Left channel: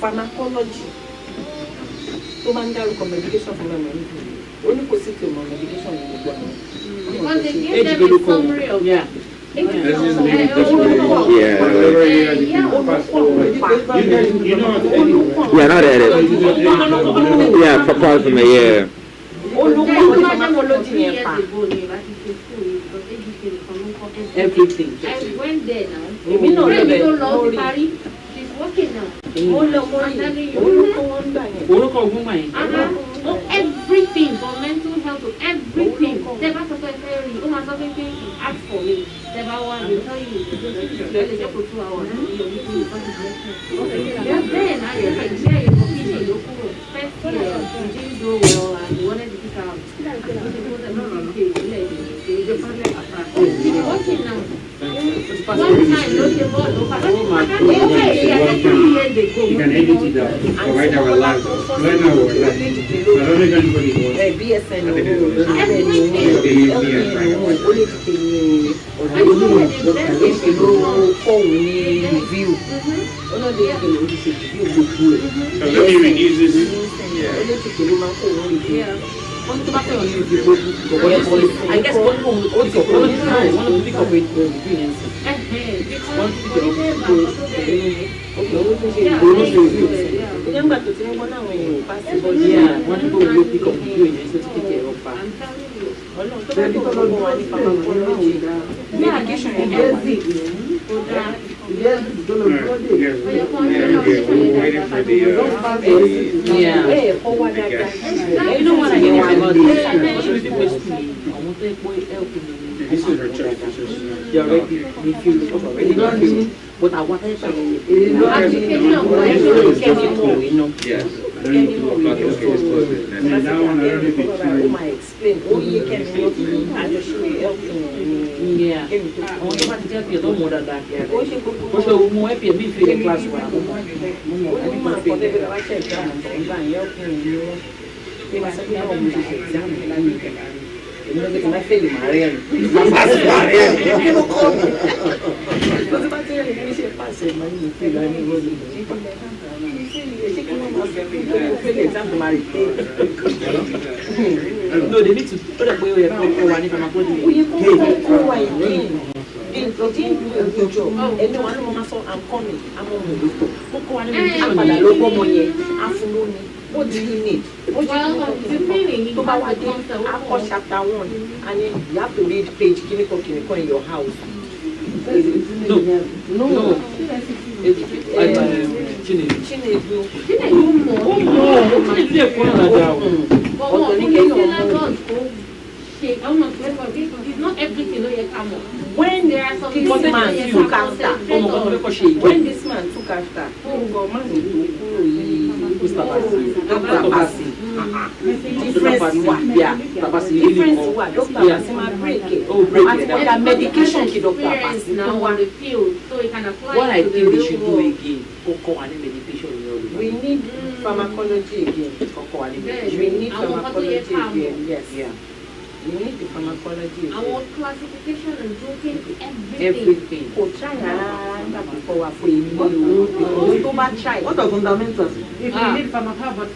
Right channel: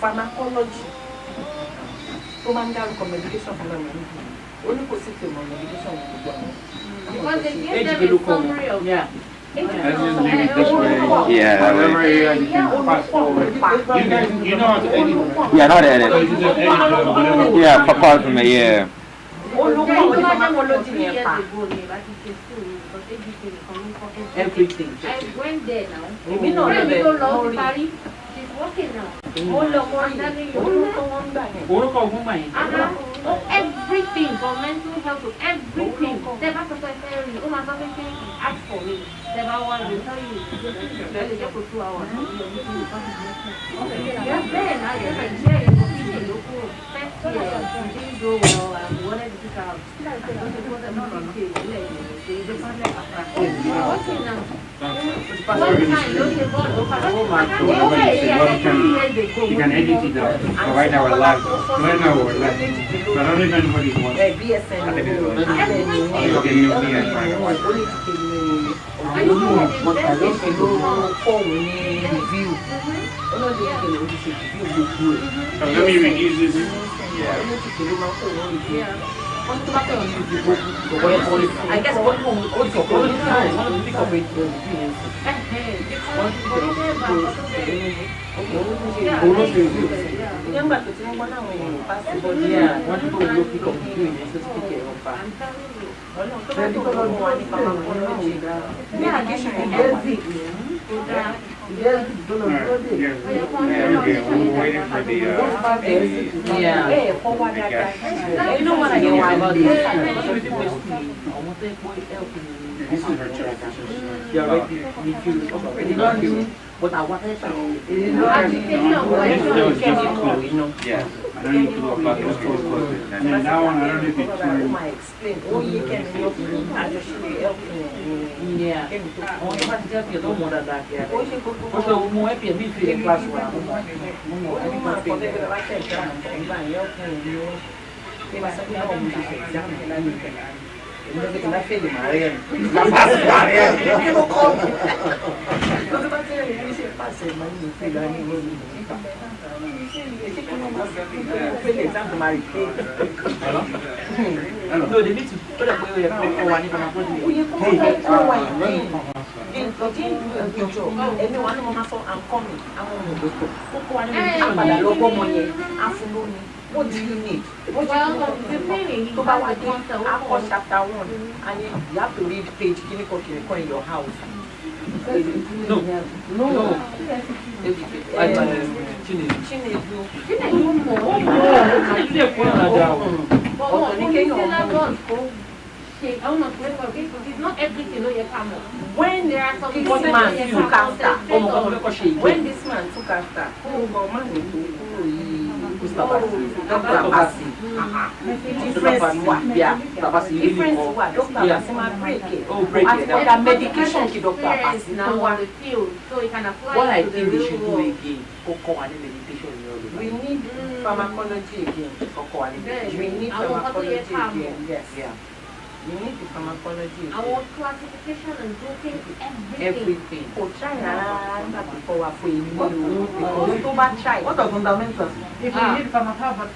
Pharmacology. Medication for only medication. Yeah. Yeah, for part of me, yeah. Everything. I went there now. She's working now. Everything for mental health, everything. Never secretary, ask for me. Never one will tell you. Just for 2 hours. Then I first year, didn't go well and we wanted to pick out. You can edit it out, provide our life. Right now we're live. But I don't know if anybody wants I guess one home would also pick up with you know what I mean about this? this is her job. You're already what I wanted to Yes. I don't need to know about those things. And then now I'm going to be explain. Oh, you can I just show you everything. Yeah. I want to tell you no more than that. Also, more happy me feel class one. No, they need to put up where I'm coming. What do you need? Chapter 1, and then you have to read page in your house. No. It's not everything you come on. When this man took after, Dr. Bassi. Medication to Dr. Bassi. Now on the field, so it can apply. What I think they should do again, cocoa and medication. We need pharmacology again, cocoa and medication. We need pharmacology again. Yes. Yeah. You need the pharmacology. Our classification and grouping everything. Oh, China, before we what are fundamentals? If you need fundamentals,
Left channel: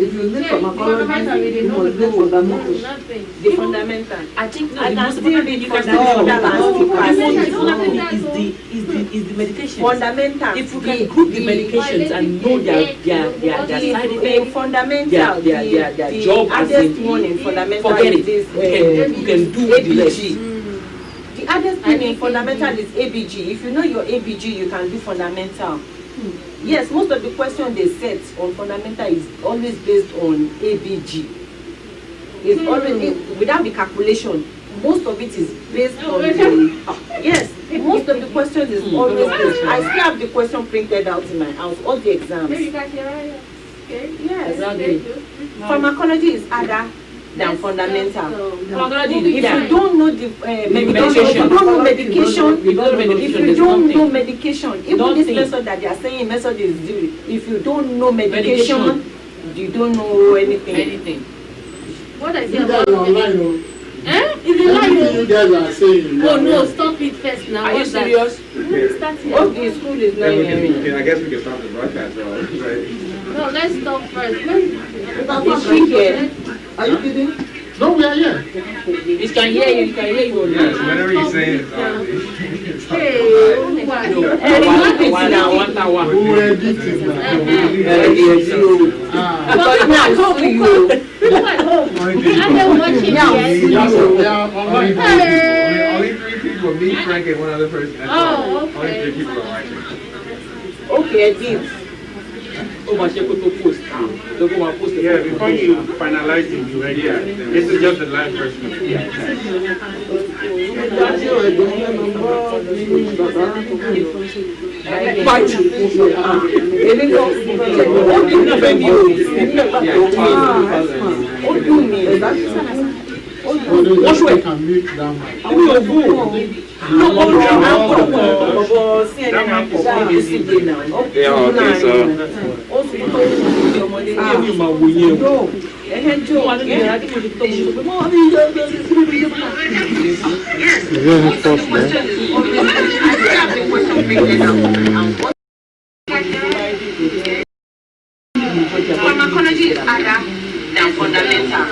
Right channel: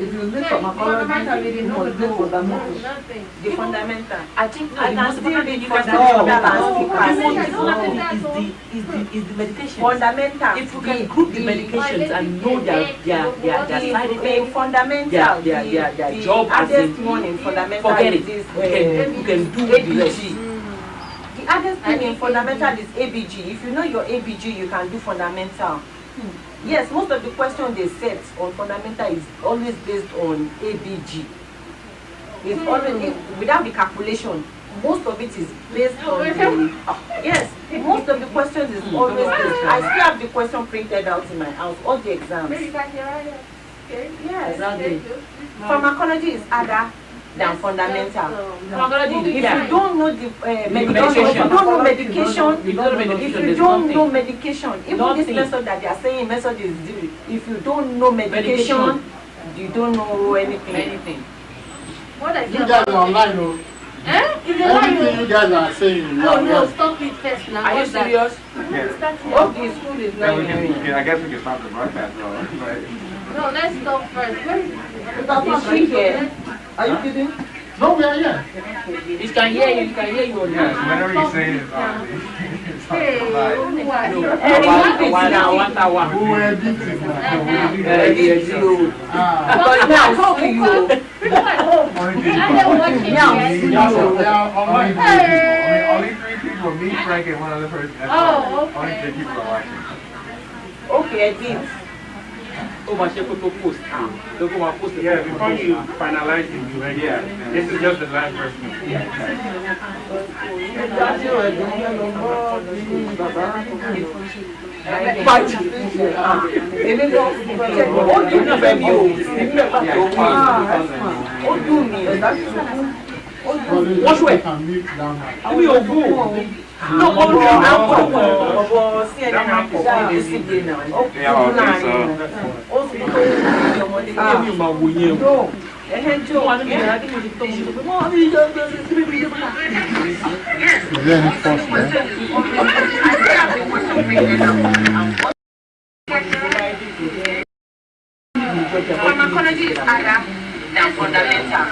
if you need pharmacology, you must do fundamentals. The fundamental. I think I can still read is the medication. Fundamental. If you can group the medications and know their side effects, fundamental, their job as in fundamental. Forget it. You can do ABG. The other thing in fundamental is ABG. If you know your ABG, you can do fundamental. Yes, most of the questions they set on fundamental is always based on ABG. It's always without the calculation. Most of it is based on the yes. most of the questions is always this. I still have the question printed out in my house, all the exams. Yes. Exactly. Pharmacology is harder than fundamental. Pharmacology If is you don't know the medication, if you don't know medication, even this method that they are saying method is due. If you don't know medication, you don't know anything. What I You guys are online, oh. Everything you guys are saying, you are no, online. stop it first now. Are you serious? Okay, school is not hearing. I guess we can stop the broadcast, though. No, let's stop first. Is she here? Are you kidding? No, we are here. It can hear you. Yes, whatever you say is Hey, One hour. We were addicted now. Because now I saw you. I don't watch it Yeah, yet. we are online. Only 3 people, me, Frank, and one other person. That's Oh, all. okay. Only 3 people are watching. Okay, I did. Yeah, before you finalize it, this is just the last person. Wash away. Can mute down. Is there any force there? Pharmacology is harder than fundamental.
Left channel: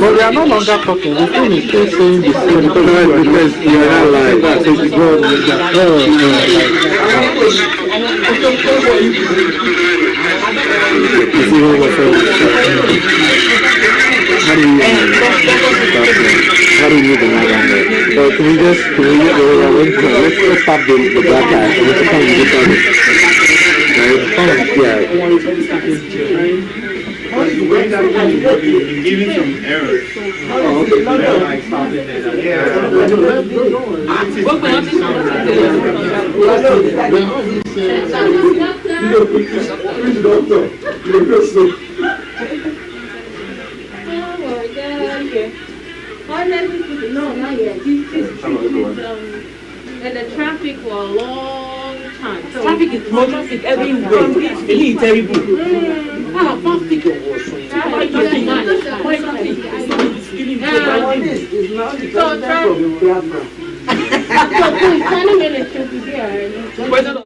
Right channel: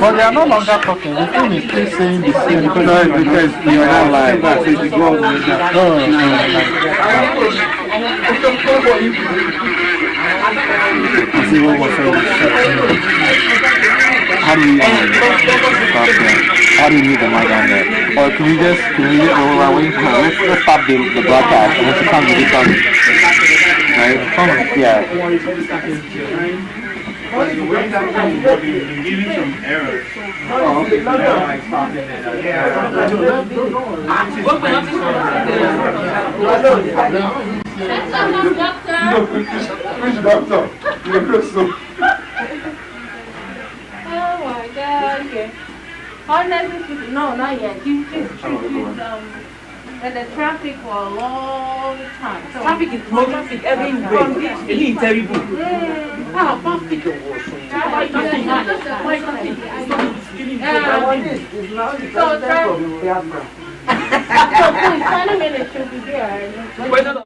But they are no longer talking. The thing is still saying the same. Because you're not lying. That's it. Go on with that. You see what was said? How do you do the matter? Or can we just go around? Let's stop the broadcast. Let's come and get started. Right? Yeah. Giving some errors. Oh, okay. Doctor. Doctor. Oh my God. Honestly, no, not yet. This is and the traffic for a long time. So Traffic is more traffic everywhere. It's terrible. Traffic was So 20 minutes should be there.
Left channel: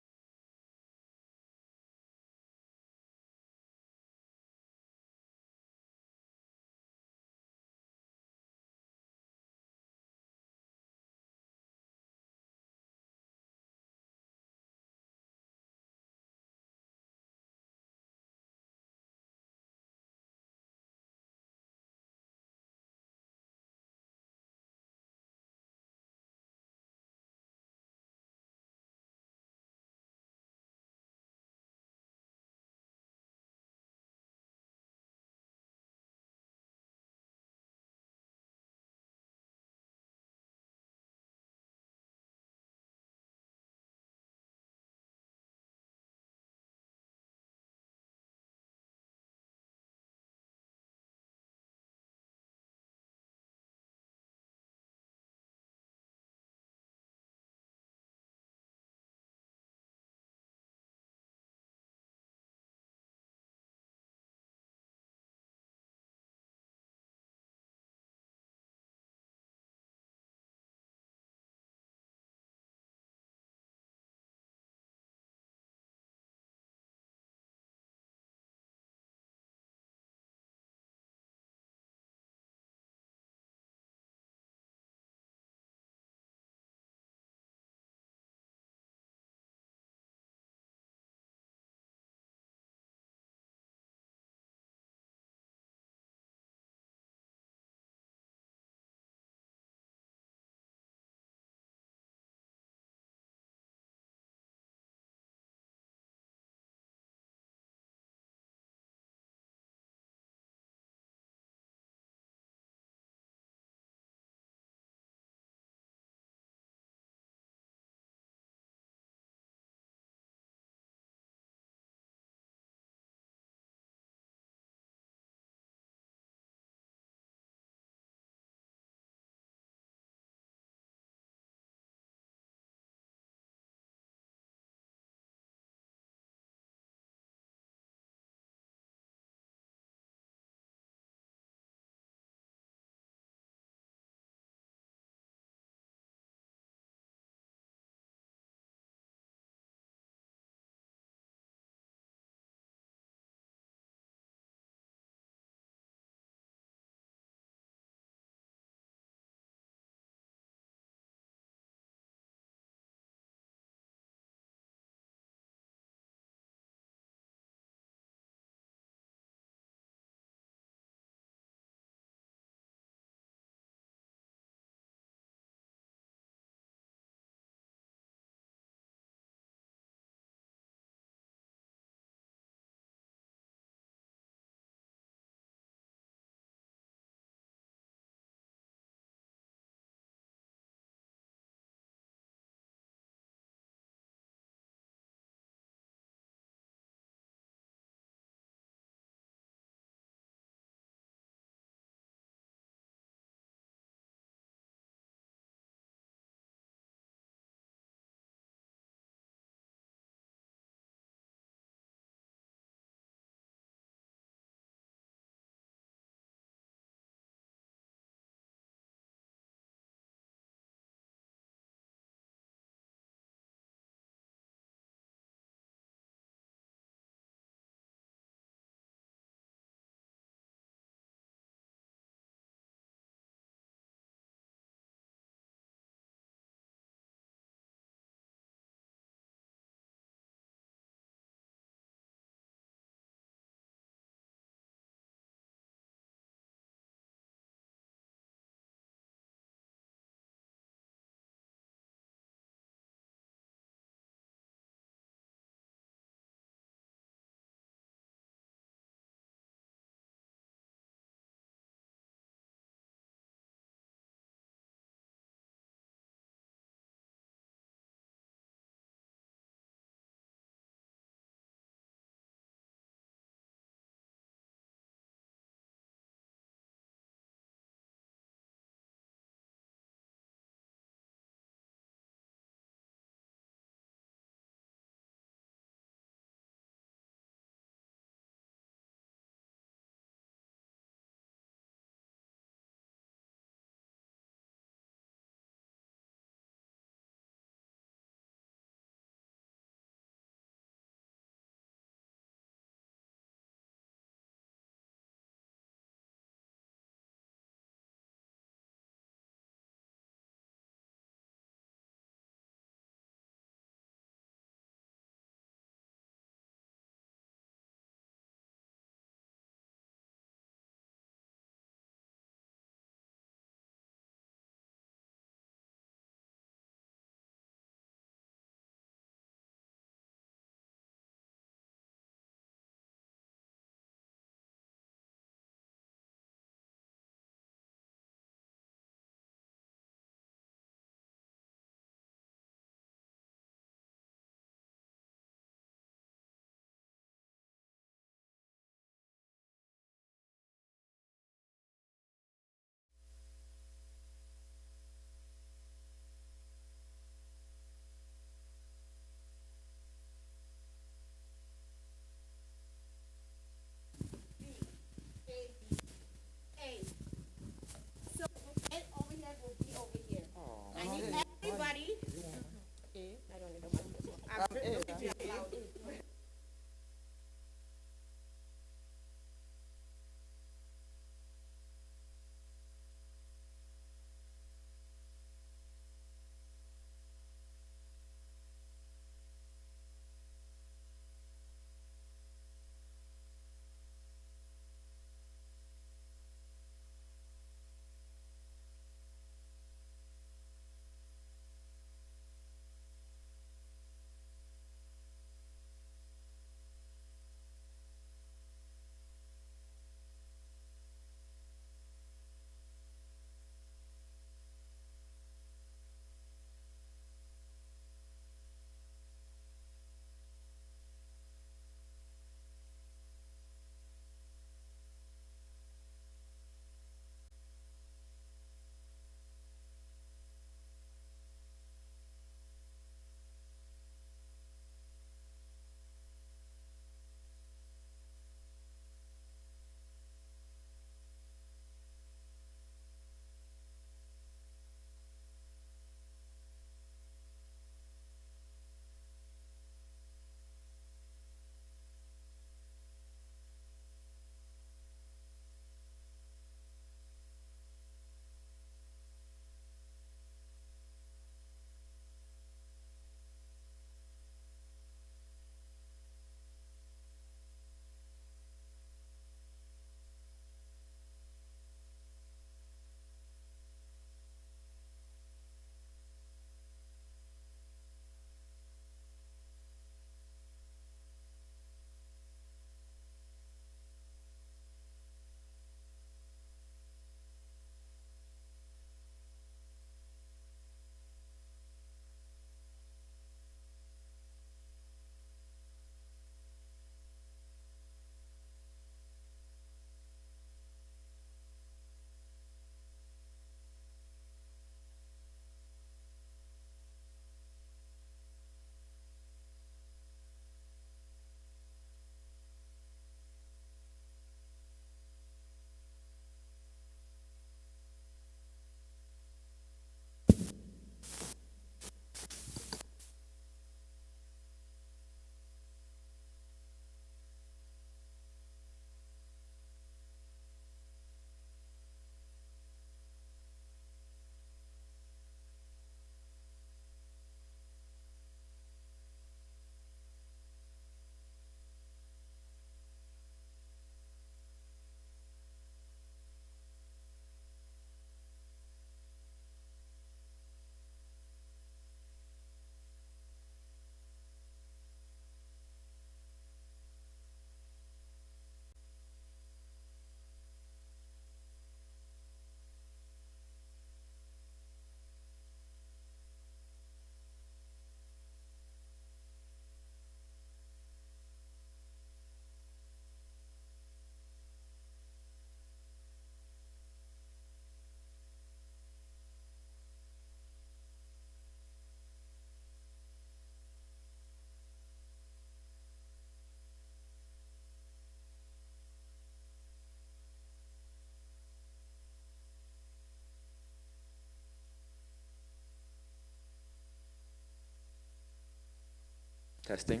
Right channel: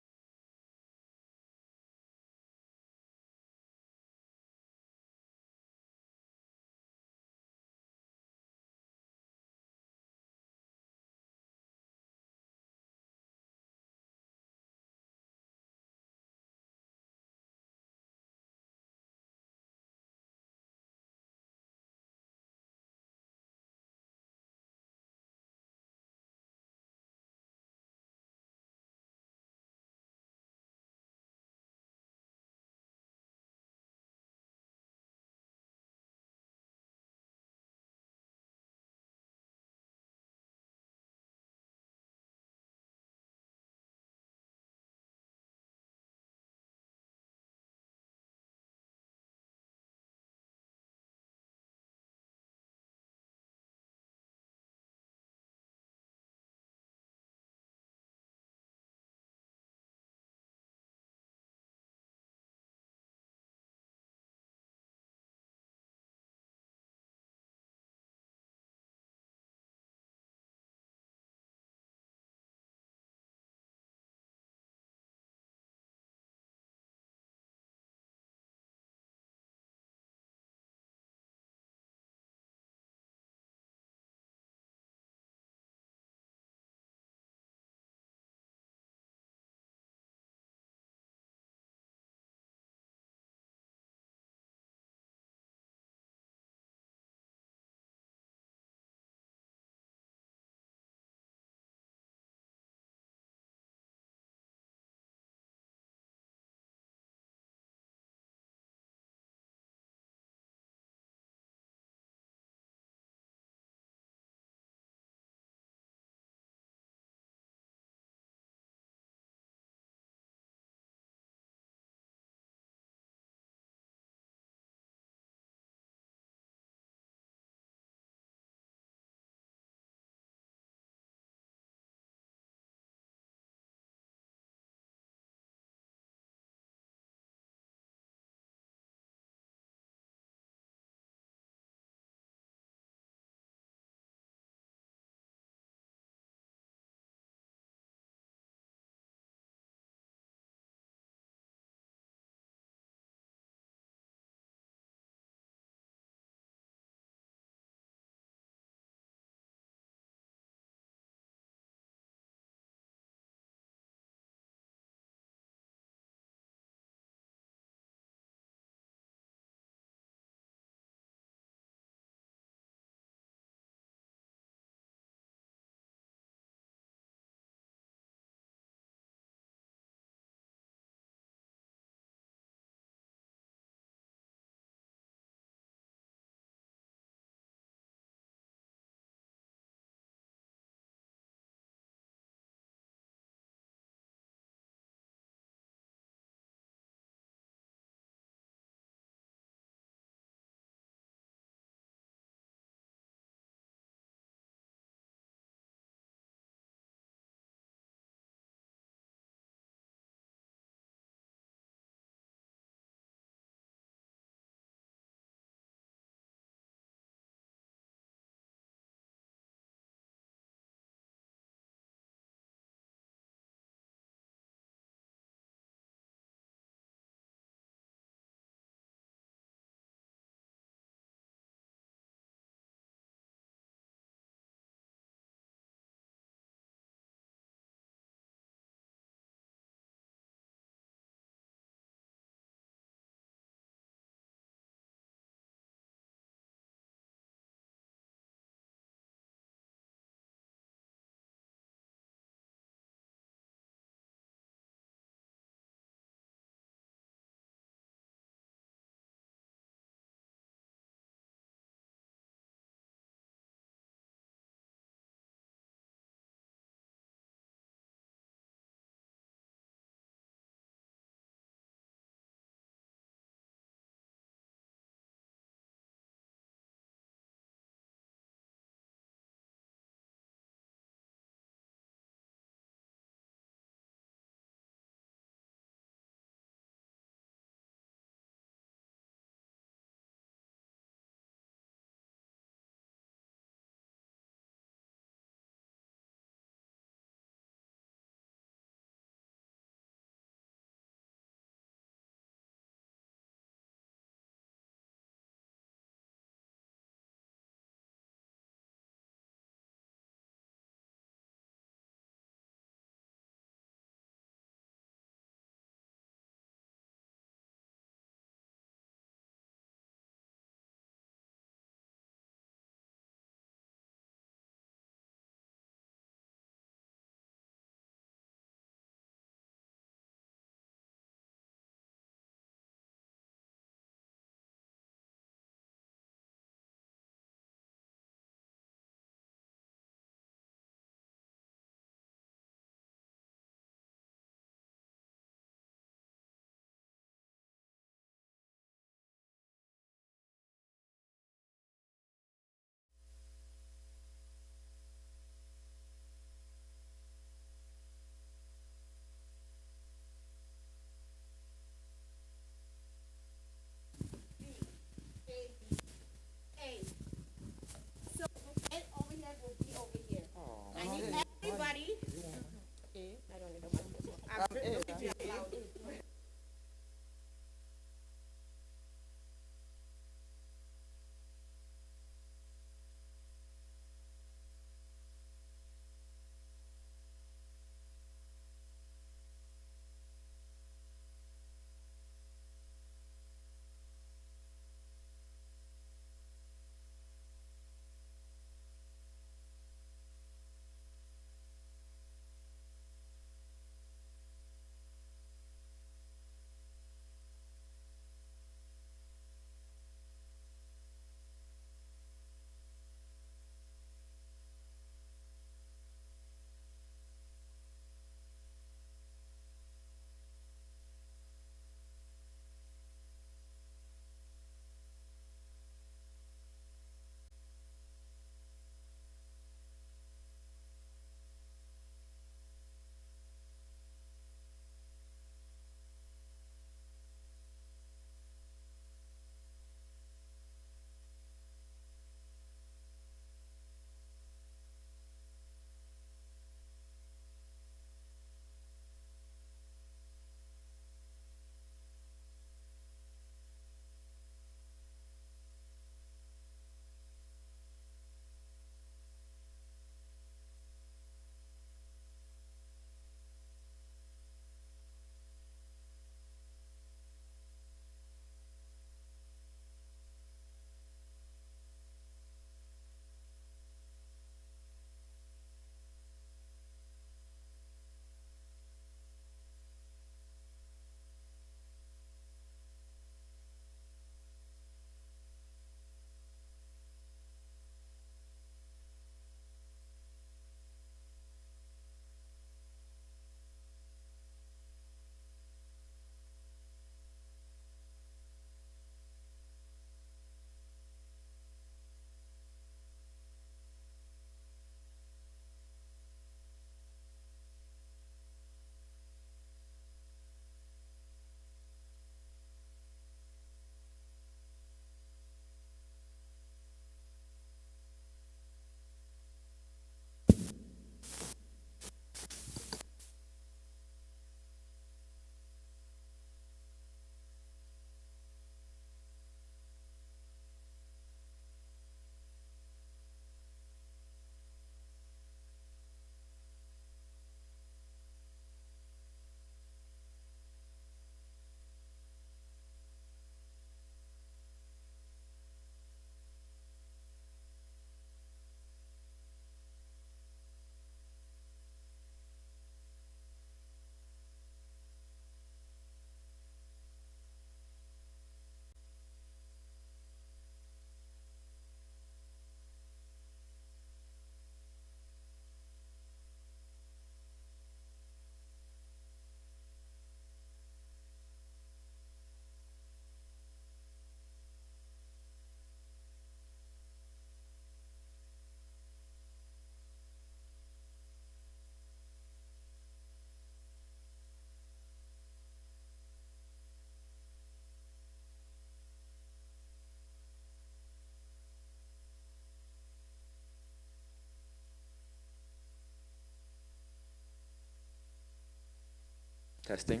Testing.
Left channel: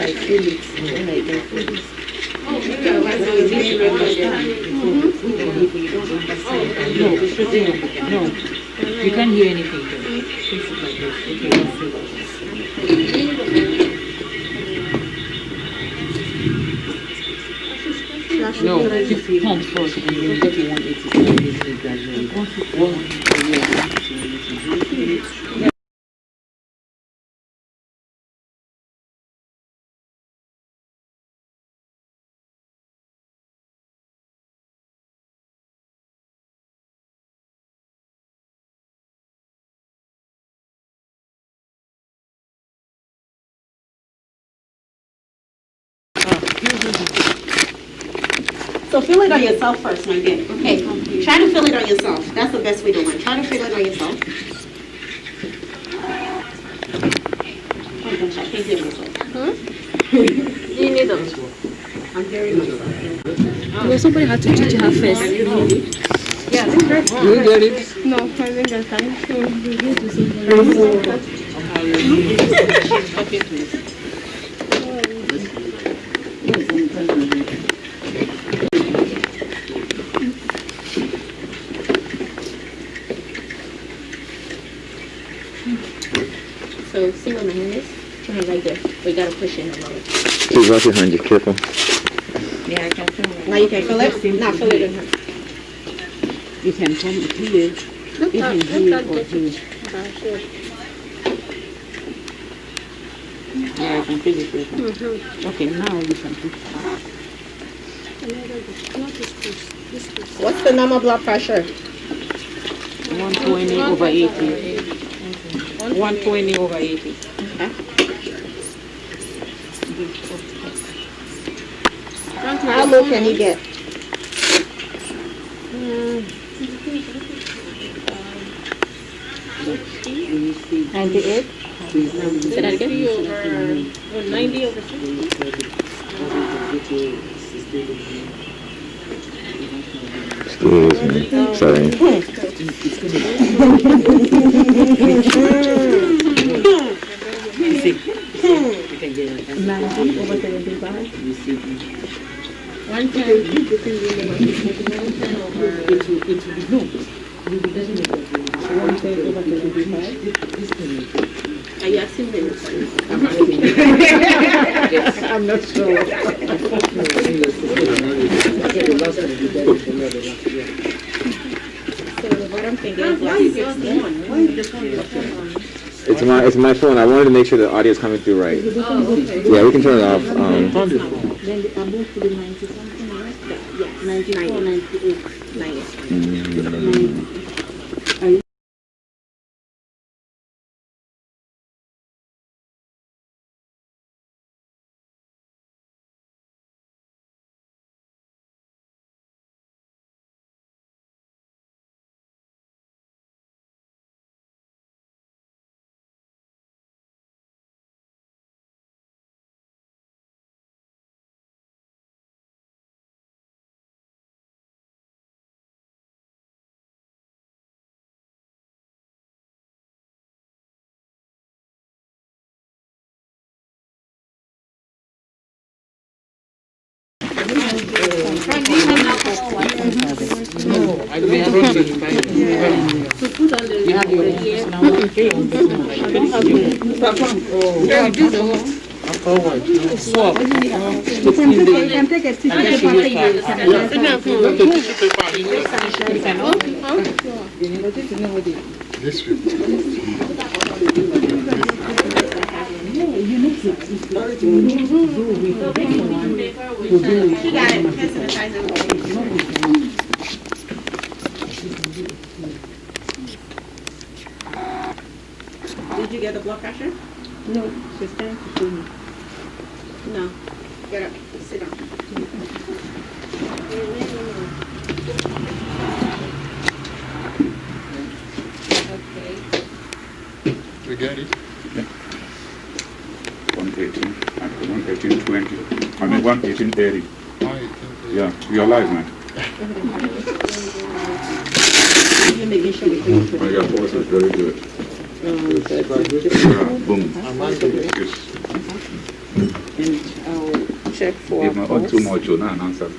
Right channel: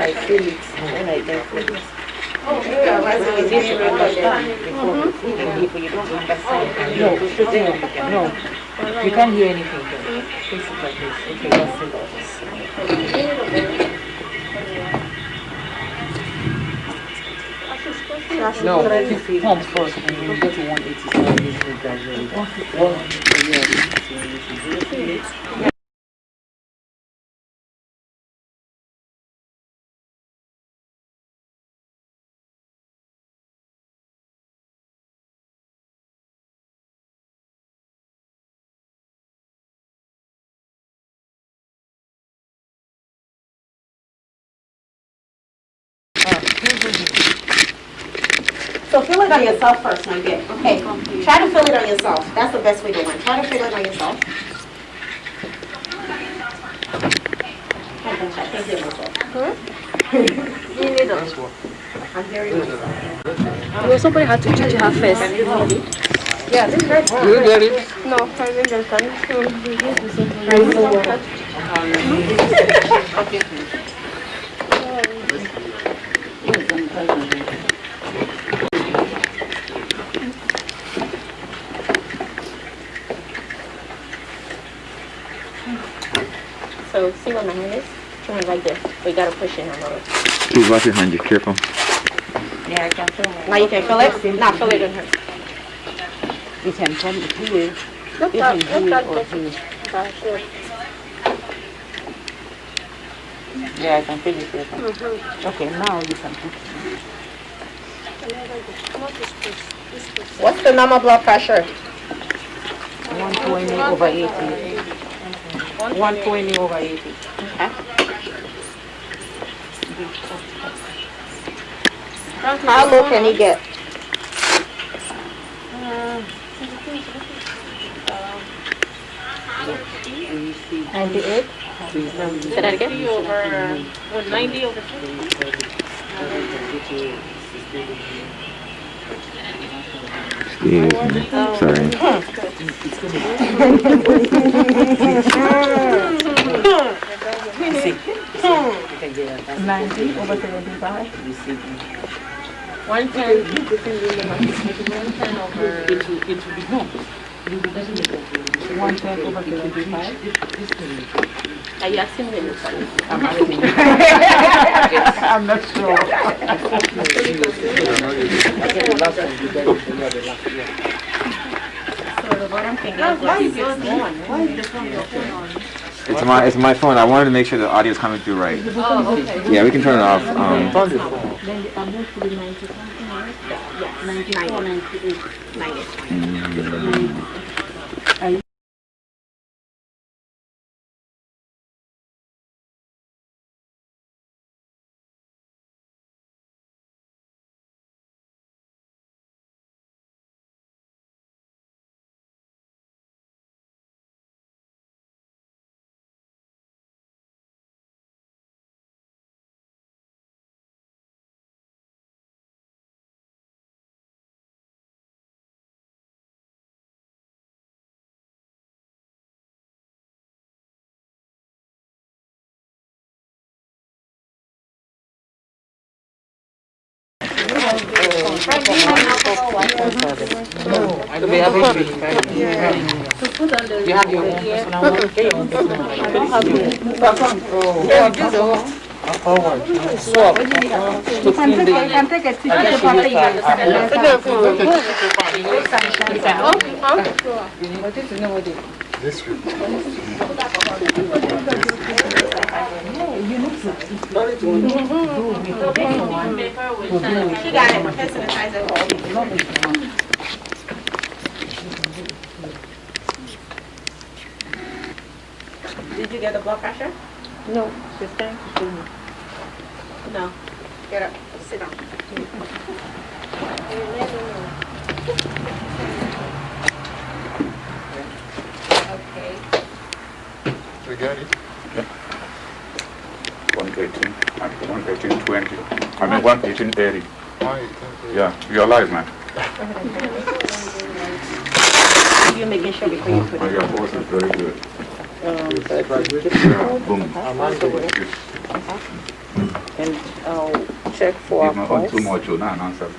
I feel it when I get it. When you need to understand before if you don't understand, no, no, you can't hear anything. Face it like this. Okay, that's it. No, pump first and you get to 187 listening gradually. 1, yeah. So feel it on yourself first, my dear. Okay. Try to feel it on yourself. That's the best way to win. Try to feel it on yourself. I can't hear myself. You need us. I'm very good. Well, somebody had to teach her first. Yeah, this is great. You get it? No, I didn't get it. Okay, please. So see where my hand is? Your hand right there. We gotta push it on over. Please wash your hands, be careful. Yeah, I can feel it. Now you can feel it? Now feel it in her. It can come here. Look It at can here or this. here. Yeah, I can feel it. Okay, now you can push. What's the normal blood pressure? 120 over 80. 120 over 80. Okay. How low can he get? $98? Say that again? 90 over 60. Sorry. You can get it. 90 over 75. You see. 110. It will be no. It will be definitely 110 over 25. Are you asking them? I'm not sure. I get the last one. You get the last year. So the bottom finger is Why is this one? Why is this one? It's my phone. I wanted to make sure the audio is coming through right. Oh, okay. Yeah, we can turn it off. Turn the phone. Then the above to be 90 something, right? Yeah, 94, 98, 90. You have your own personal one? Get your own personal one. I don't have your swap. To clean the... I guess you use She got it. Hand sanitizer. Did you get the blood pressure? No, she's trying to show me. No. Get up. Sit down. Okay. We got it? 118 and 118.20. I mean 118.30. Yeah, you're alive, man. You're making sure before you put But it your pulse is very good. Boom. Yes. And I'll check for If our not on pulse. too much, you'll not answer.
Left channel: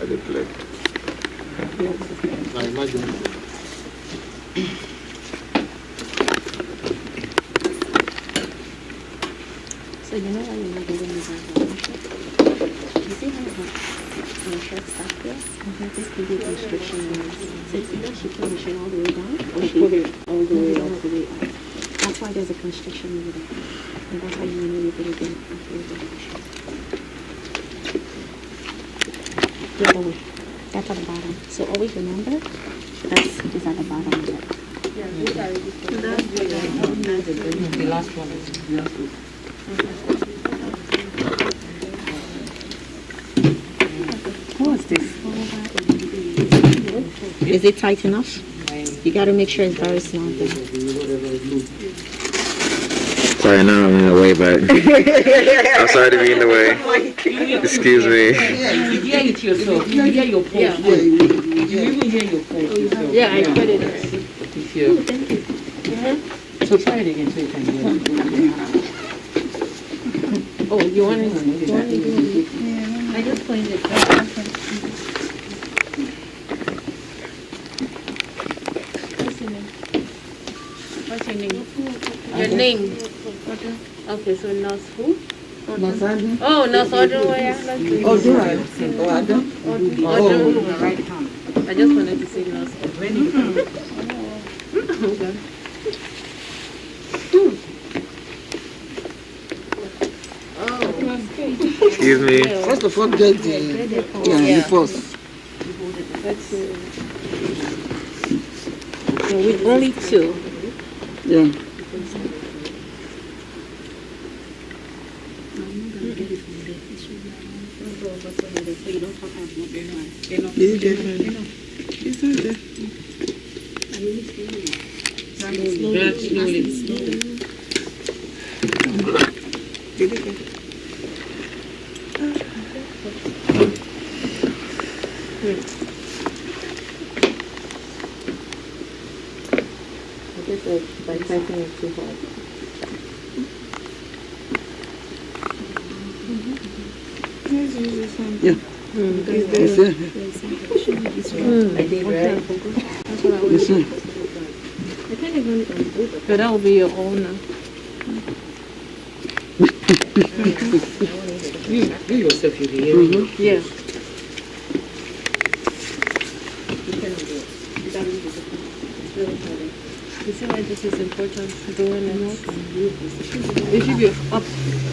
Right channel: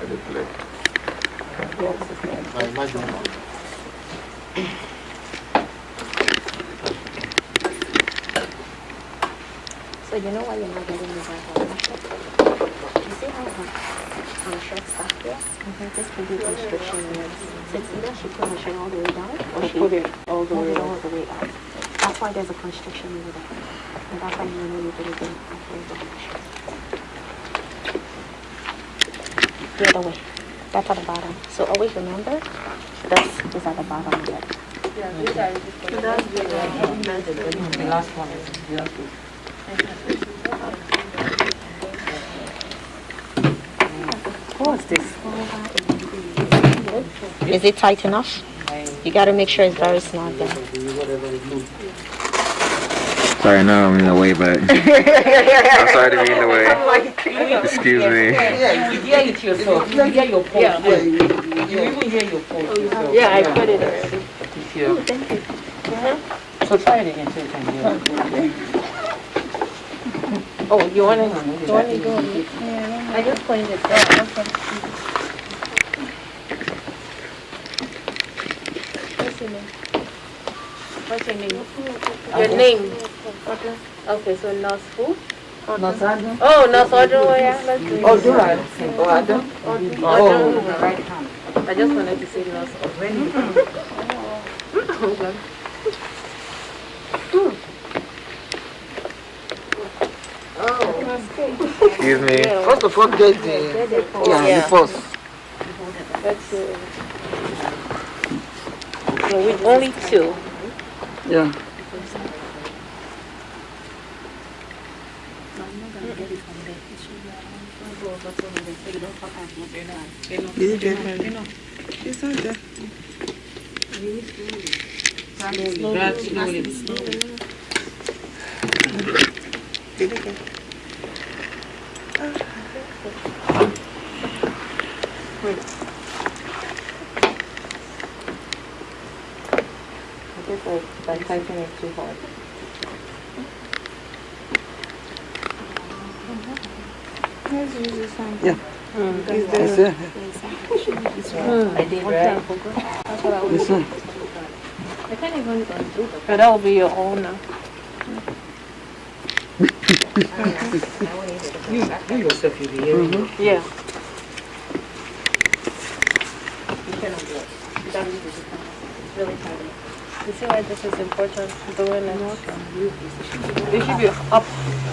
I declare. I imagine. So you know why you're not getting the blood pressure? You see how her shirt stuck here? This can be constriction nerves. So it's either she put her shirt all the way down or she Put it all the way all up. the way up. That's why there's a constriction over there. And that's why you know you're getting the blood pressure. The other way. That's at the bottom. So always remember, this is at the bottom of it. The last one is the last one. What's this? Is it tight enough? You gotta make sure it's very snug then. Sorry, no, I'm in the way, but I'm sorry to be in the way. Excuse me. Yeah, you will hear it yourself. You will hear your pulse. Yeah. You even hear your pulse yourself. Yeah, I put it already. If you. Thank you. So try it again so you can hear it. Oh, you want to go? I just pointed it. What's your name? Your name? Okay, so Nurse who? Nasadu. Oh, Nurse Odunoya. Let's do it. Odun. Odun. I just wanted to say Nurse Odunoya. Excuse me. First of all, get the first. That's it. With only 2. Yeah. Did you get it? It's not there. Slowly. Did you get it? I guess by typing it too hard. Let's use this one. Yeah. It's there. I did, right? That's what I was. This one. I can't even do that. But that will be your own now. You yourself, you hear it. Yeah. It's really hard. You see why this is important? Doing it. It should be up.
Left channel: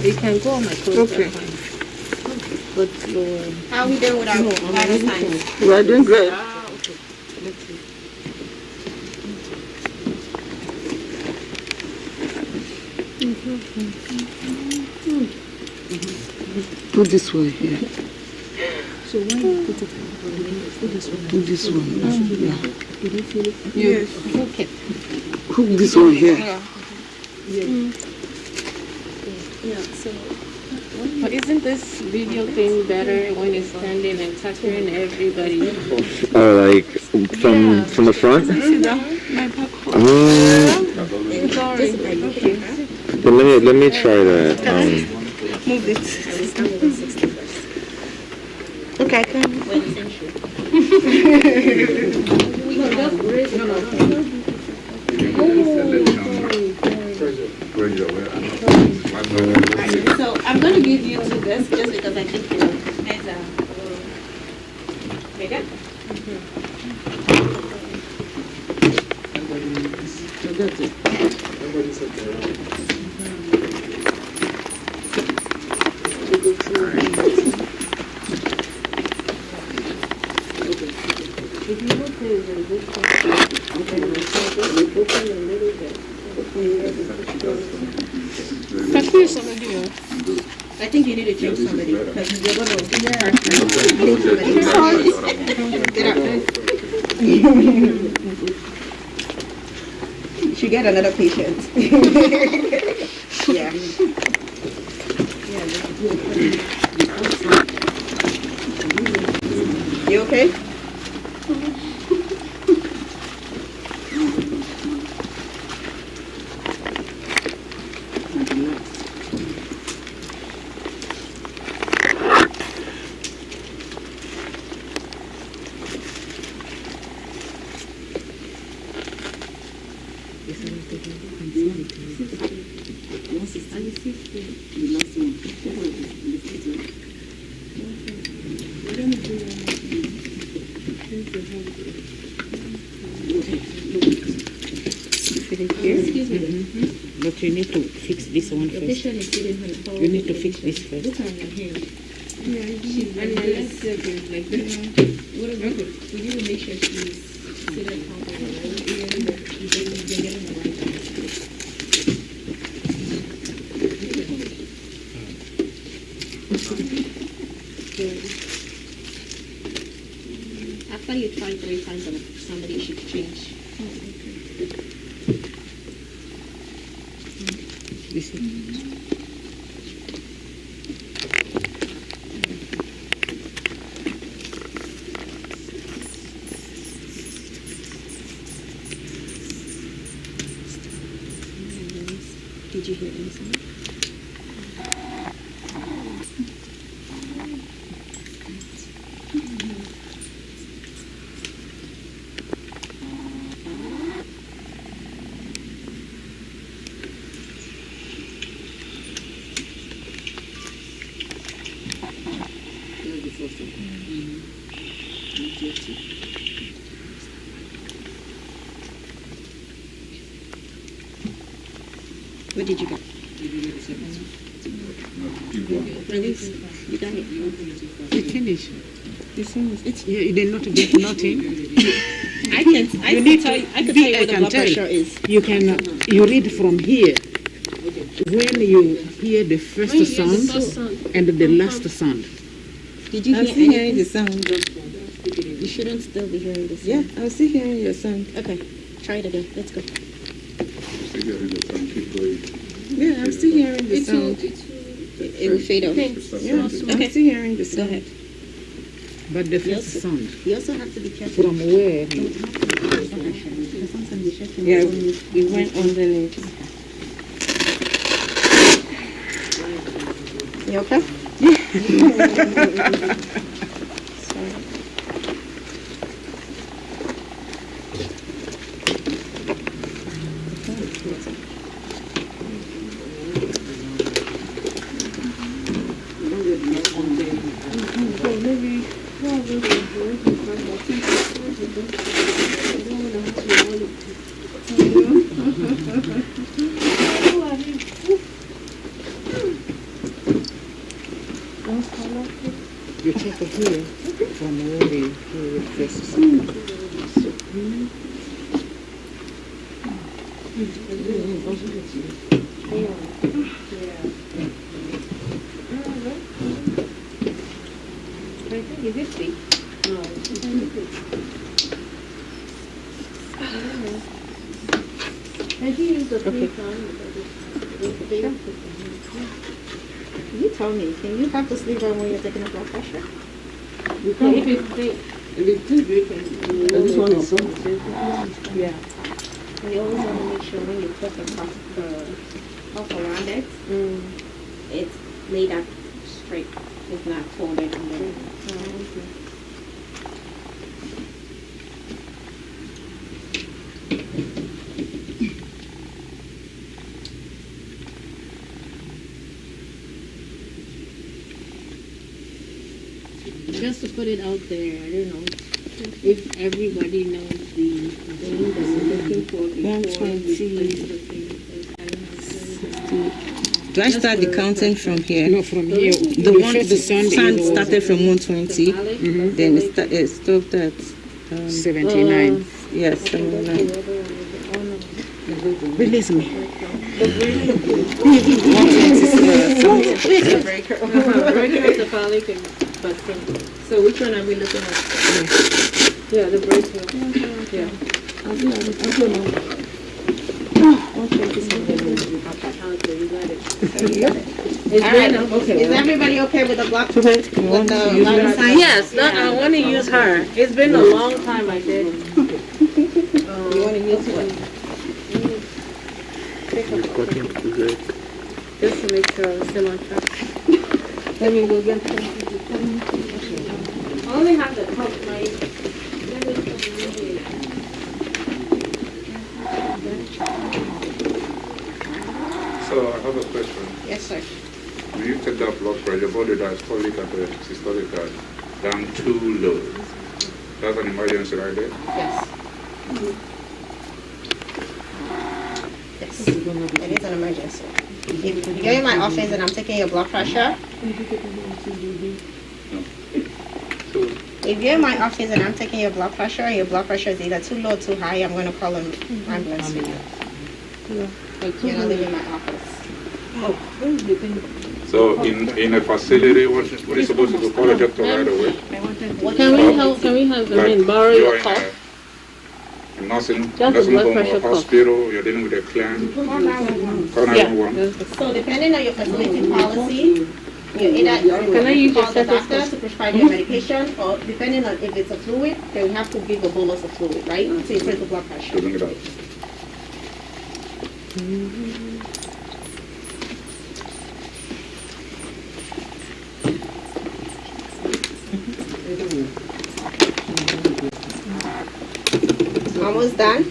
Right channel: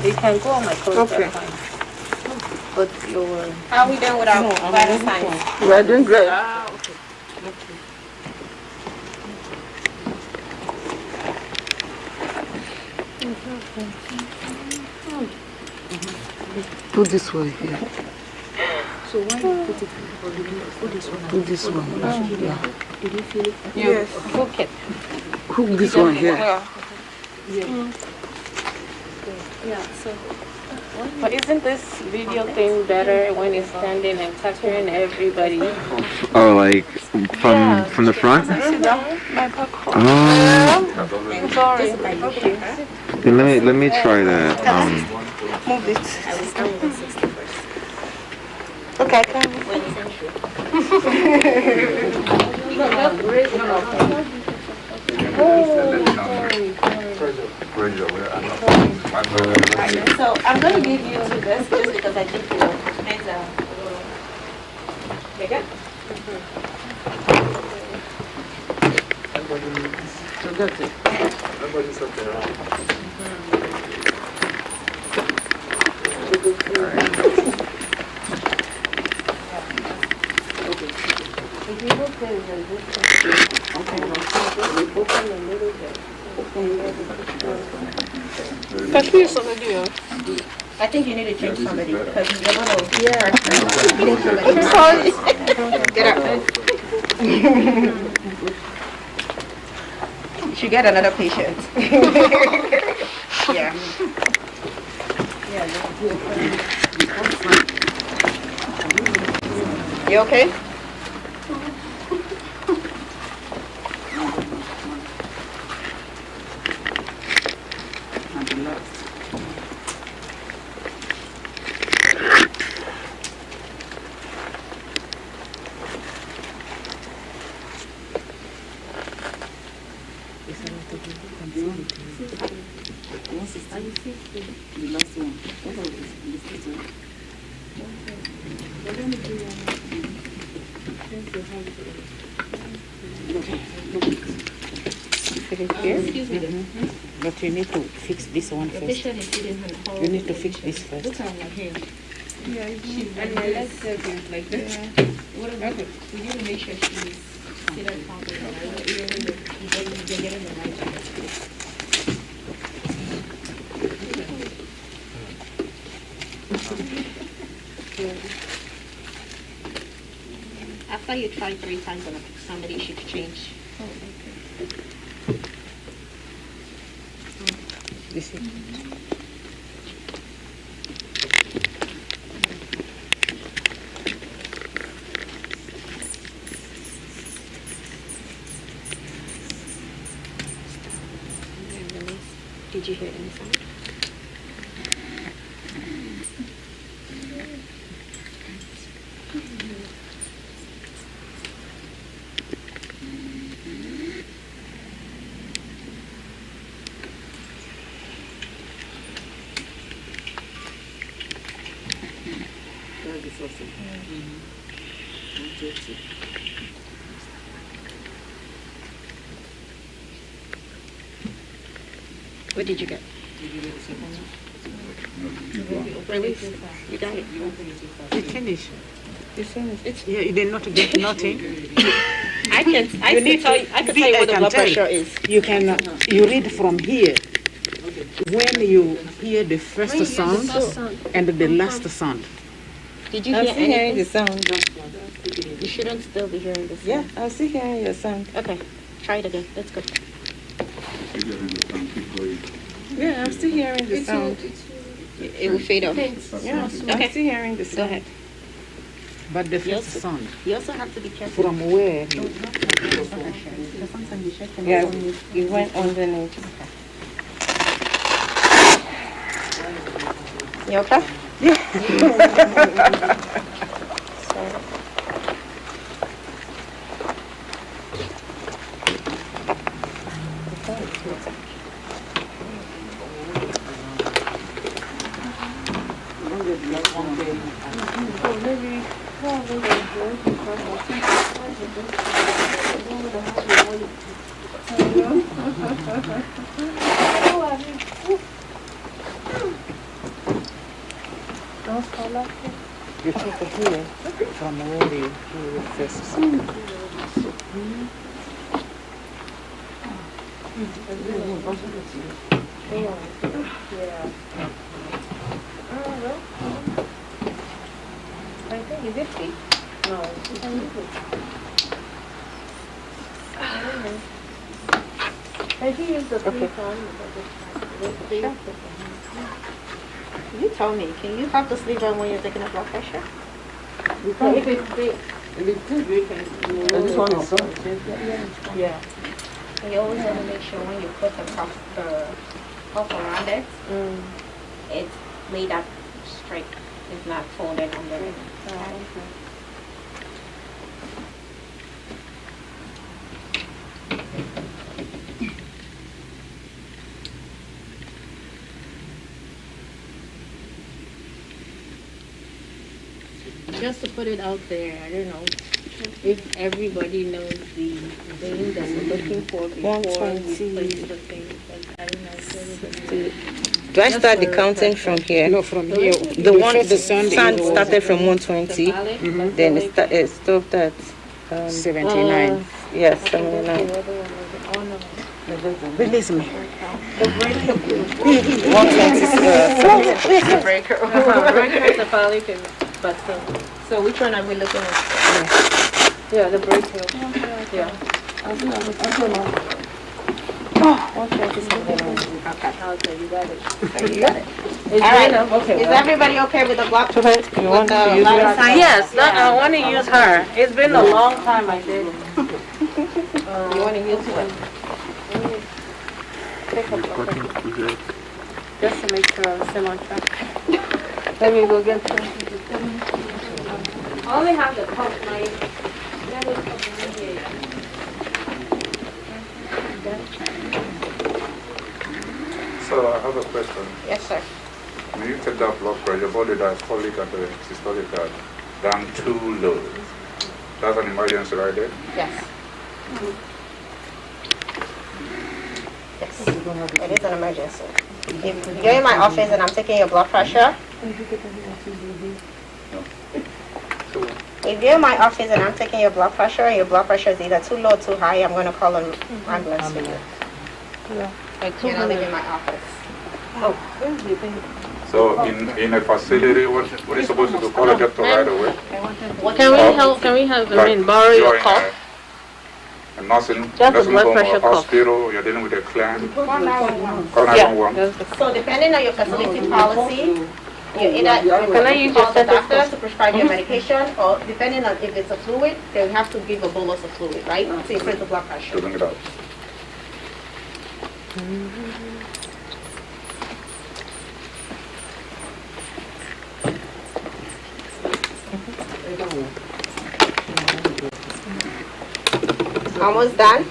You can go on my clothes. Okay. But your... How are we doing with our vital signs? We're doing great. Put this one here. So why you put it put this one? Put this one. Yeah. Did you feel it? Yes. Hook it. Hook this one here. Yeah, so But isn't this video thing better when it's standing and touching everybody? Oh, like from the front? Sorry. Okay. Let me try that. Move it. I will start with the 60 first. Okay, come. No, just raise it up. So I'm going to give you to this just because I think your hands are a little bigger. Forget it. Nobody's up there. If you look at it like this, open a little bit. I think you need to change somebody because you're going to change somebody. Sorry. Get up. You should get another patient. Yeah. You okay? But you need to fix this one first. You need to fix this first. And my legs are good, like that. What about it? We need to make sure she's seated properly. after you try 3 times on somebody, it should change. You see? Did you hear any sound? What did you get? Release. You got it. You finish. You finish. Yeah, you did not get nothing. I can tell you what the blood pressure is. You can you read from here. When you hear the first sound and the last sound. Did you I'm hear still hearing anything? the sound. You shouldn't still be hearing the sound. Yeah, I'm still hearing your sound. Okay, try it again. Let's go. Yeah, I'm still hearing the sound. It will fade off. Yeah, I'm still hearing the sound. Go ahead. But the first sound. You also have to be careful. From where? Yeah, it went underneath. You okay? You check here from where you hear the first sound. I think is it fake? No, it's fake. I think it's the free time. You tell me, can you have the sleeve on when you're taking a blood pressure? If it's fake. This one is Yeah. You always want to make sure when you put the cuff around it, it's laid up straight. It's not folded under it. Just to put it out there, I don't know if everybody knows the thing that we're looking for before we place the thing. I don't know if everybody. Do I start the counting from here? No, from here. The sound started from 120, then it stopped at 79. Yes, 79. Release me. The breaker. 120. The breaker. Breaker is the phallic, but So which one are we looking at? yeah, the breaker. Yeah. Okay, you got it. You got it. It's All right. okay. Is everybody okay with the block? You want to use Yes, I want to use her. It's been a long time I did. You want to use what? Just to make sure I'm still on track. Let me go get some. I only have the cup, So I have a question. Yes, sir. When you take that blood pressure, body diastolic and the systolic are down too low. That's an emergency right there? Yes. Yes. It is an emergency. If you're in my office and I'm taking your blood pressure, if you're in my office and I'm taking your blood pressure and your blood pressure is either too low or too high, I'm going to call an ambulance for you. You're not leaving my office. Oh, where's the thing? So in a facility, what are you supposed to do? Call a doctor right away? Can we have, borrow your cough? A nursing Just a blood home pressure or cuff. hospital, you're dealing with a client. Call 911. So depending on your facility policy, you either Can I use your call the stethoscope? doctor to prescribe your medication, or depending on if it's a fluid, they will have to give a bolus of fluid, right? To increase the blood pressure. To bring it out. Almost done.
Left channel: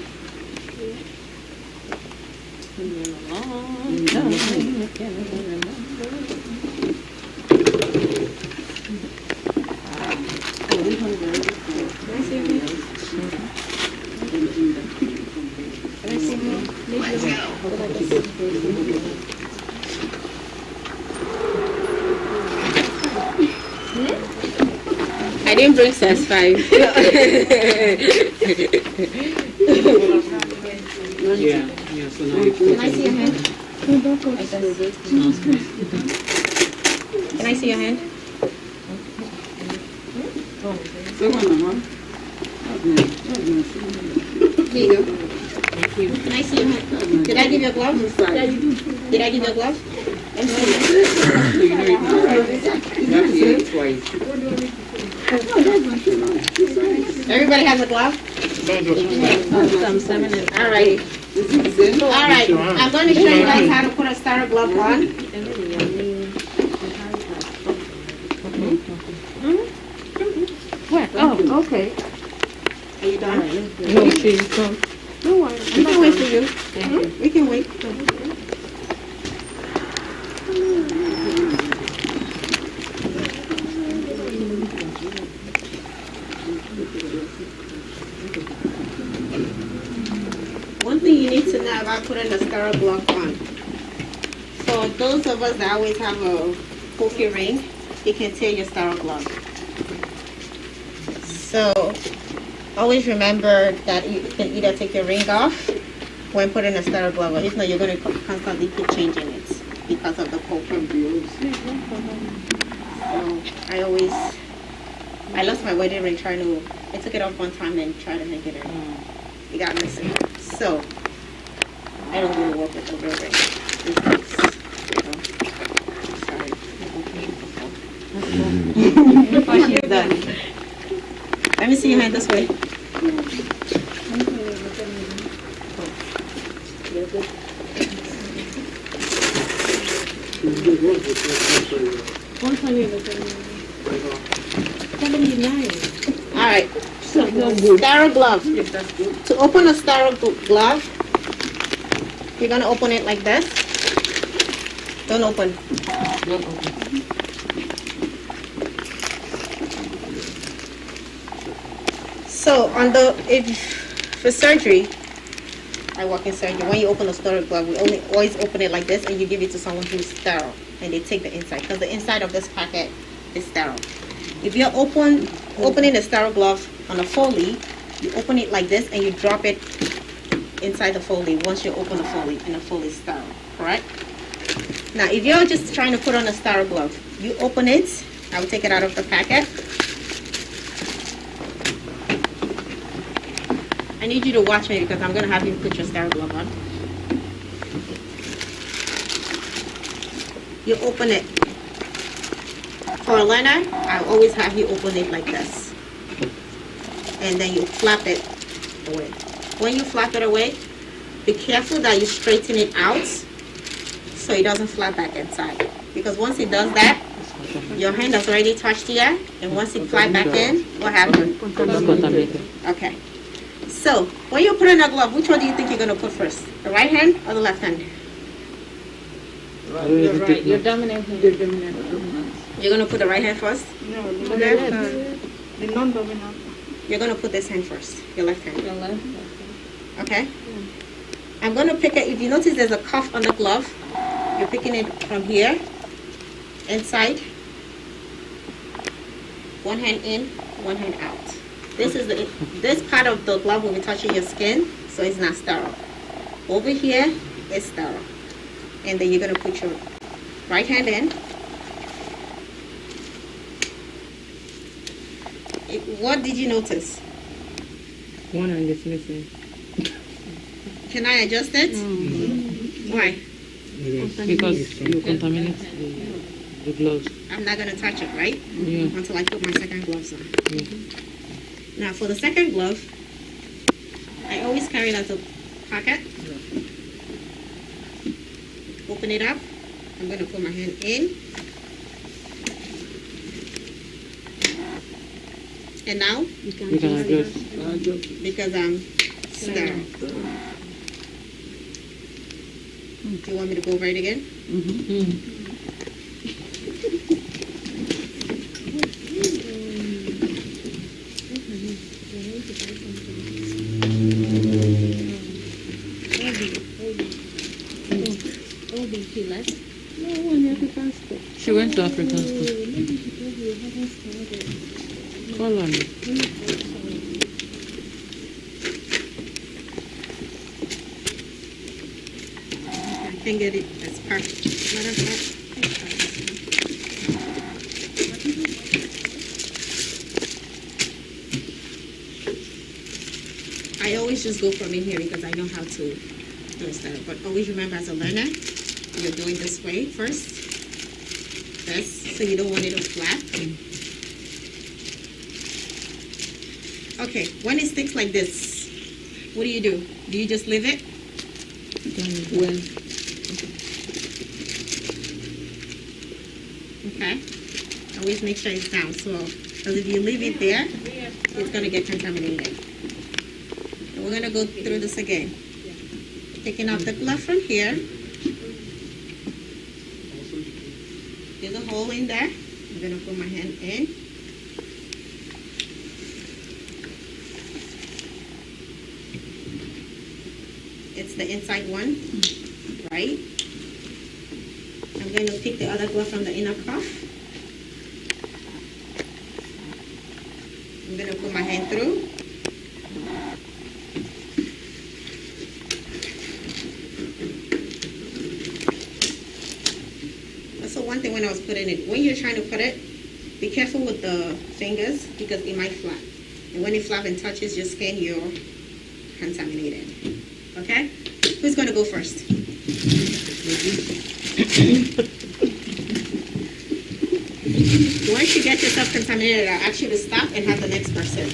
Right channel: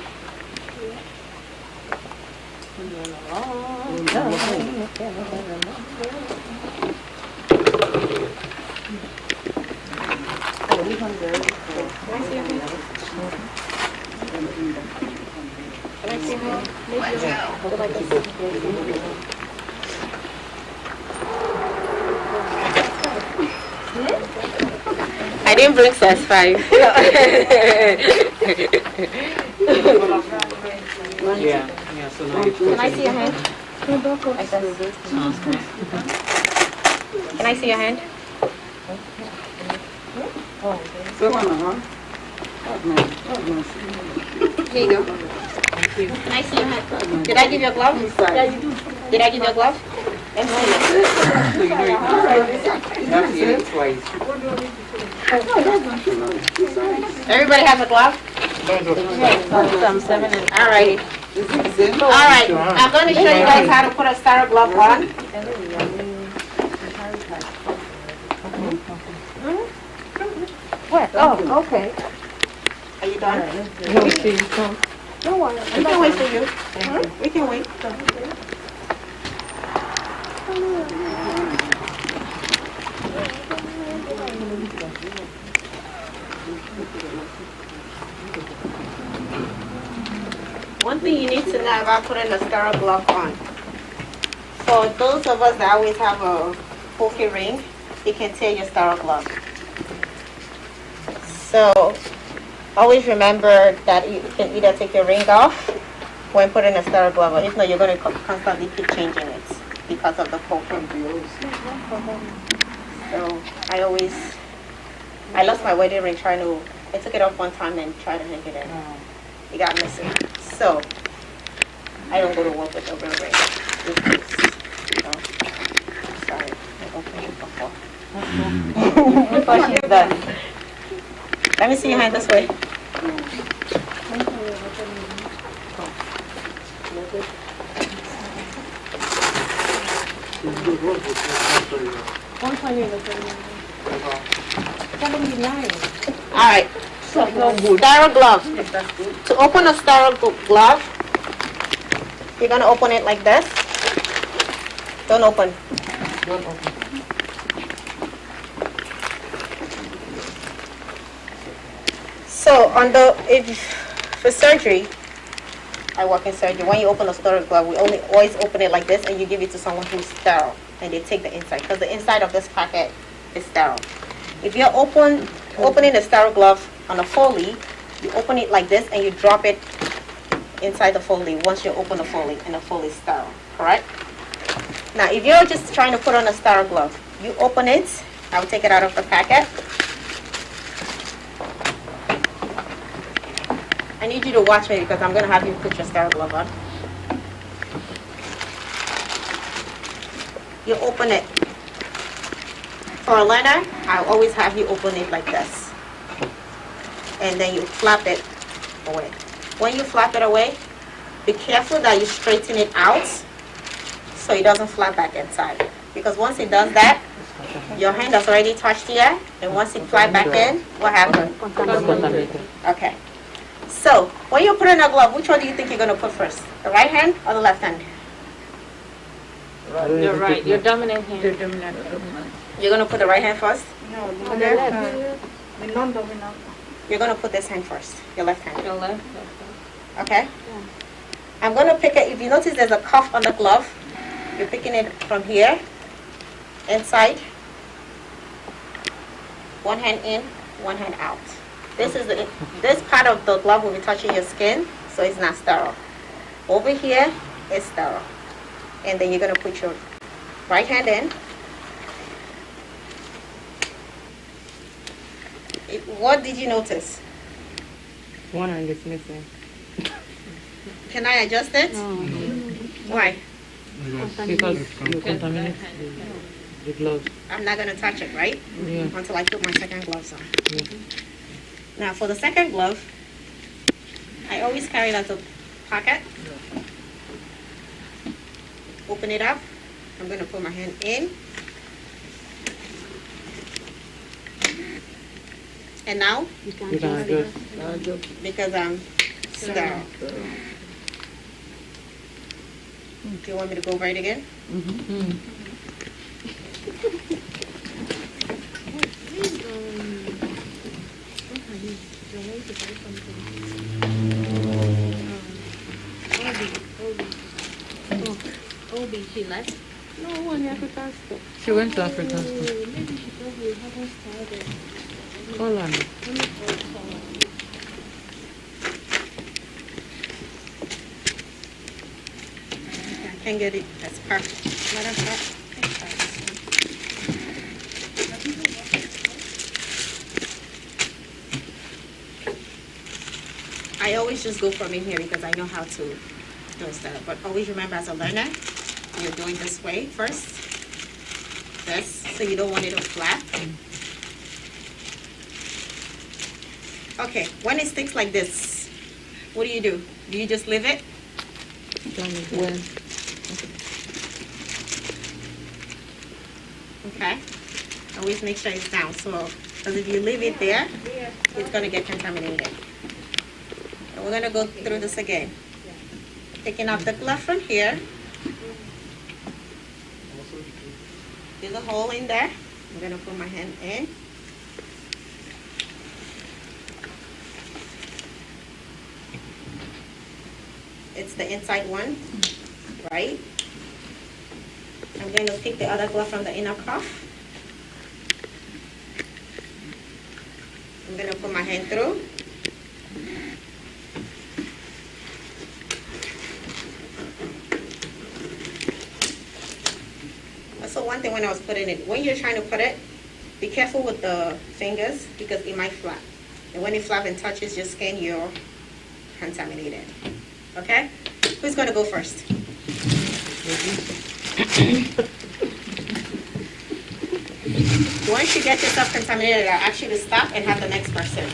I didn't bring size 5. So now you Can I see your hand? Can I see your hand? Here you go. Can I see your hand? Did I give you a glove? Yeah, you do. Did I give you a glove? Let me see. Everybody has a glove? All right. All right. I'm going to show you guys how to put a starter glove on. What? Oh, okay. Are you done? No, she's done. Don't worry. We can wait for you. We can wait. One thing you need to know about putting a starter glove on. For those of us that always have a pokey ring, it can tear your starter glove. So always remember that you can either take your ring off when putting a starter glove on. If not, you're going to constantly keep changing it because of the poking. So I lost my wedding ring I took it off one time and tried to hang it in. It got missing. So I don't go to work with a real ring. Sorry, I opened it before. Before she's done. Let me see your hand this way. All right. Starter glove. To open a starter glove, you're gonna open it like this. Don't open. So for surgery, I work in surgery. When you open a starter glove, we always open it like this, and you give it to someone who's sterile, and they take the inside because the inside of this packet is sterile. If you're opening a starter glove on a Foley, you open it like this and you drop it inside the Foley once you open the Foley and the Foley is sterile, correct? Now, if you're just trying to put on a starter glove, you open it. I will take it out of the packet. I need you to watch me because I'm going to have you put your starter glove on. You open it. For a learner, I always have you open it like this. And then you flap it away. When you flap it away, be careful that you straighten it out so it doesn't flap back inside. Because once it does that, your hand has already touched here, and once it flies back in, what happened? Okay. So, when you put in a glove, which one do you think you're going to put first? The right hand or the left hand? Your right, your dominant hand. You're going to put the right hand first? No, the left. The non-dominant. You're going to put this hand first, your left hand. Your left. Okay? Yeah. I'm going to pick it. If you notice there's a cuff on the glove, you're picking it from here, inside. One hand in, one hand out. This part of the glove will be touching your skin, so it's not sterile. Over here, it's sterile. And then you're going to put your Right hand in. What did you notice? One hand is missing. Can I adjust it? Why? Because you contaminate the gloves. I'm not going to touch it, right? Yeah. Until I put my second gloves on. Now for the second glove, I always carry it as a pocket. Open it up. I'm going to put my hand in. And now? You can You can adjust adjust. Because I'm sterile. Do you want me to go over it again? Obi, she left? No, one African store. She went to African store. Maybe she probably haven't started. Call on it. Let me call her. I can get it as perfect. Matter of fact, let's try this one. I always just go from in here because I know how to do that. But always remember, as a learner, you're doing this way first. This, so you don't want it to flap. Okay, when it sticks like this, what do? Do you just leave it? When? Okay. Always make sure it's down. So, because if you leave it there, it's going to get contaminated. And we're going to go through this again. Taking out the glove from here. There's a hole in there. I'm going to put my hand in. It's the inside one, right? I'm going to pick the other glove from the inner cuff. I'm going to put my hand through. Also, one thing when I was putting it, when you're trying to put it, be careful with the fingers because it might flap. And when it flaps and touches your skin, you're contaminated. Okay? Who's going to go first? Once you get yourself contaminated, I'll ask you to stop and have the next person.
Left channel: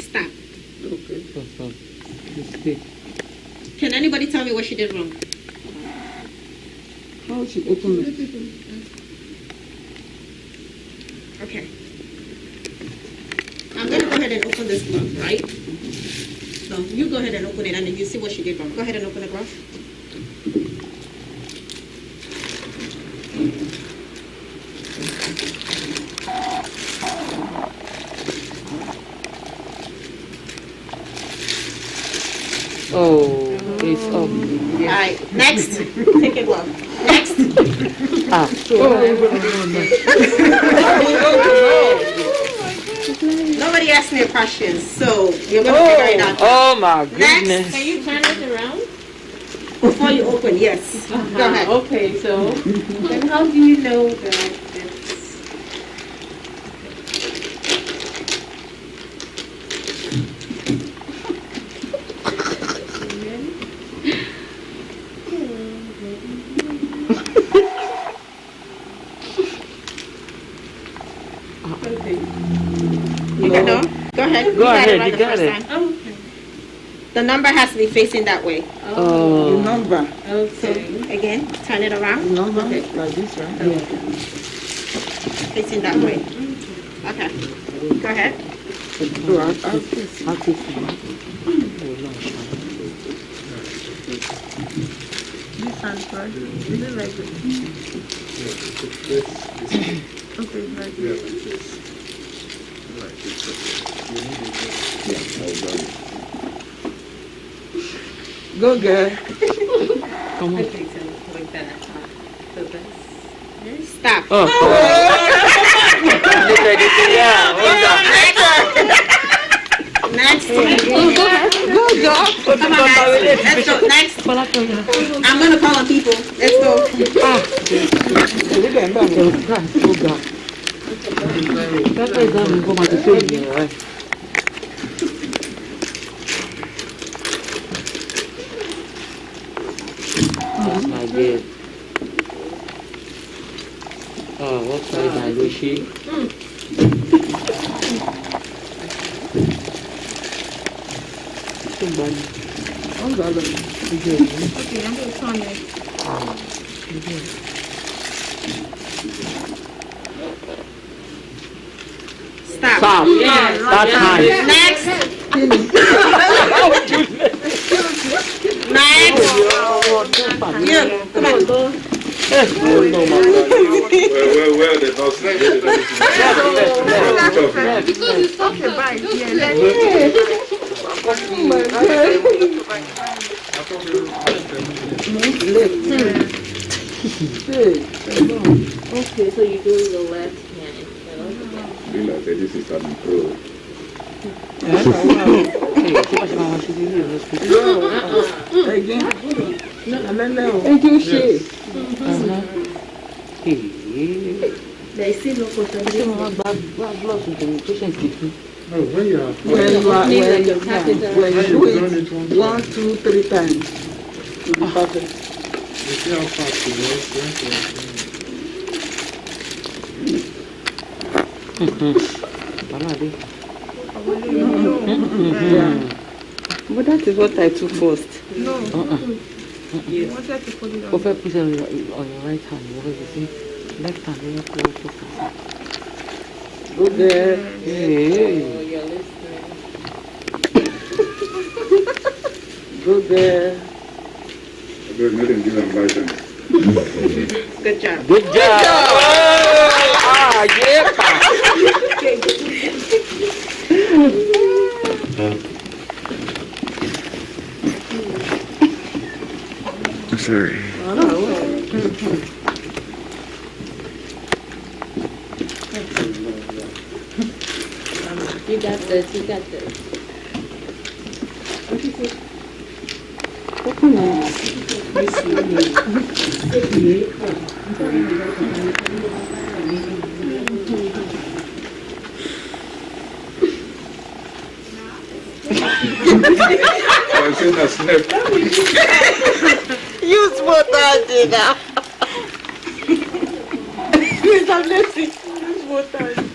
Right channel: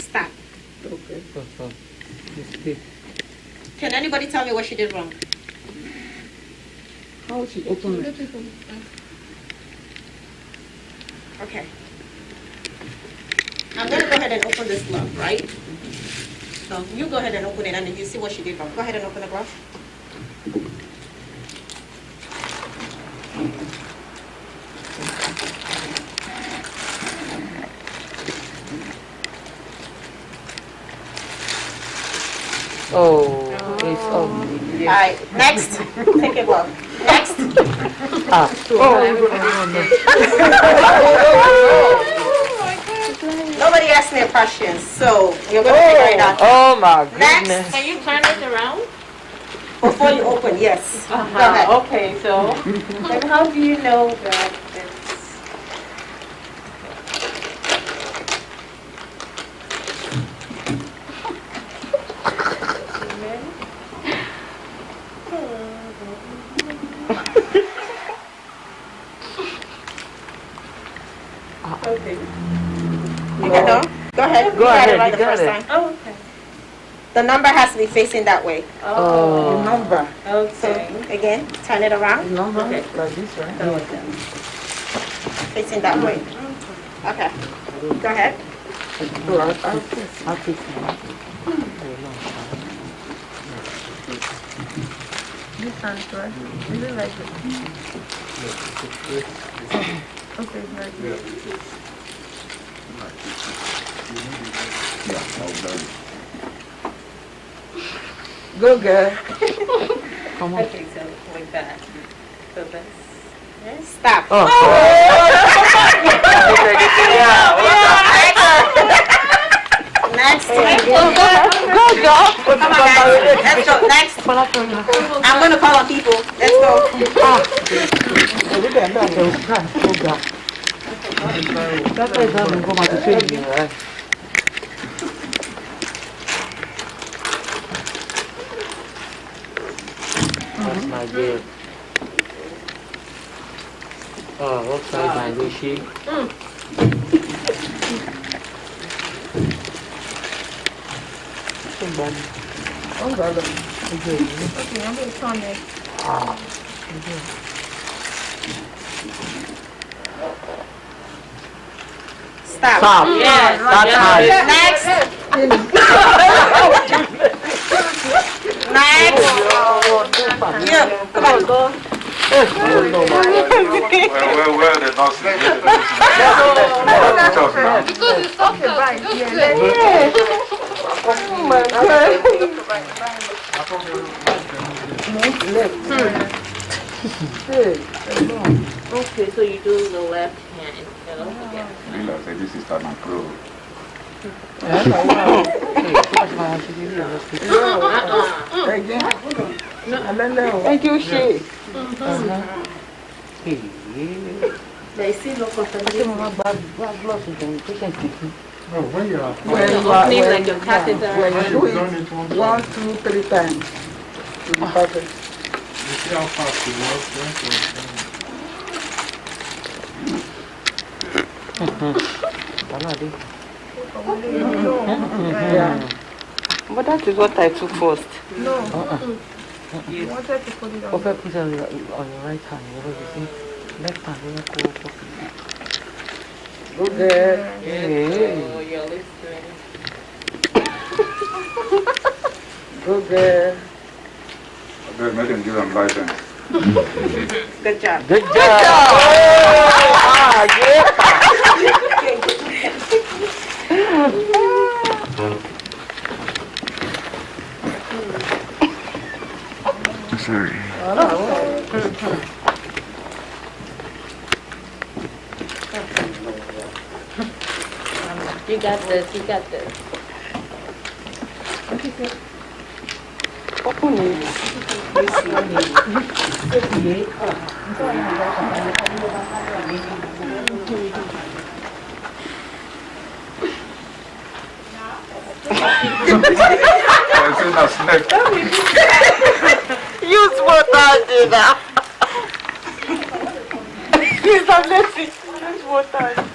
Stop. Can anybody tell me what she did wrong? How she opened it? Okay. I'm going to go ahead and open this glove, right? So you go ahead and open it and then you see what she did wrong. Go ahead and open the glove. Oh, it's All right, next. Take a glove. Next. Nobody asked me a question, so you're going to figure it out. Oh my goodness. Next. Can you turn it around? Before you open, yes. Go ahead. Okay, so then how do you know that it's... Okay. You got no? Go ahead. Go ahead, It right you the got first it. time. Oh, okay. The number has to be facing that way. Oh. The number. Okay. Again, turn it around. Number. Okay. Like this, right? Facing that way. Okay. Go ahead. So I'll take it. This one's right. Is it like okay, right here. Go, girl. Come on. Okay, so like that. So that's... Stop. Oh, Next. Go, dog. Come on, guys. Let's go. Next. I'm going to call on people. Let's go. That's not good. Oh, what size my wishy? Stop. Stop. Yes. That's high. Next. Next. Yeah, come on. Well, the nurses. Because it's soft up. Oh my God. Okay, so you do the left hand instead of the left. This is an approval. Thank you, Shay. They see no contamination. No, when you are Opening like a catheter. when you do it, 1, 2, 3 times. you see how fast you But that is what I took first. Yes. Put it on your right hand. Left hand. Good there. Oh, you're listening. Good there. They made him give them license. Good job. Good job. Ah, yeah. Sorry. You got this, you got this. Open it. Use what I did now. Please, I'm letting use what I did.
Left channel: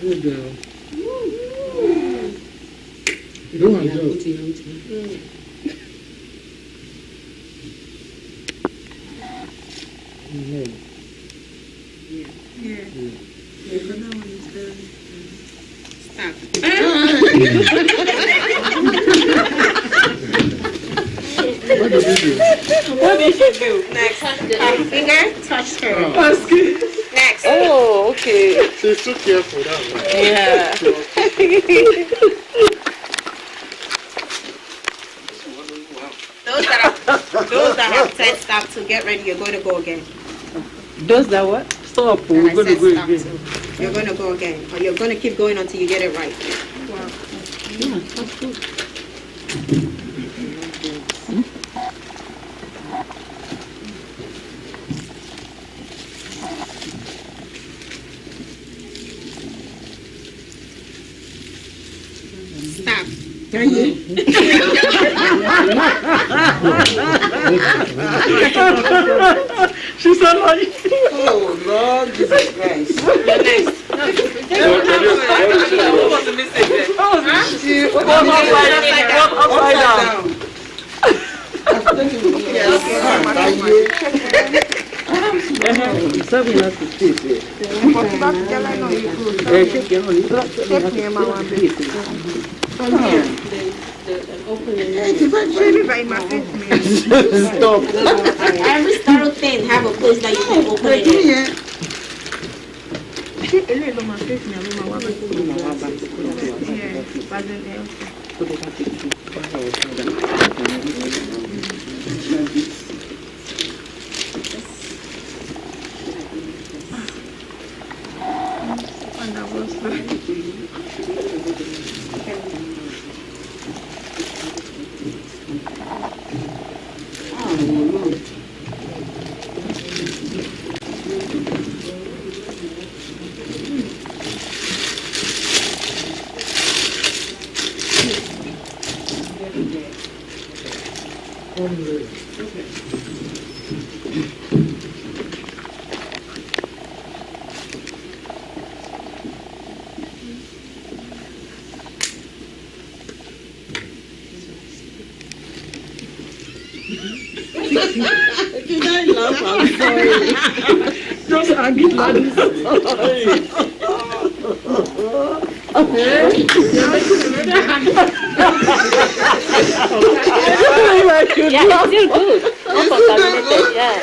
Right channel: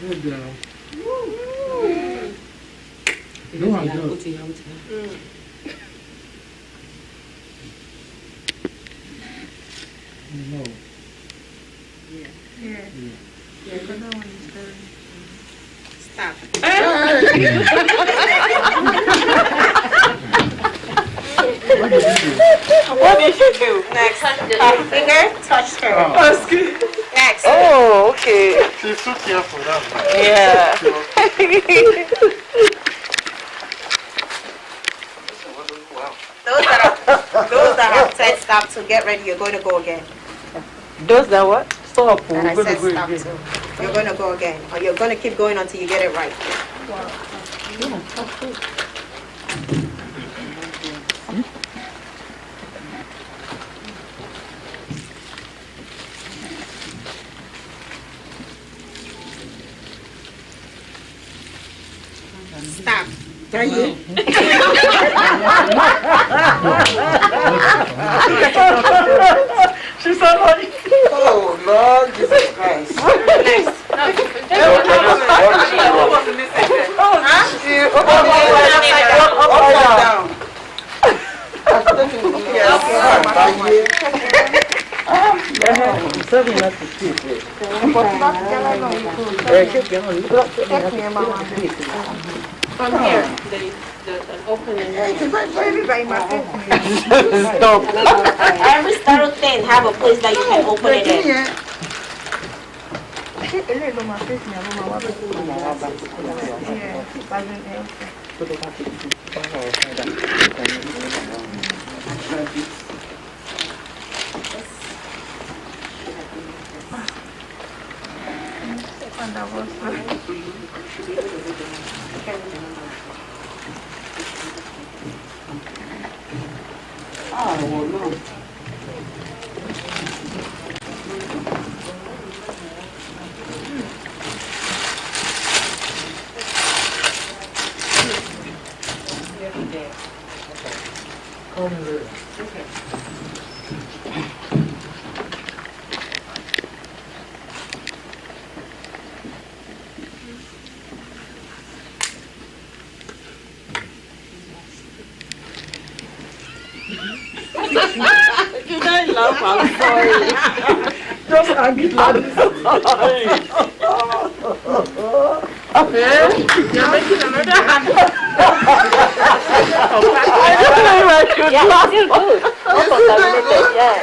Good girl. You don't want to do it. No. Stop. What did you do? Next. Finger, touch her. Next. Oh, okay. She's so careful, that one. Yeah. Those that have said stop to get ready, you're going to go again. Those that what? Stop. That I We're said going to go stop again. to. You're going to go again. Or you're going to keep going until you get it right. Stop. Can you? She's so funny. Oh, Lord Jesus Christ. Upside down. Yes. From here, the opening. Stop. Every sterile thing have a place that you can open it in. Did I laugh? I'm sorry. Just angry. I'm sorry. You're making another hand. I don't know if I should laugh. Still good. Uncontaminated, yeah.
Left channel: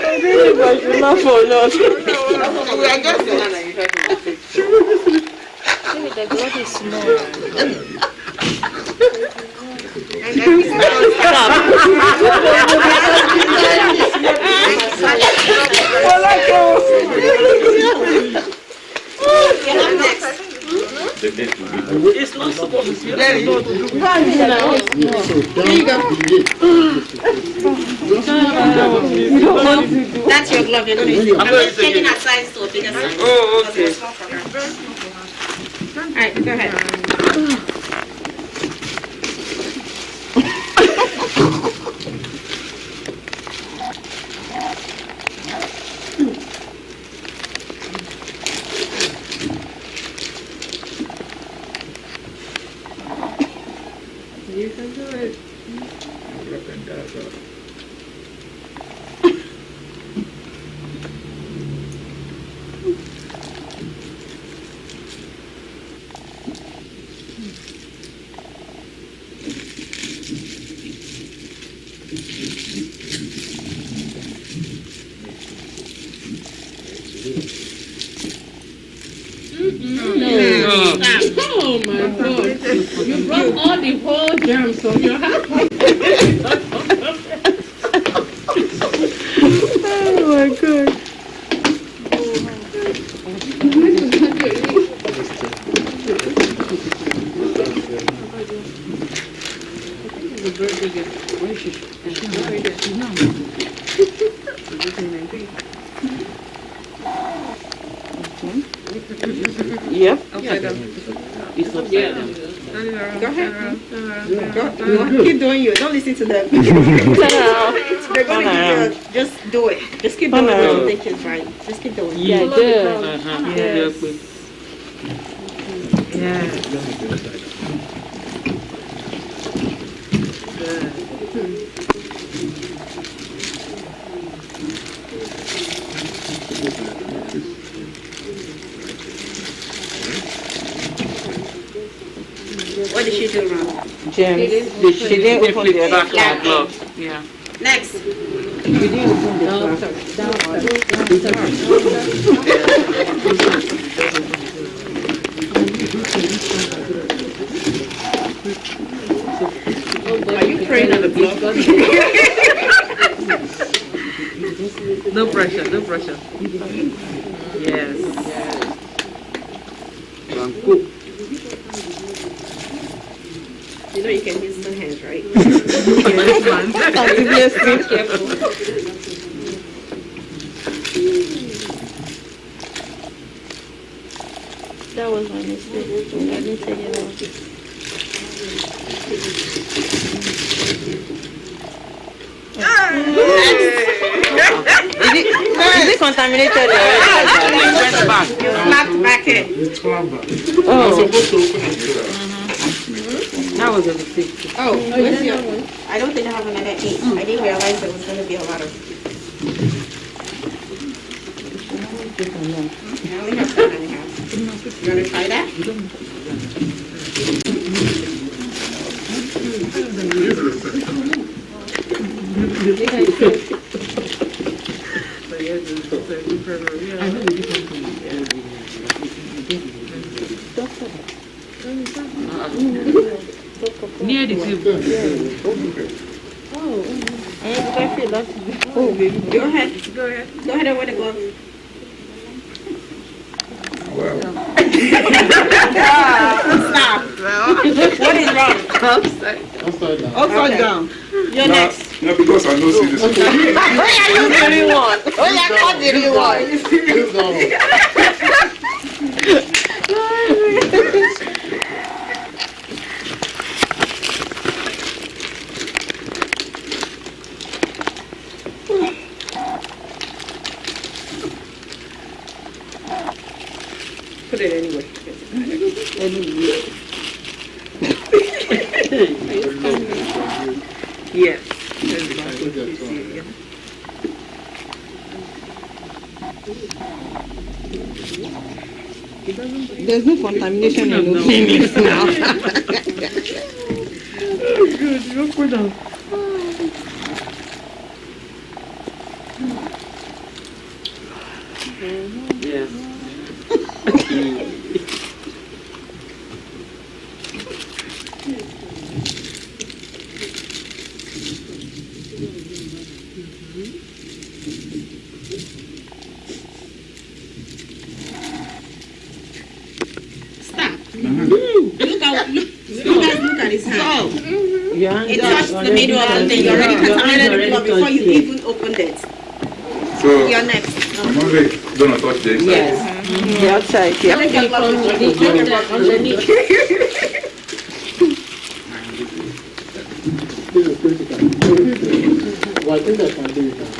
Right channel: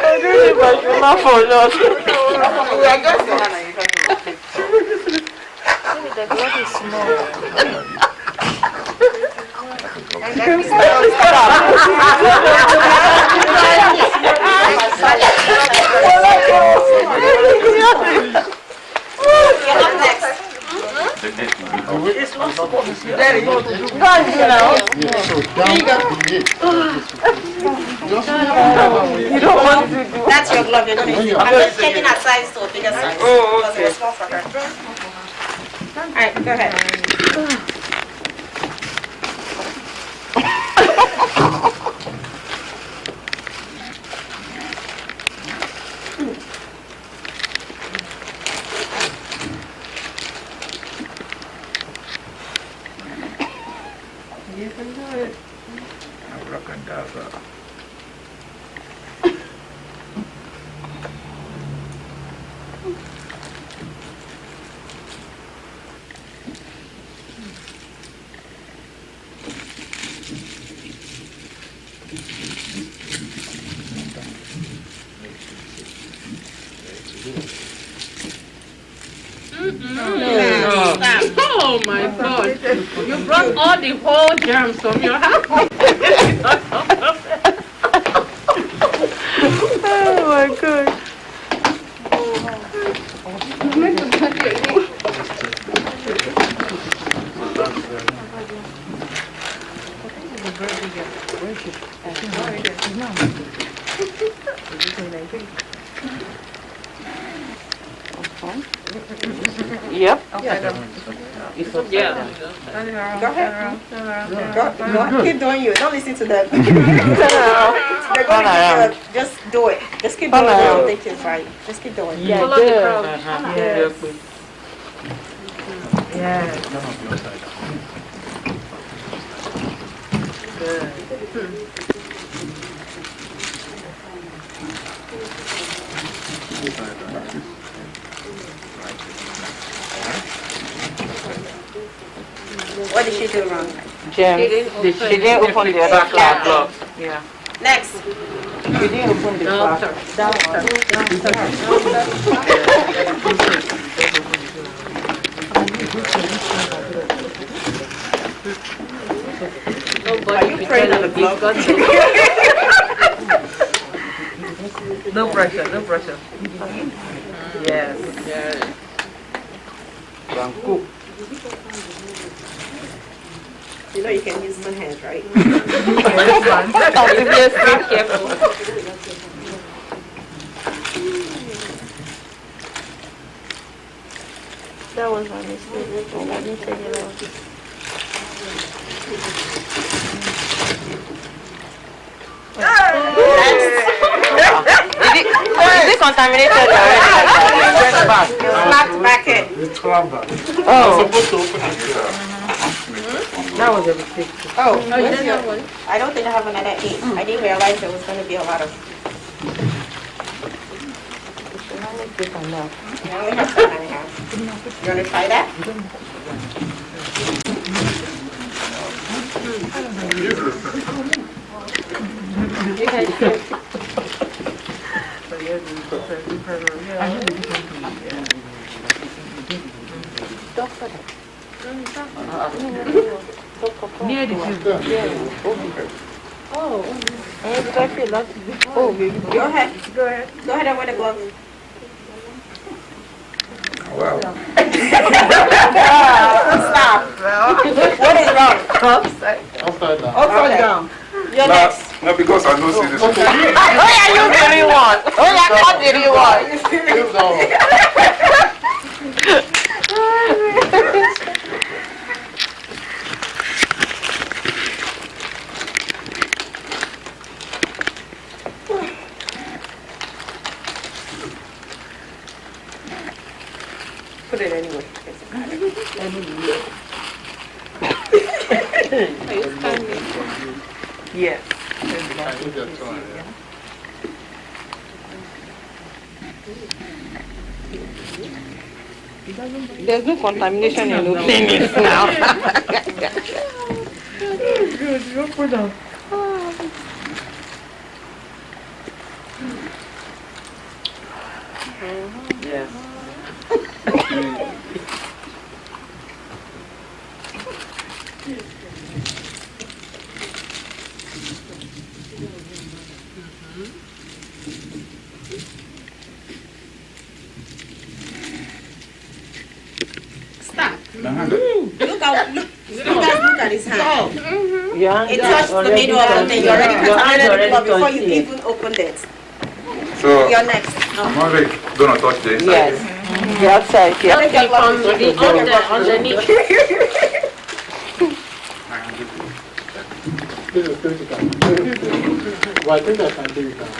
I don't know if I should laugh or not. We are just The blood is small. You don't want to do. That's your glove. You're going to. I'm just checking her size to a bigger size. Because it was small for her. All right, go ahead. You can do it. Oh my God! You brought all the whole germs from your house. Oh my God. Yep. Yeah. Go ahead. Go. Keep doing you. Don't listen to them. They're going to give you just do it. Just keep doing it. Don't think it's right. Just keep doing it. Yeah, follow the crowd. What did she do wrong? James, she didn't open the other flap. Yeah. Next. She didn't open the flap. Are you praying on the glove? No pressure, no pressure. Yes. Yes. You know you can use two hands, right? Be careful. That was my mistake. Let me take it out. Is it contaminated already like that. You slapped back it. It's clever. Oh. I'm supposed to open it. That was a mistake. Oh, where's your one? I don't think I have another 8. I didn't realize there was going to be a lot of. I only have 7.5. You want to try that? Near the tube. Oh, baby. Go ahead. Go ahead and wear the glove. Wow. Stop. What is wrong? Upside down. Upside down. You're next. No, because I don't see this. Oh, yeah, you really want. Oh, yeah, what did you want? Use that Put it anyway. Are you standing? Yes. There's no contamination in opening it now. Good, you put on. Yes. Look at his hand. Yeah. It touched the middle of the thing. You already contaminated the glove before you even opened it. So, You're next. I'm only going to touch the inside. Yes. The outside here. Underneath. This is critical. But I think I can do it now.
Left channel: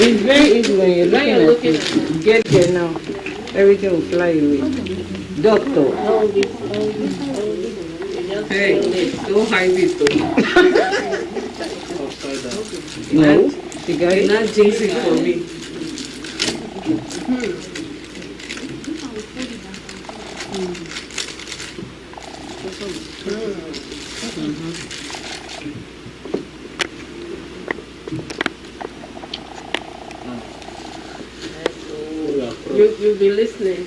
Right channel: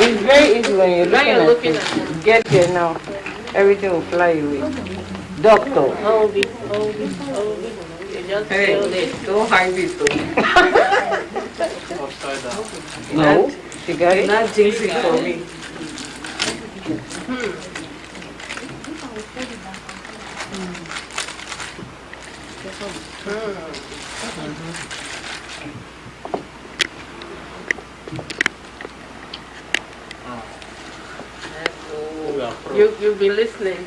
It's very easy when you're looking, at it. Get there now. Everything will fly away. Doctor. Hold it. You just feel it. Don't hide it. Upside down. No. You got it? Not jinxing for me. You'll be listening.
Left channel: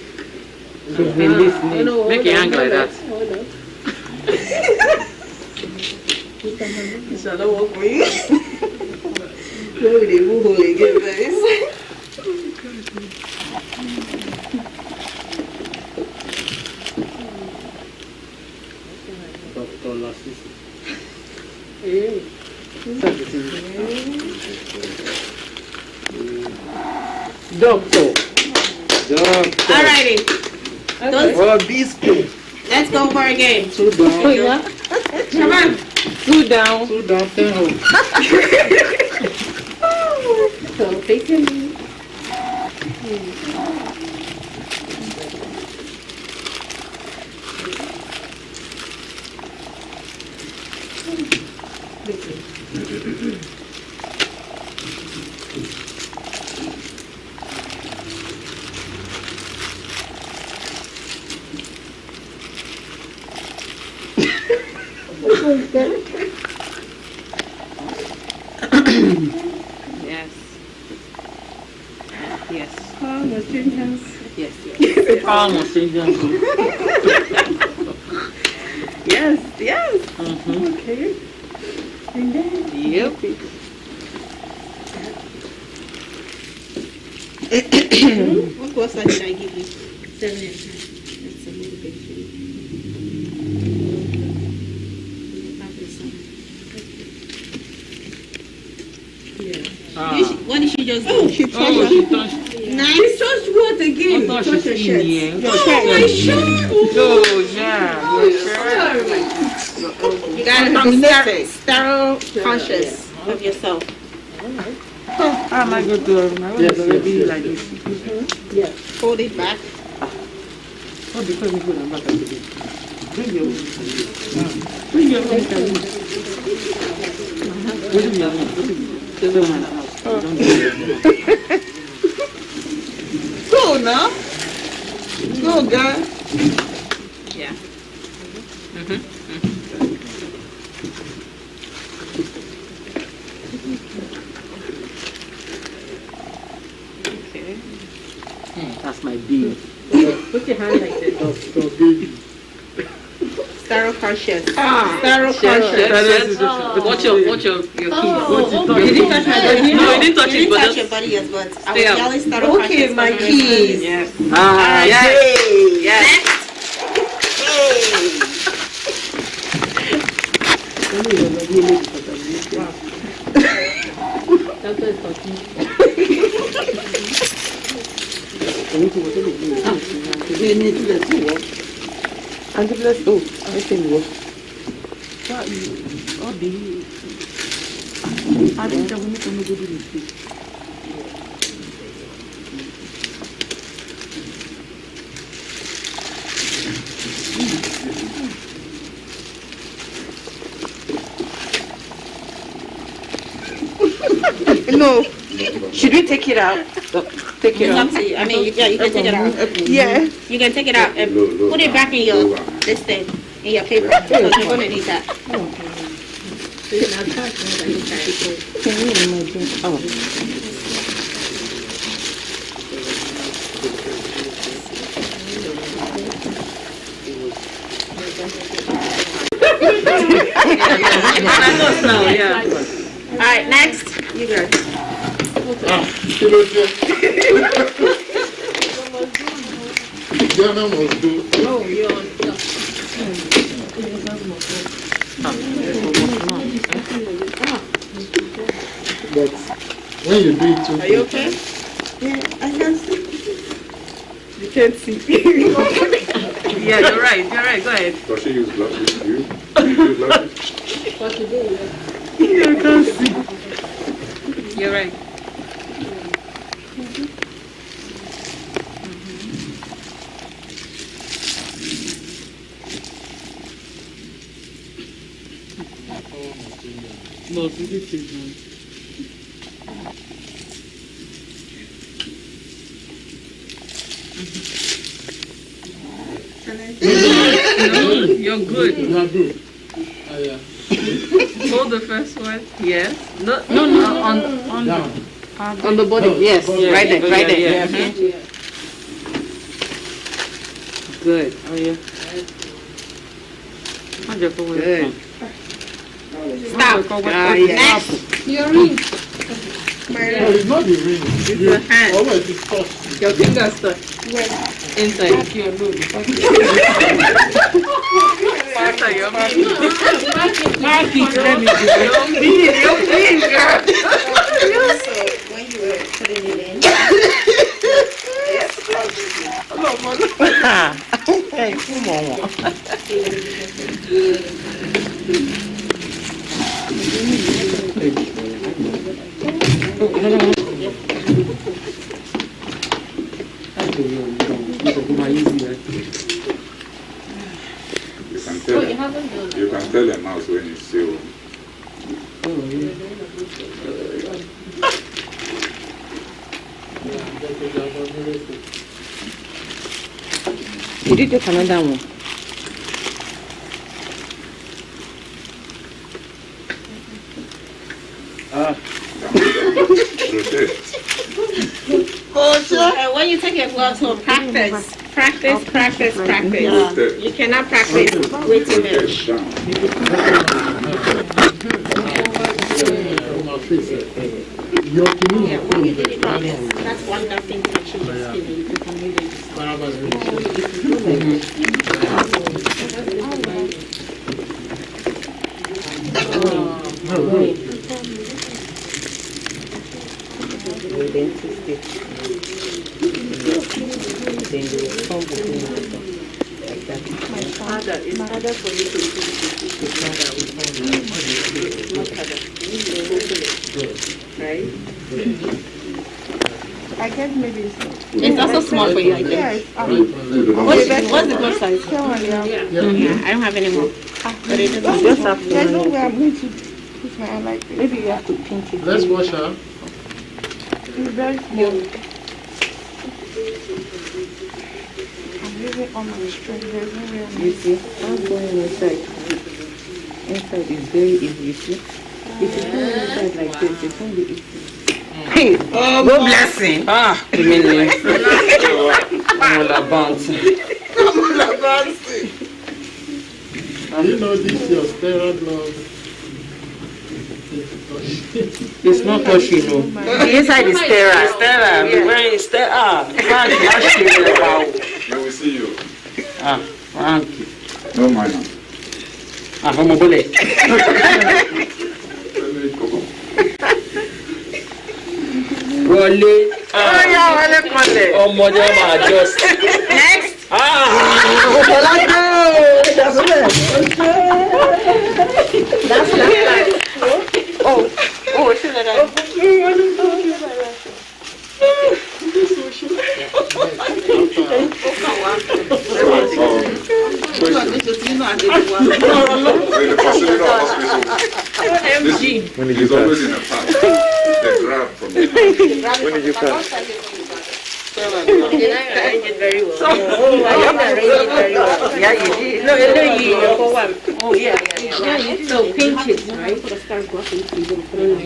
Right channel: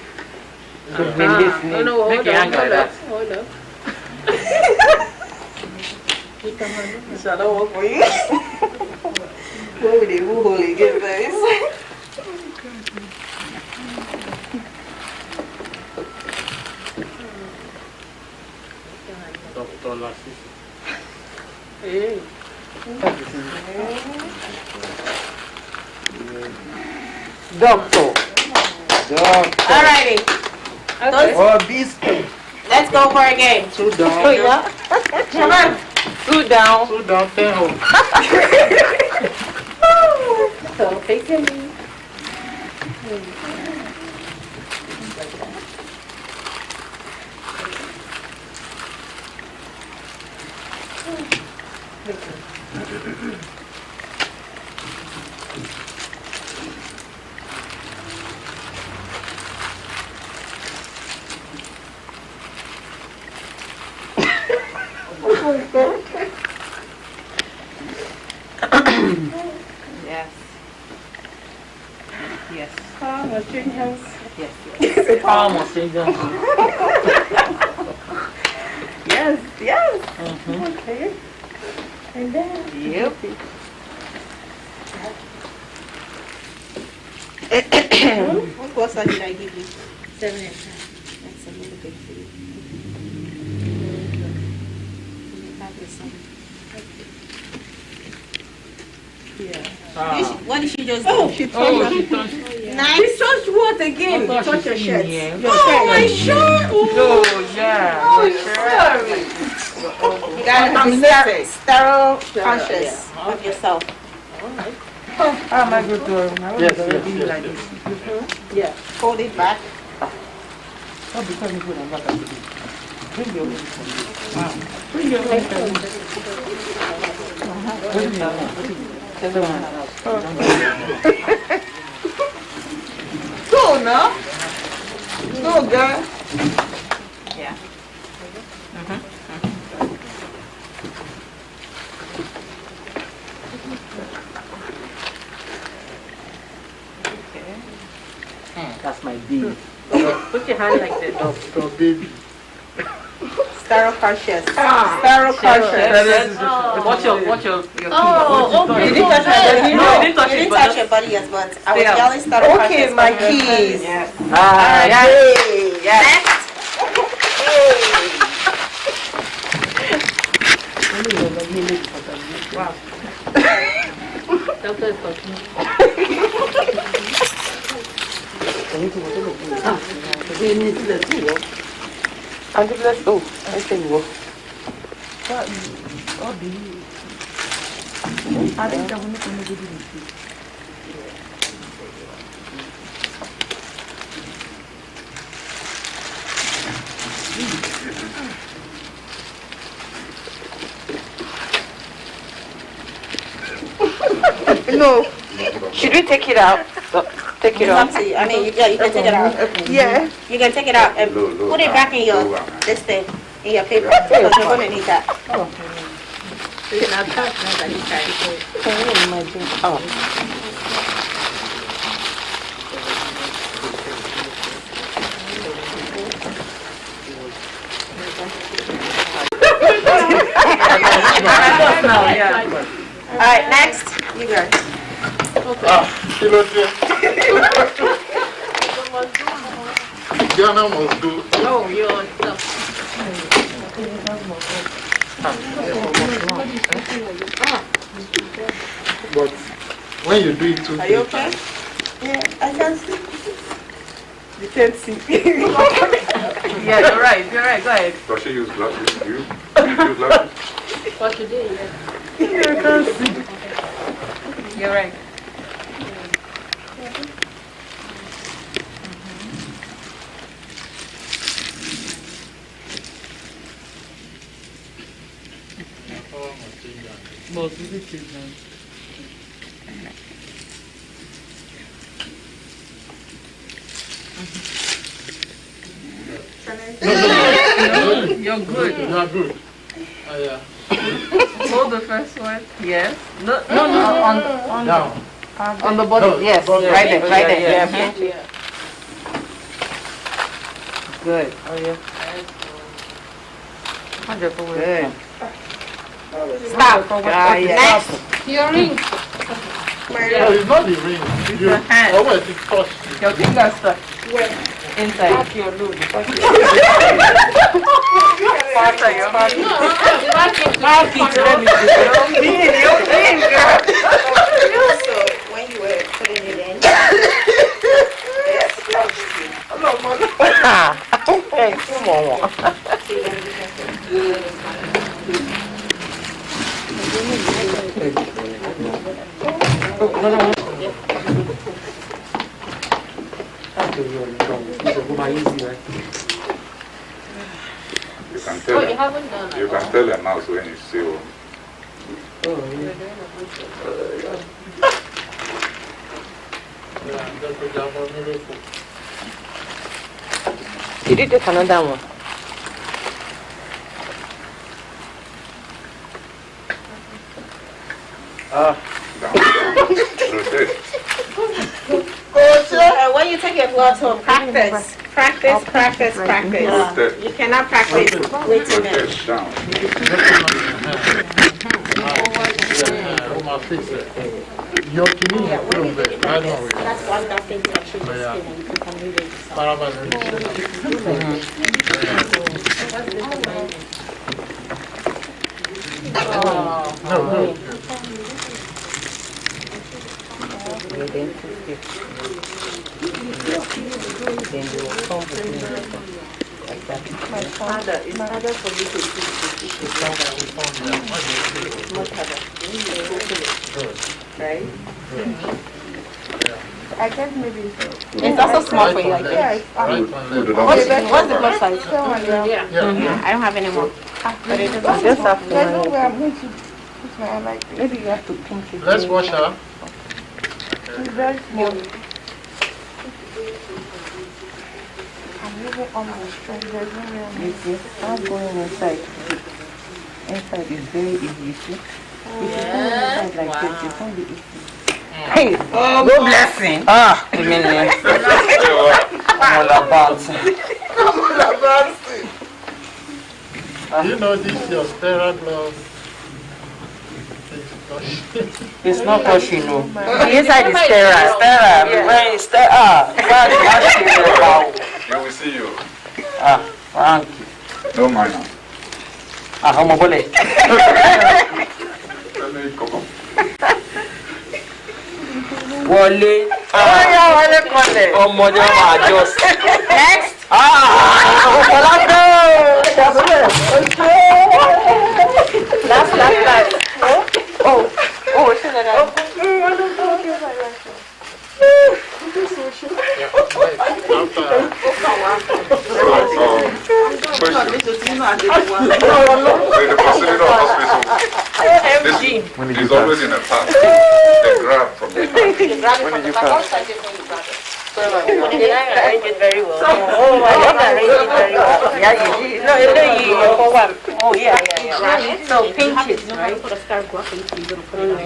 You've been listening. Oh, no, Make hold your on, hand like that. hold up. Shall I walk for you? Where would they move hole again, guys? Dr. Lasisi. Hey. Doctor. Alrighty. Okay. Let's go for a game. Sit down. Oh, yeah? Come on. Sit down. Sit down. 10 home. So take him. Yes. Yes. Oh, my hands. Yes. Almost in them. Yes, yes. Mm-hmm. Okay. And then. Yep. What pasta did I give you? 7.5. That's a little bit for you. What did she just do? Oh, she touched She touched. Nice. She touched what again? Oh, Touch your she's shirt. in here. Oh, my shirt. Oh, yeah. Sorry. You gotta be sterile conscious of yourself. Alright. How am I going to? Yes. Yeah. Fold it back. Bring your Go now. Go, girl. Yeah. That's my baby. Put your hand like this. Dr. Baby. Steroconscious. Steroconscious. Watch your Oh, okay. You didn't touch my body. You No, didn't touch you it, didn't but touch your body yet, but I was yelling steroconscious. Okay, my keys. Yes. Wow. Doctor is talking. And the bless. Oh, I say go. No. Should we take it out? Take it out. I mean, yeah, you can take it out. Yeah. You can take it out and put it back in your this thing, in your paper, because you're gonna need that. You can have touch now that you carry it. Can you imagine? Oh. All right, next, you guys. Ghana must do. Oh, you're stuff. But when you do it too Are you quick, okay? Yeah, I can see. You can't see. Yeah, you're right. Go ahead. Does she use glasses? You use glasses? For today, yes. You're right. You're good. you are good. Yeah. Hold the first one. Yes. No, on Down. on the body. No, Yes. body. Right there. Right there. Yeah. Good. Oh yeah. Good. Stop. Next. Your ring. No, it's not the ring. You, hand. always it touch. Your fingers stuck inside. Back your load. Inside your No, back it. Back it. Let me see. So when you were putting it in, Hey, come on. You can Oh, tell you them. haven't done You it. can tell a mouse when you see one. Did you take another one? Down. Rotate. when you take your gloves home, practice. Practice. Rotate. You cannot practice way too much. Rotate down. Your kidney is When you through do there. it I like know this, it. that's one that thing to actually skin and you can come in and No. Then you will come between like that. It's harder for you to We found it. Right? I guess maybe it's It's also small for you, I think. yeah. What's the glove size? Yeah. I don't have any more. But it doesn't. Just have to There's no manage. way I'm going to put my hand like this. Maybe you have to pinch it. Let's wash her. It's very small. I'm living on the street. There's no way I'm You see, not going inside. Inside is very easy, you see. If you go inside like this, you find it easy. Hey, no blessing. Ah, I mean, I'm all about. You know this your Stera glove. It's not touching, no. The inside is Stera. Stera, I'm wearing Stera. You will see you. Ah, thank you. No minor. Ah, how much? Wọlé. Oh, money, I'm just. Next. Last. Question. In the facility of hospital, this is always in a pack. They grab from the pack. When did you come? I arranged it very well. Oh, I didn't arrange it very well. Yeah, you did. No, you for one. Oh, yeah. So pinch it, right? Put a star glove in, so you're going to put it on.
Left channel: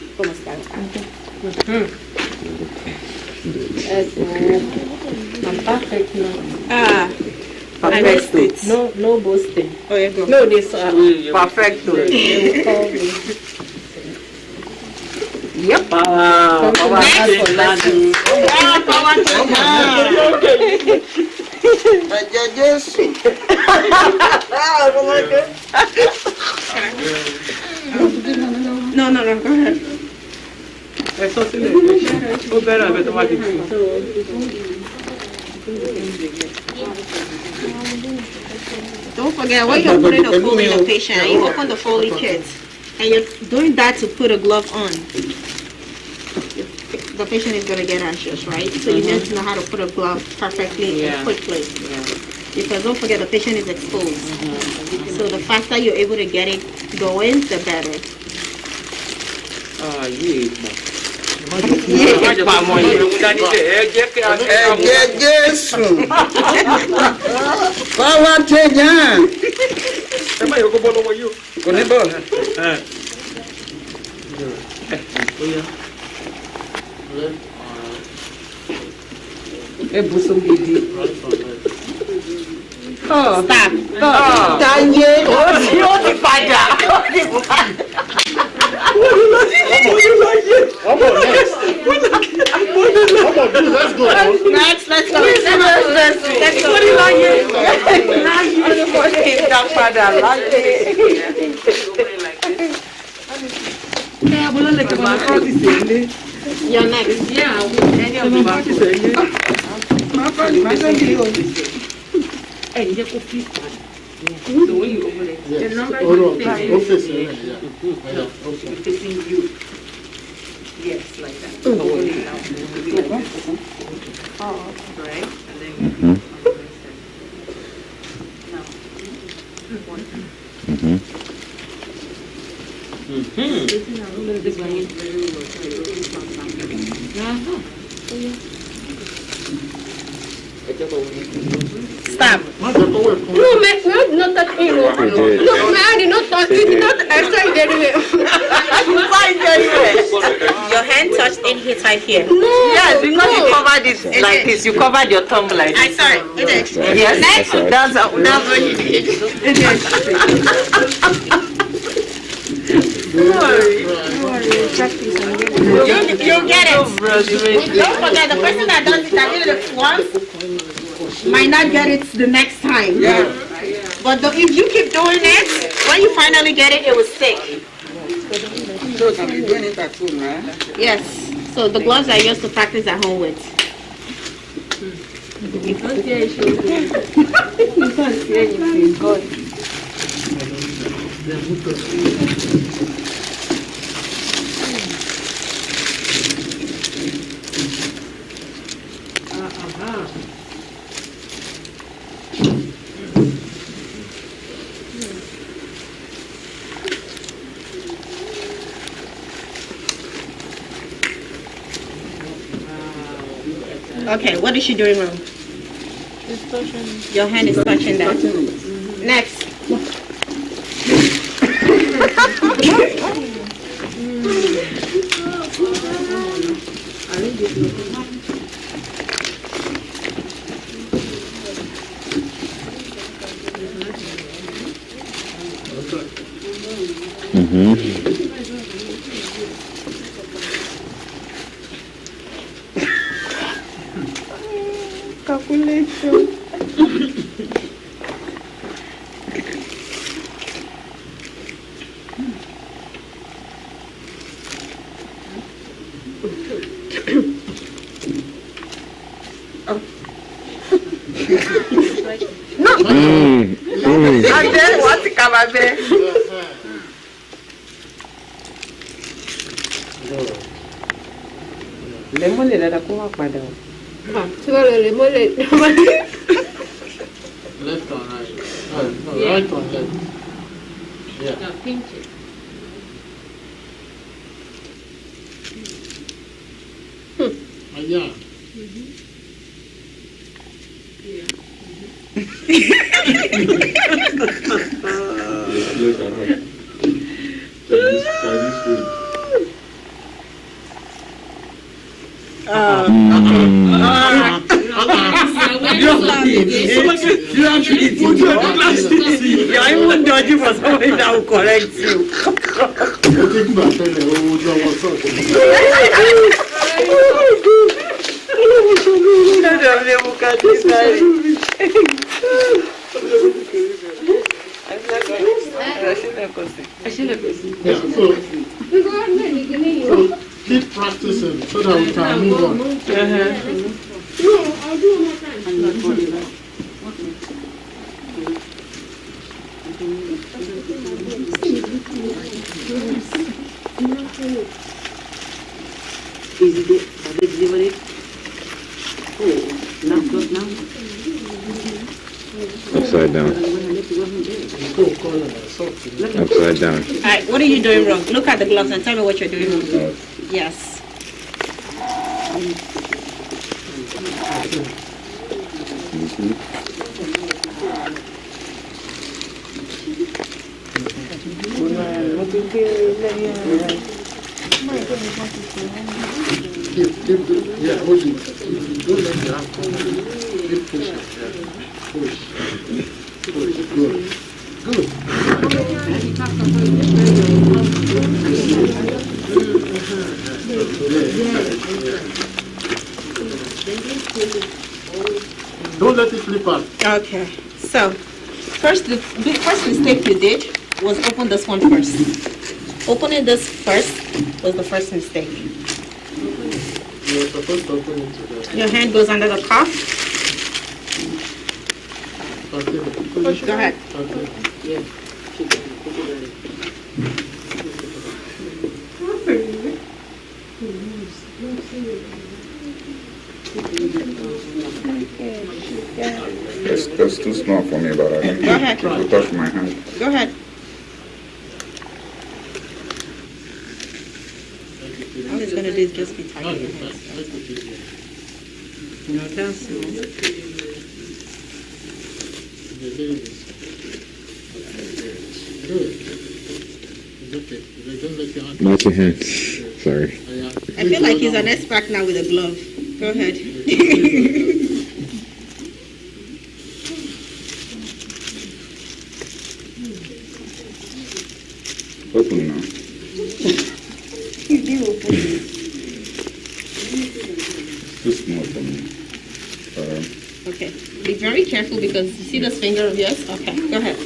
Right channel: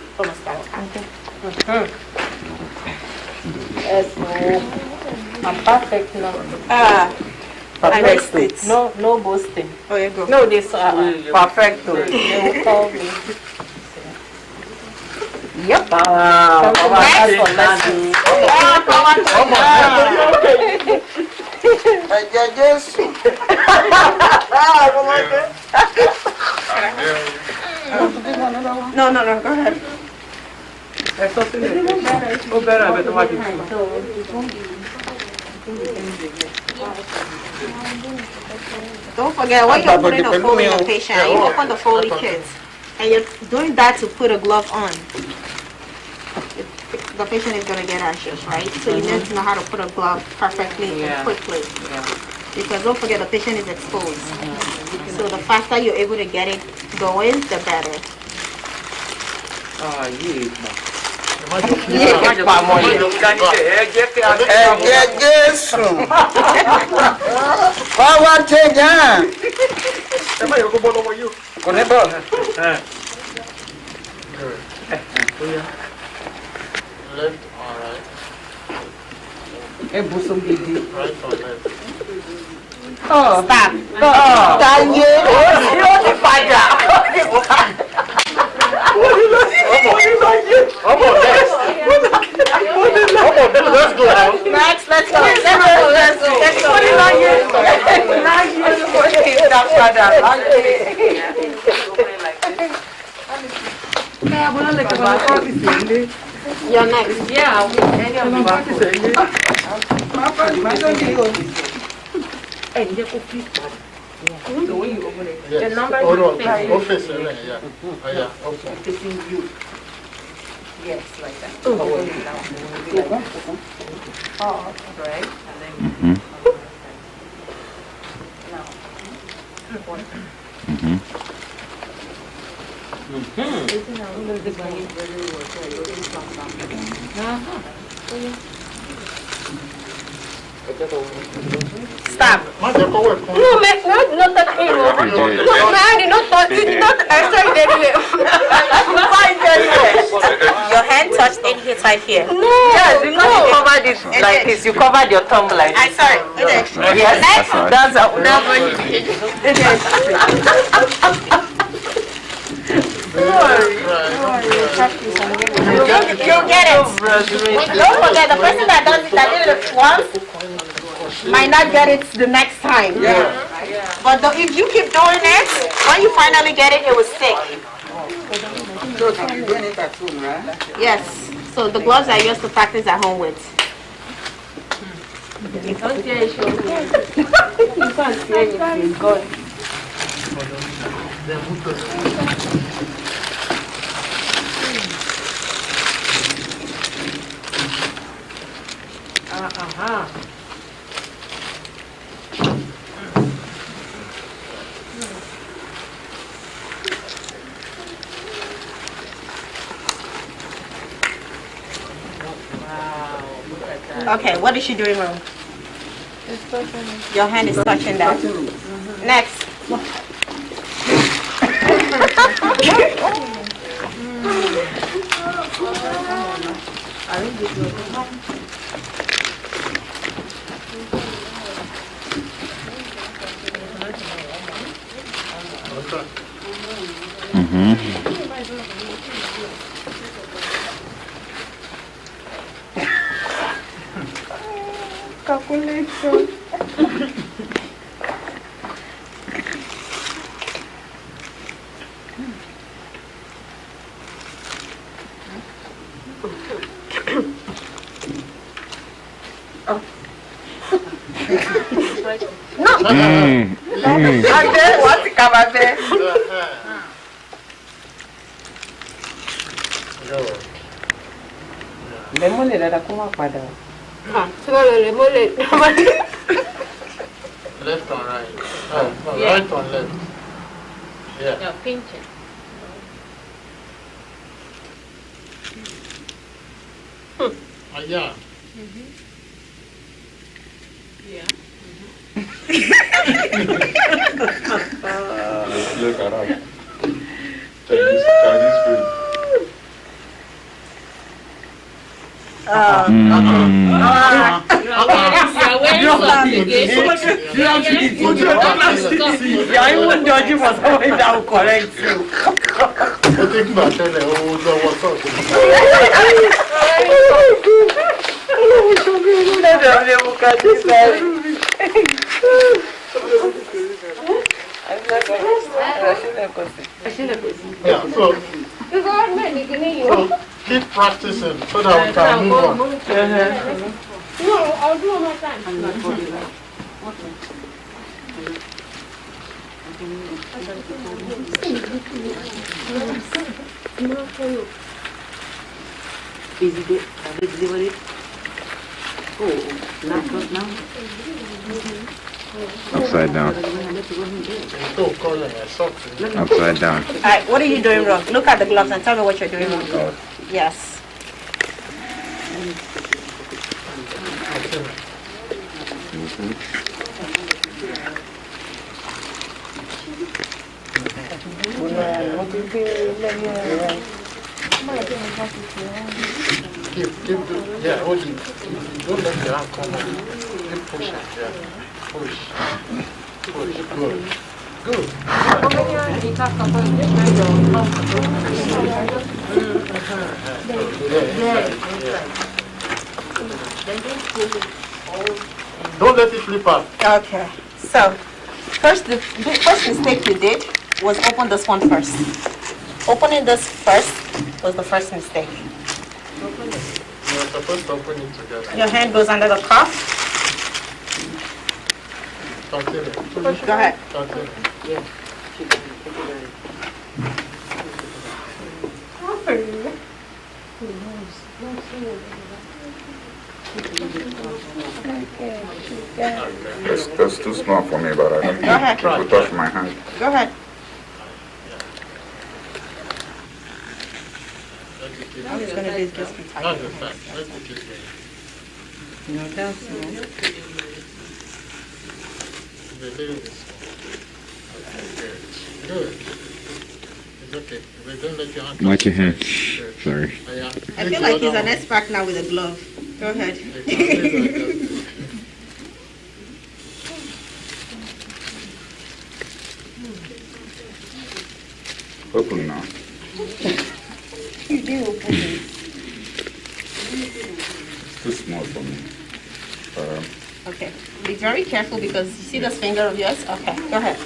From a star. Yes, I'm perfect now. I missed it. No boasting. Oh, you go. No, this perfect. They will call me. Yep. Come to my house for lessons. No, go ahead. Don't forget, when you're putting a Foley in a patient, you open the Foley kit, and you're doing that to put a glove on. The patient is going to get anxious, right? So you need to know how to put a glove perfectly and quickly. Because don't forget, the patient is exposed. So the faster you're able to get it going, the better. Power change. Left or right? Right or left? Stop. Let's go. Next, let's go. You're next. Yeah, any of So when you open it, Yes. the number Oh, no, is okay, so yeah. Okay. facing you. Yes, like that. Right? And then Stop. No, man, not that hero. No, man, did not touch it. Did not extract it anyway. Your hand touched in here, right here. No. Yes, because you covered it like this. You covered your thumb like this. I'm sorry. It's extra. Yes, Next. that's what you did. You'll get it. Don't forget, the person that does it, that did it once, might not get it the next time. But if you keep doing it, when you finally get it, it will stick. So can you do it at home, right? Yes. So the gloves I used to practice at home with. you can't see anything. God. Okay, what is she doing wrong? Your hand is touching that. Next. Calculation. And then what cover there? Lemon le da kuma pada. Left on right. No, right on left. Yeah. Now pinch it. Yeah. Look at that. Chinese food. You're even dodging for somebody that will correct you. I think my tele what's up. Yeah, so keep practicing so that we can move on. No, I'll do one more time. Upside down. Upside down. Alright, what are you doing wrong? Look at the gloves and tell me what you're doing wrong. Yes. Yeah, hold it. Don't let the hand come on. Keep pushing. Yeah. Push. Push. Good. Good. Don't let it flip out. Okay. So, the first mistake you did was open this one first. Opening this first was the first mistake. You're supposed to open it together. Your hand goes under the cuff. Continue. Go ahead. Continue. That's too small for me, but I don't Go ahead. it will touch my hand. Go ahead. I'm just gonna do is just be tight. No, you're fine. Let it this way. The little bit. Good. It's okay. If they don't let your hand Not your hand. Good. Sorry. Yeah. I feel like he's an expert now with a glove. Go ahead. Open now. It's too small for me. Okay. Be very careful because you see this finger of yours? Okay. Go ahead.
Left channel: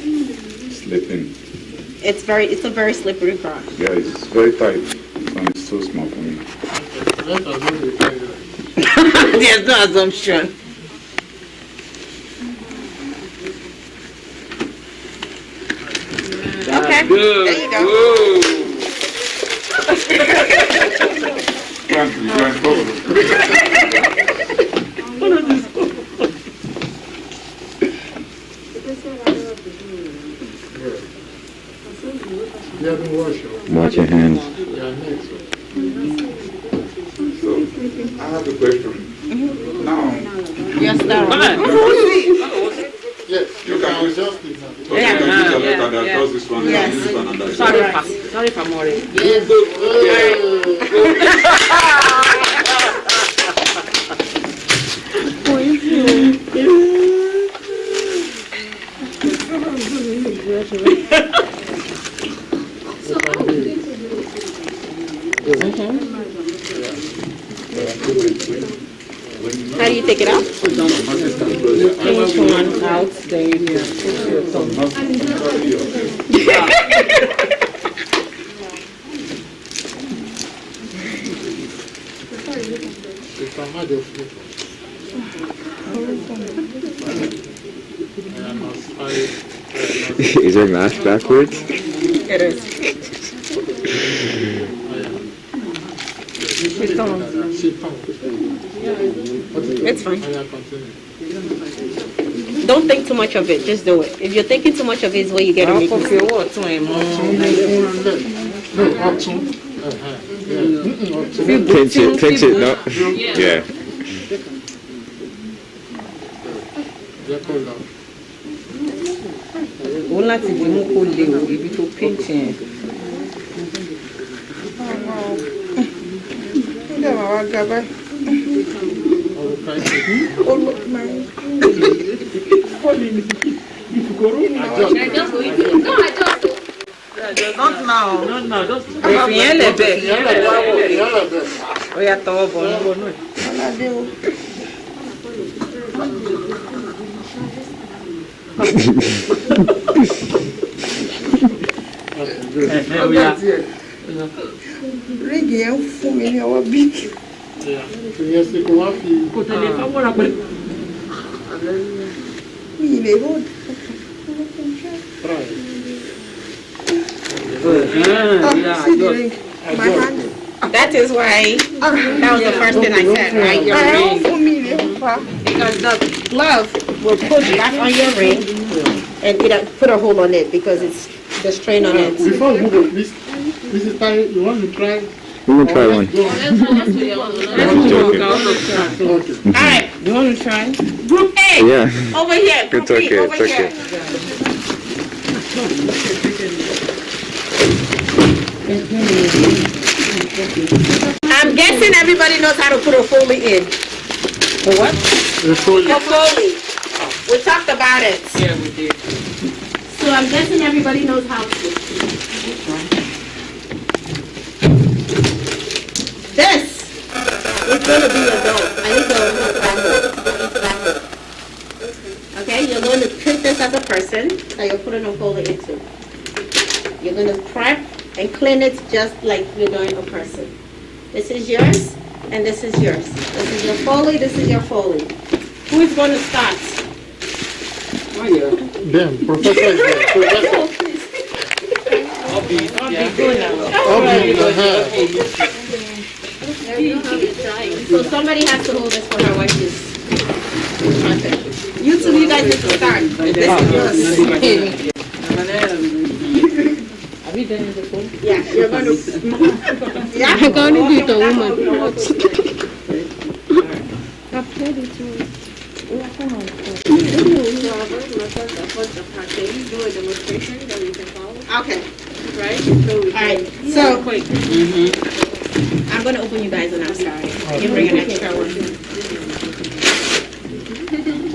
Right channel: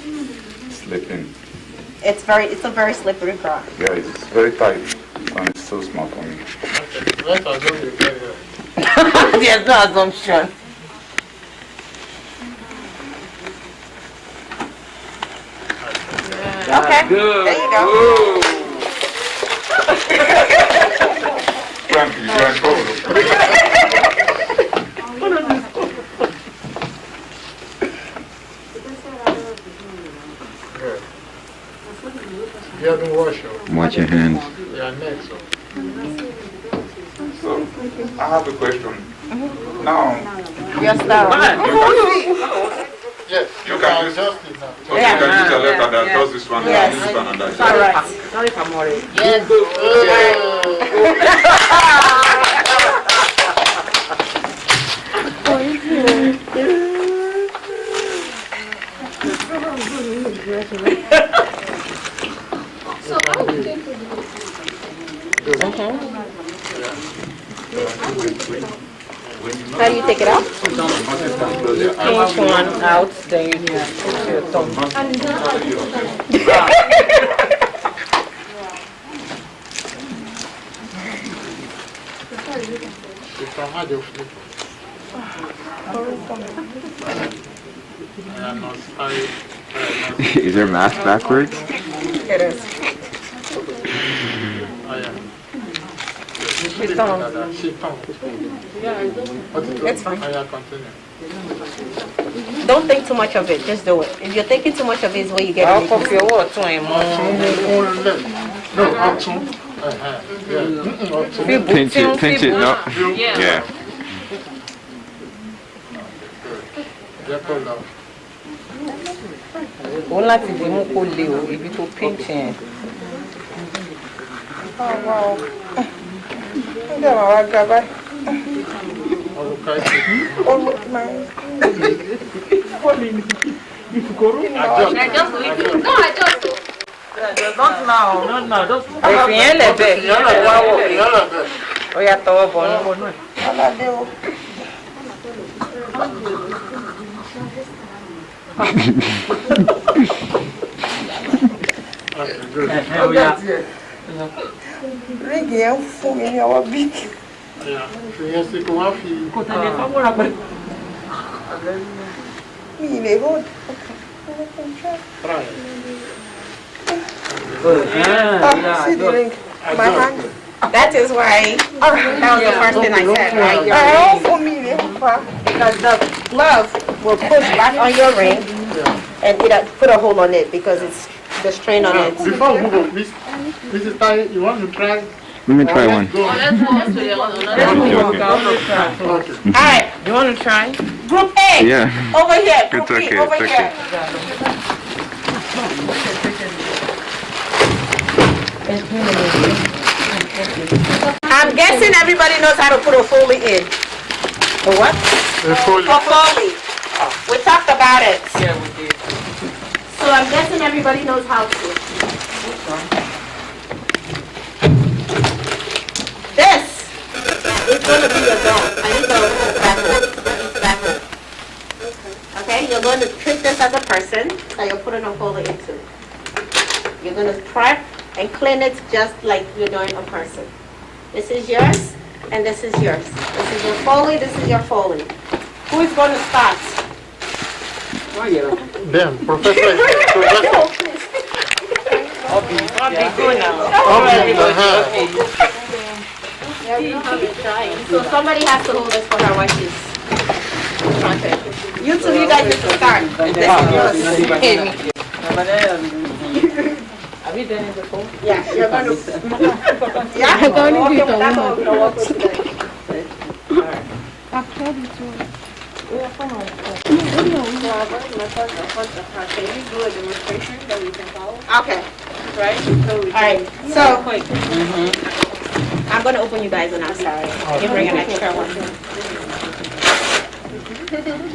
Slipping. It's a very slippery ground. Yeah, it's very tight. And it's too small for me. Okay. Let's assume you can do it. There's no assumption. Okay. There you go. Frank, you're in trouble. Good. You haven't washed your Watch your hands. neck, so. I have a question. Now, Yes, Yes, you can use just it now. so you can use a letter that does this one, Yes. and this one, and that. All right. Sorry for worry. Yes. So how are we going to do this? How do you take it out? Pinch one out, then you do put your thumb. Is there math backwards? It is. It's fine. Don't think too much of it. Just do it. If you're thinking too much of it, is where you get I'll it. pop your water in more. No, option. Pinch it, no? Yeah. Ó láti di mú kó le o, ibi tó pinch yẹn. Oh, wow. Ǹjẹ́ màá wá ga báyìí? Oh, my. Not now. Ìfìyẹn lẹ̀ bẹ́ẹ̀. Ó yá tọwọ́ bọ̀ nù. Aládé o. Ríngì yẹn ń fún mi ní ọwọ́ bí. Mi ì lè hold. Oh, see the ring. My hand. That is why. That was the first thing I said, right? Your ring. Because the glove will push back on your ring and put a hole on it because it's the strain on it. Before we move on, Mrs. Tai, you want to try? Let me try one. All right, you want to try? Group A. Yeah. Over here. Group It's okay, B. Over it's here. I'm guessing everybody knows how to put a Foley in. A what? A Foley. A Foley. We talked about it. Yeah, we did. So I'm guessing everybody knows how to. This is going to be your doll. I need to back. Okay, you're going to treat this as a person that you're putting a Foley into. You're going to prep and clean it just like you're doing a person. This is yours, and this is yours. This is your Foley, this is your Foley. Who is going to start? Damn, Professor is there. Professor. I'll be good now. So somebody has to hold this for her while she's trying. You two, you guys need to start. This is yours. Have you done it before? Yeah, you're going to. Yeah, I'm going to do it. Can you do a demonstration that we can follow? Okay. Right? All right. So, I'm going to open you guys and I'm sorry. You bring an extra one.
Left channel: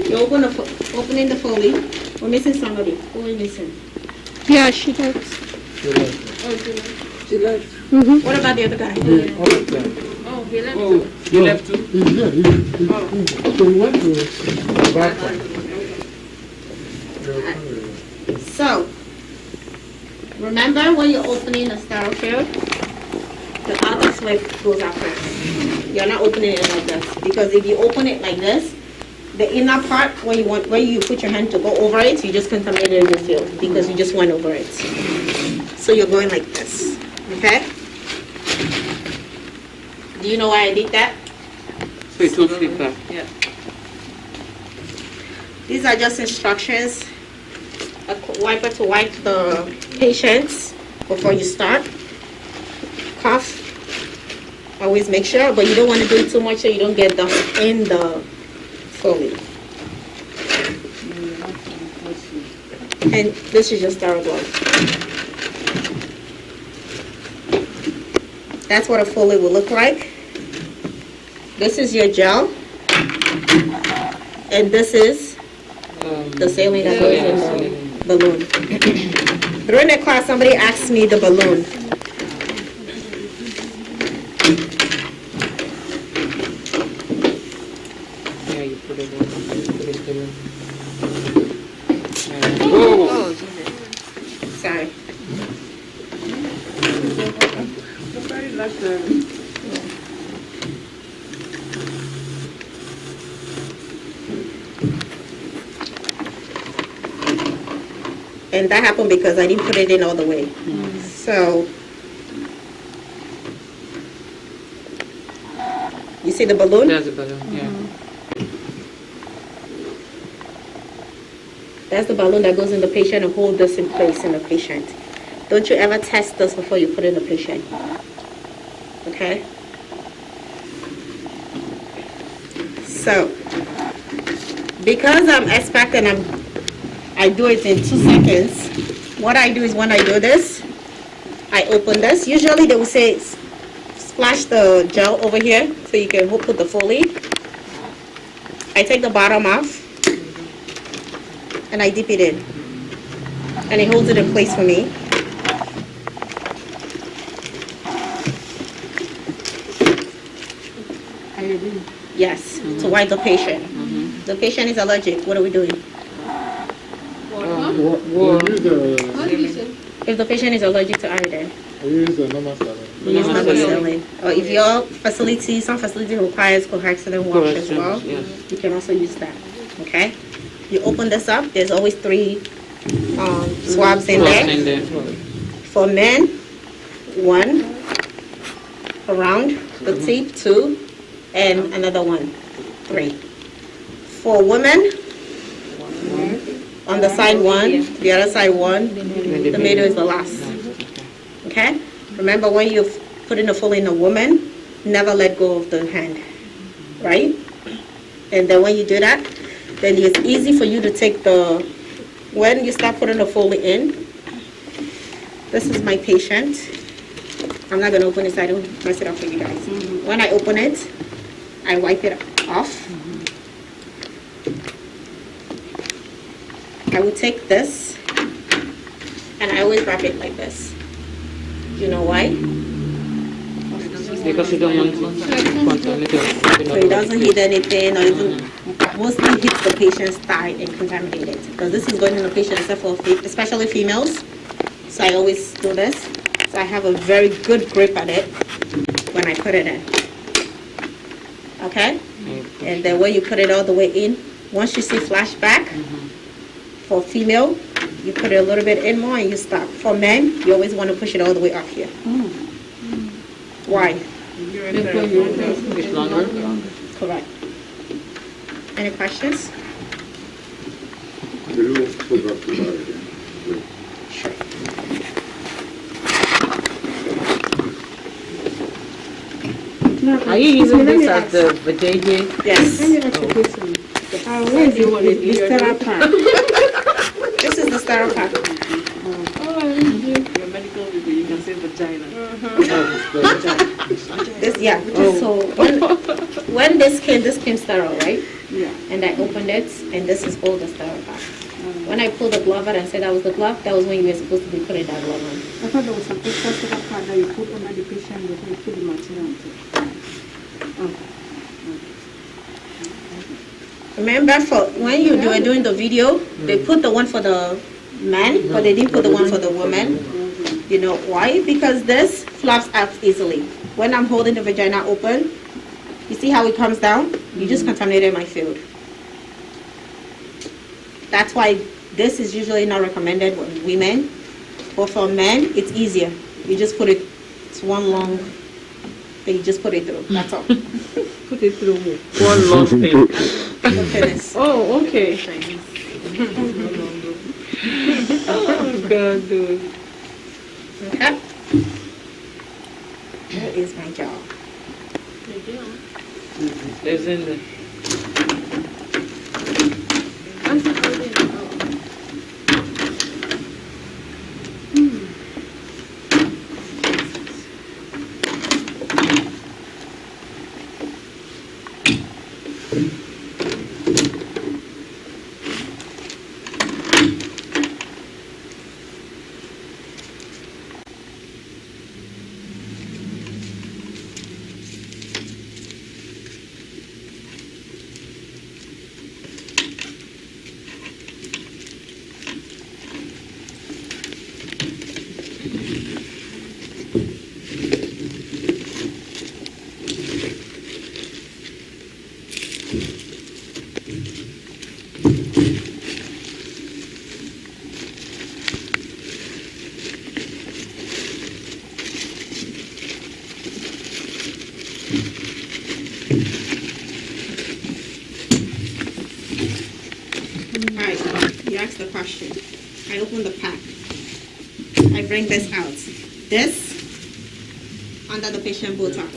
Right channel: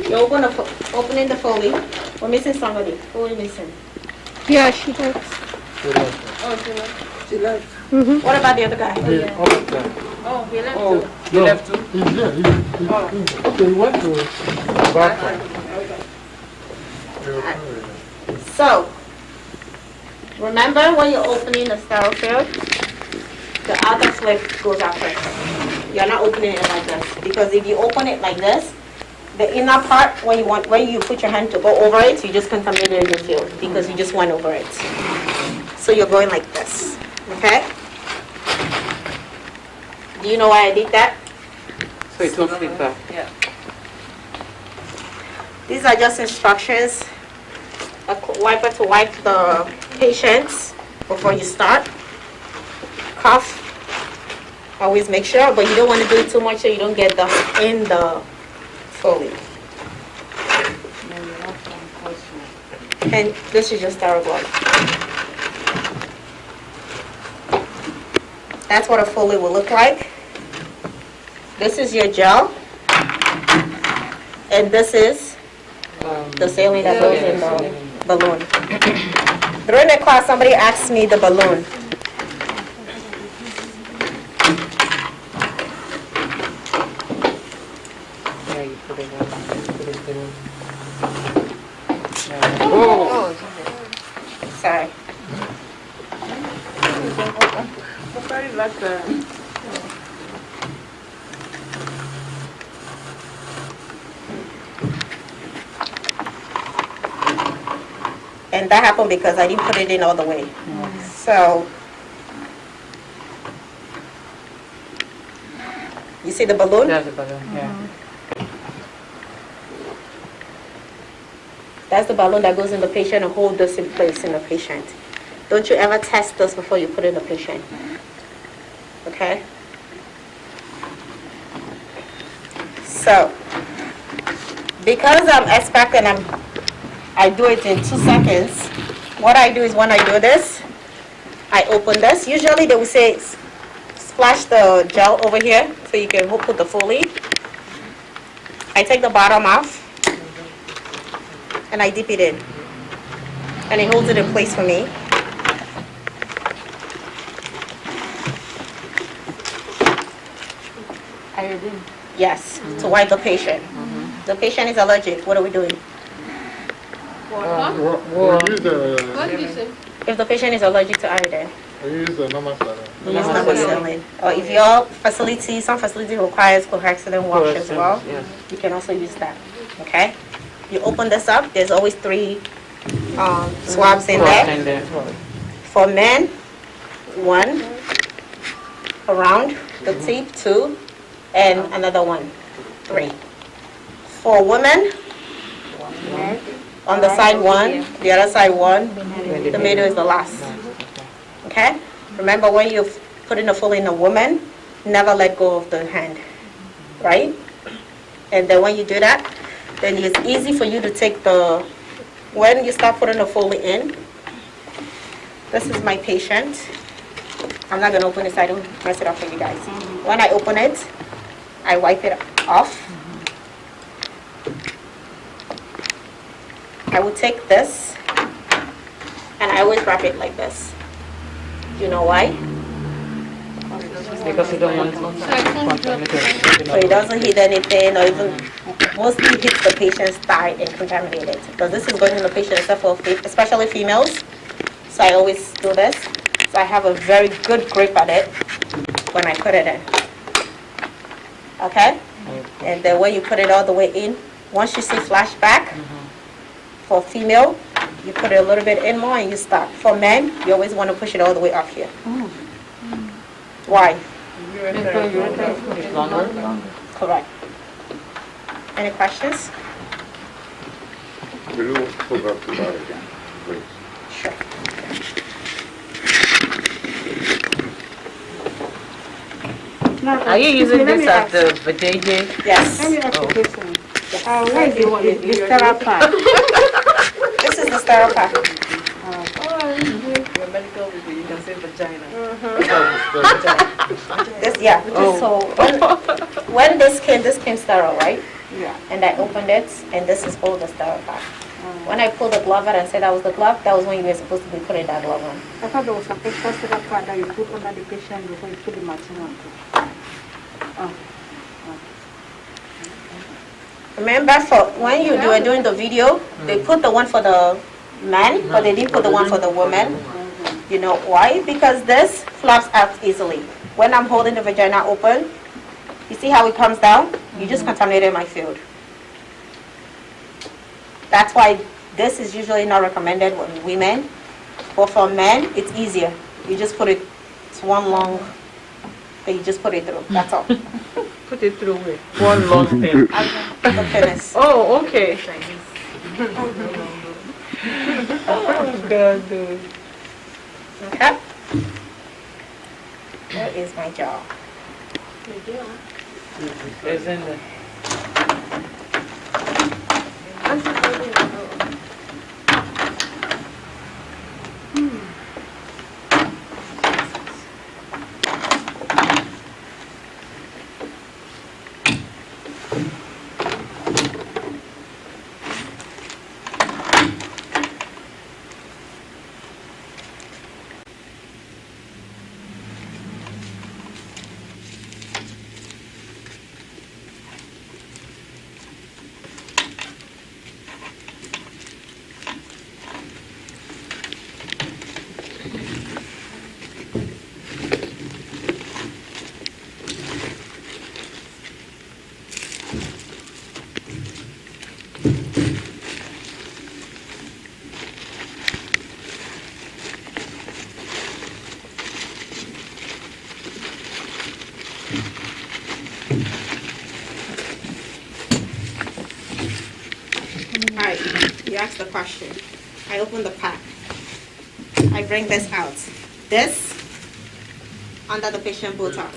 You're opening the Foley. We're missing somebody. Who are we missing? Yeah, she did. She left. What about the other guy? Oh, he left too. You left too? He's here. He went to bathroom. So, remember when you're opening a sterile field, the outer slip goes out first. You're not opening it like this, because if you open it like this, the inner part, when you put your hand to go over it, you just contaminated your field because you just went over it. So you're going like this, okay? Do you know why I did that? So it will flip back. Yeah. These are just instructions. A wiper to wipe the patients before you start. Cough Always make sure, but you don't want to do it too much so you don't get the in the Foley. And this is your sterile glove. That's what a Foley will look like. This is your gel. And this is the saline that goes in the balloon. During the class, somebody asked me the balloon. Yeah, you put it on. Put it in. Sorry. And that happened because I didn't put it in all the way. So, you see the balloon? That's a balloon, yeah. That's the balloon that goes in the patient and hold this in place in the patient. Don't you ever test this before you put in the patient. Okay? So, because I'm expert and I do it in 2 seconds, what I do is when I do this, I open this. Usually they will say splash the gel over here so you can put the Foley. I take the bottom off and I dip it in. And it holds it in place for me. Iodine. Yes, to wipe the patient. The patient is allergic. What are we doing? What use What did you say? If the patient is allergic to iodine, use the normal saline. we use normal saline. Or if your facility, some facility requires chlorhexidine wash as well, you can also use that. Okay? You open this up, there's always 3 swabs in there. For men, 1 around the tip, 2, and another 1, 3. For women, on the side 1, the other side 1, the middle is the last. Okay? Remember when you put in a Foley in a woman, never let go of the hand, right? And then when you do that, then it's easy for you to take when you start putting the Foley in, this is my patient. I'm not going to open it so I don't mess it up for you guys. When I open it, I wipe it off. I will take this and I always wrap it like this. Do you know why? Because you don't want to. So it doesn't hit anything or even mostly hits the patient's thigh and contaminate it. Because this is going in the patient, except for especially females. So I always do this. So I have a very good grip at it when I put it in. Okay? And then when you put it all the way in, once you see flashback, for female, you put it a little bit in more and you stop. For men, you always want to push it all the way up here. Why? Correct. Any questions? Will you put that to that again, please? Sure. Are you using this as the vajayjay? Yes. Let me ask you a question. Where is the sterile part? This is the sterile part. Your medical people, you can say vagina. This, yeah. So when this came sterile, right? Yeah. And I opened it, and this is all the sterile part. When I pulled the glove out and said that was the glove, that was when you were supposed to be putting that glove on. I thought there was some extra sterile part that you put under the patient before you put the material on top. Oh. Remember, for when you were doing the video, they put the one for the man, but they didn't put the one for the woman. You know why? Because this flaps out easily. When I'm holding the vagina open, you see how it comes down? You just contaminated my field. That's why this is usually not recommended with women, but for men, it's easier. You just put it, it's one long thing, you just put it through, that's all. Put it through with one long thing. The penis. Oh, okay. Okay? Where is my jaw? It's in there. You asked the question. I open the pack. I bring this out. This under the patient Botox.